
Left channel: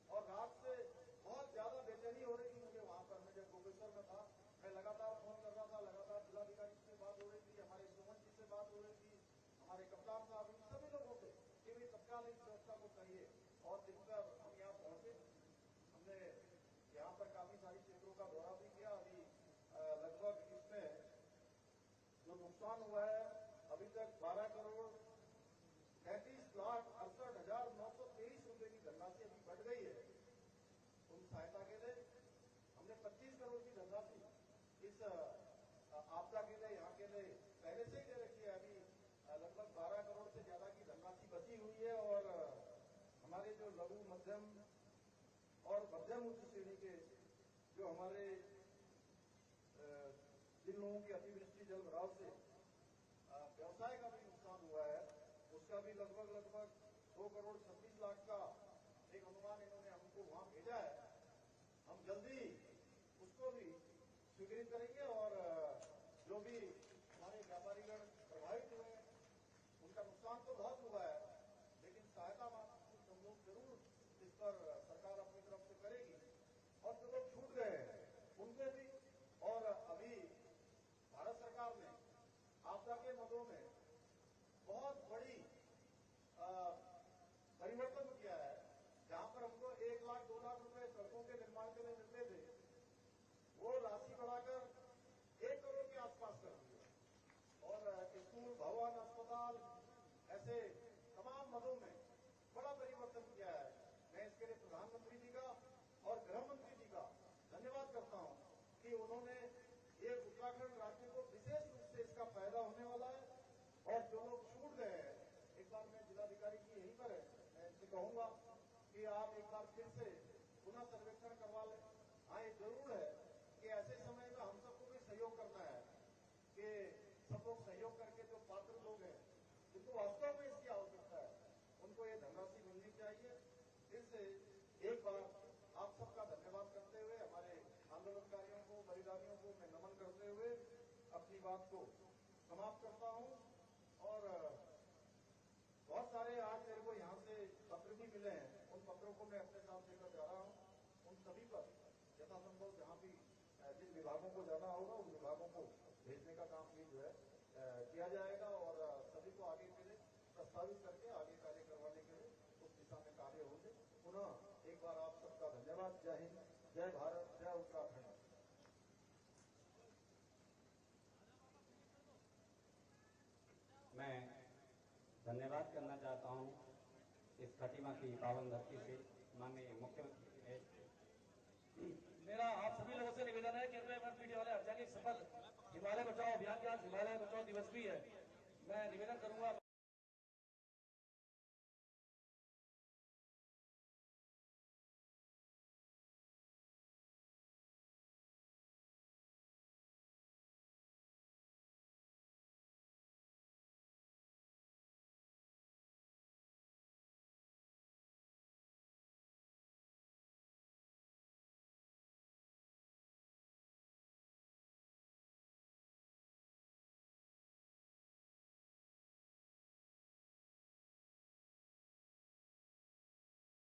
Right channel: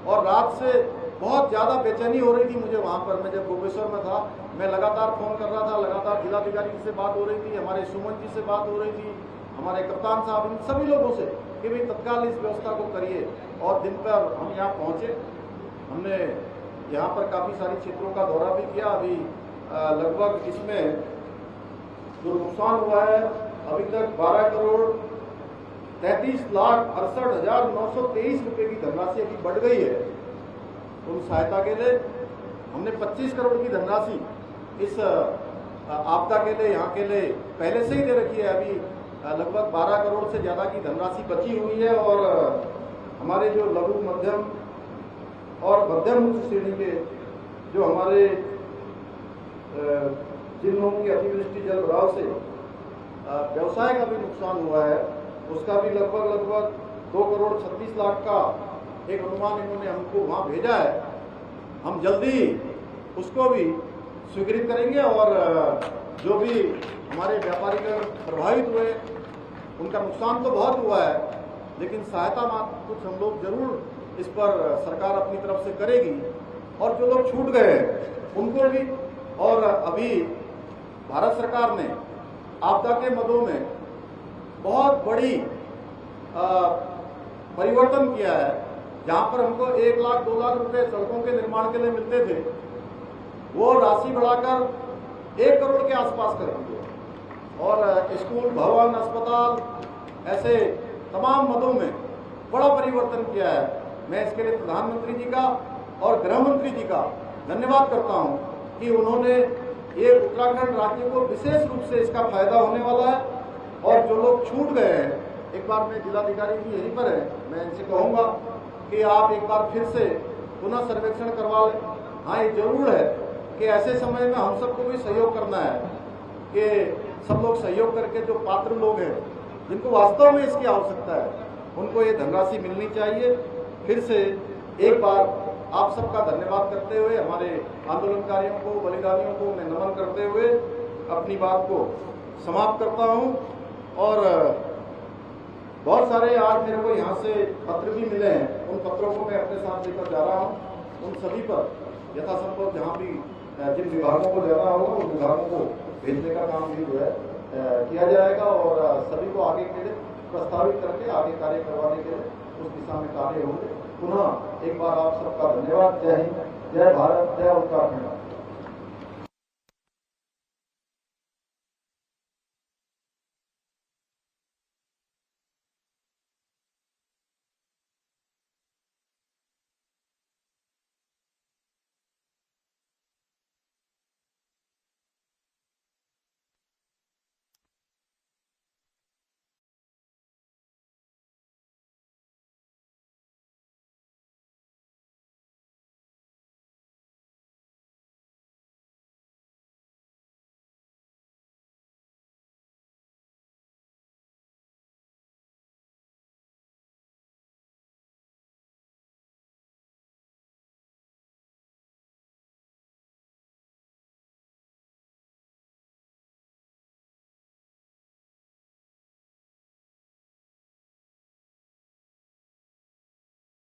और रात से बहुत ज़्यादा बेचैनी हो रही थी मुझे वहाँ पर। मैं जब गोपेश्वर में था मैं लगातार फोन कर रहा था, लगातार जिलाधिकारी से बात हो रही थी, हमारे सुमन जी से बात हो रही थी, हमारे कप्तान साहब, इन सभी लोगों से कि भाई तत्काल इस व्यवस्था को करिए। और दिन पर हम यहाँ पहुँचे। हमने यहाँ पर काफ़ी सारी क्षेत्रों का दौरा भी किया। अभी लगभग इसमें जो नुकसान हुआ है अभी तक 12,33,68,923 रुपए की धनराशि अभी बढ़ गई है। उन सहायता के लिए हमने 25 करोड़ की धनराशि इस आपदा के लिए, यहाँ के लिए पहले से ही दे रखी है। अभी लगभग 12 करोड़ से ज़्यादा की धनराशि बची हुई है। और हमारे जो लघु, मध्यम और मध्यम उच्च श्रेणी के जो हमारे जिन लोगों की अतिवृष्टि जल भराव से व्यवसाय का भी नुकसान हुआ है, उसका भी लगभग 2 करोड़ 36 लाख का एक अनुमान इन्होंने हमको वहाँ भेजा है। हम जल्दी उसको भी स्वीकृत करेंगे और जो भी हमारे व्यापारी प्रभावित हुए उनका नुकसान तो बहुत हुआ है, लेकिन सहायता मात्र कुछ हम लोग जरूर इस पर सरकार अपनी तरफ से करेगी। और जो लोग छूट गए हैं उनको भी, और अभी भारत सरकार ने आपदा के मदों में बहुत बड़ी परिवर्तन किया है। जहां पर हमको 1 लाख 2 लाख रुपए सड़कों के निर्माण के लिए मिलते थे, वो राशि बढ़ाकर 1 करोड़ के आसपास कर दी है। और स्कूल, भवन, अस्पताल, ऐसे तमाम मदों में बड़ा परिवर्तन किया है। मैं इसके लिए प्रधानमंत्री जी का और गृह मंत्री जी का धन्यवाद करता हूं कि उन्होंने ये उत्तराखंड राज्य को विशेष रूप से इसका फायदा होने वाला है। और जो लोग छूट गए हैं, एक बार मैं जिलाधिकारी भी यहीं पर है, मैं इनसे कहूँगा कि आप एक बार फिर से पुनः सर्वेक्षण करवा लें। हाँ, ये जरूर है कि ऐसे समय में हम सबको भी सहयोग करना है कि सब लोग सहयोग करके जो पात्र लोग हैं, जिनको वास्तव में इसकी आवश्यकता है, उनको ये धनराशि मिलनी चाहिए। फिर से एक बार आप सबका धन्यवाद करते हुए, हमारे आंदोलनकारियों को, बलिदानियों को मैं नमन करते हुए अपनी बात को समाप्त करता हूं। और बहुत सारे आज मेरे को यहाँ से पत्र भी मिले हैं, उन पत्रों को मैं अपने साथ लेकर जा रहा हूँ। उन सभी पर यथासंभव जहाँ भी जिन विभागों को जाना होगा उन विभागों को भेजने का काम भी जो है किया जाएगा और सभी को आगे के लिए प्रस्तावित करके आगे कार्य करवाने के लिए उस दिशा में कार्य होंगे। पुनः एक बार आप सबका धन्यवाद। जय हिंद, जय भारत, जय उत्तराखंड। मैं धन्यवाद करना चाहता हूँ इस खटीमा की पावन धरती से माननीय मुख्यमंत्री। मेरा आप सभी लोगों से निवेदन है कि मीडिया वाले हर जगह सफल हिमालय बचाओ अभियान के आज हिमालय बचाओ दिवस भी है। मैं निवेदन करूंगा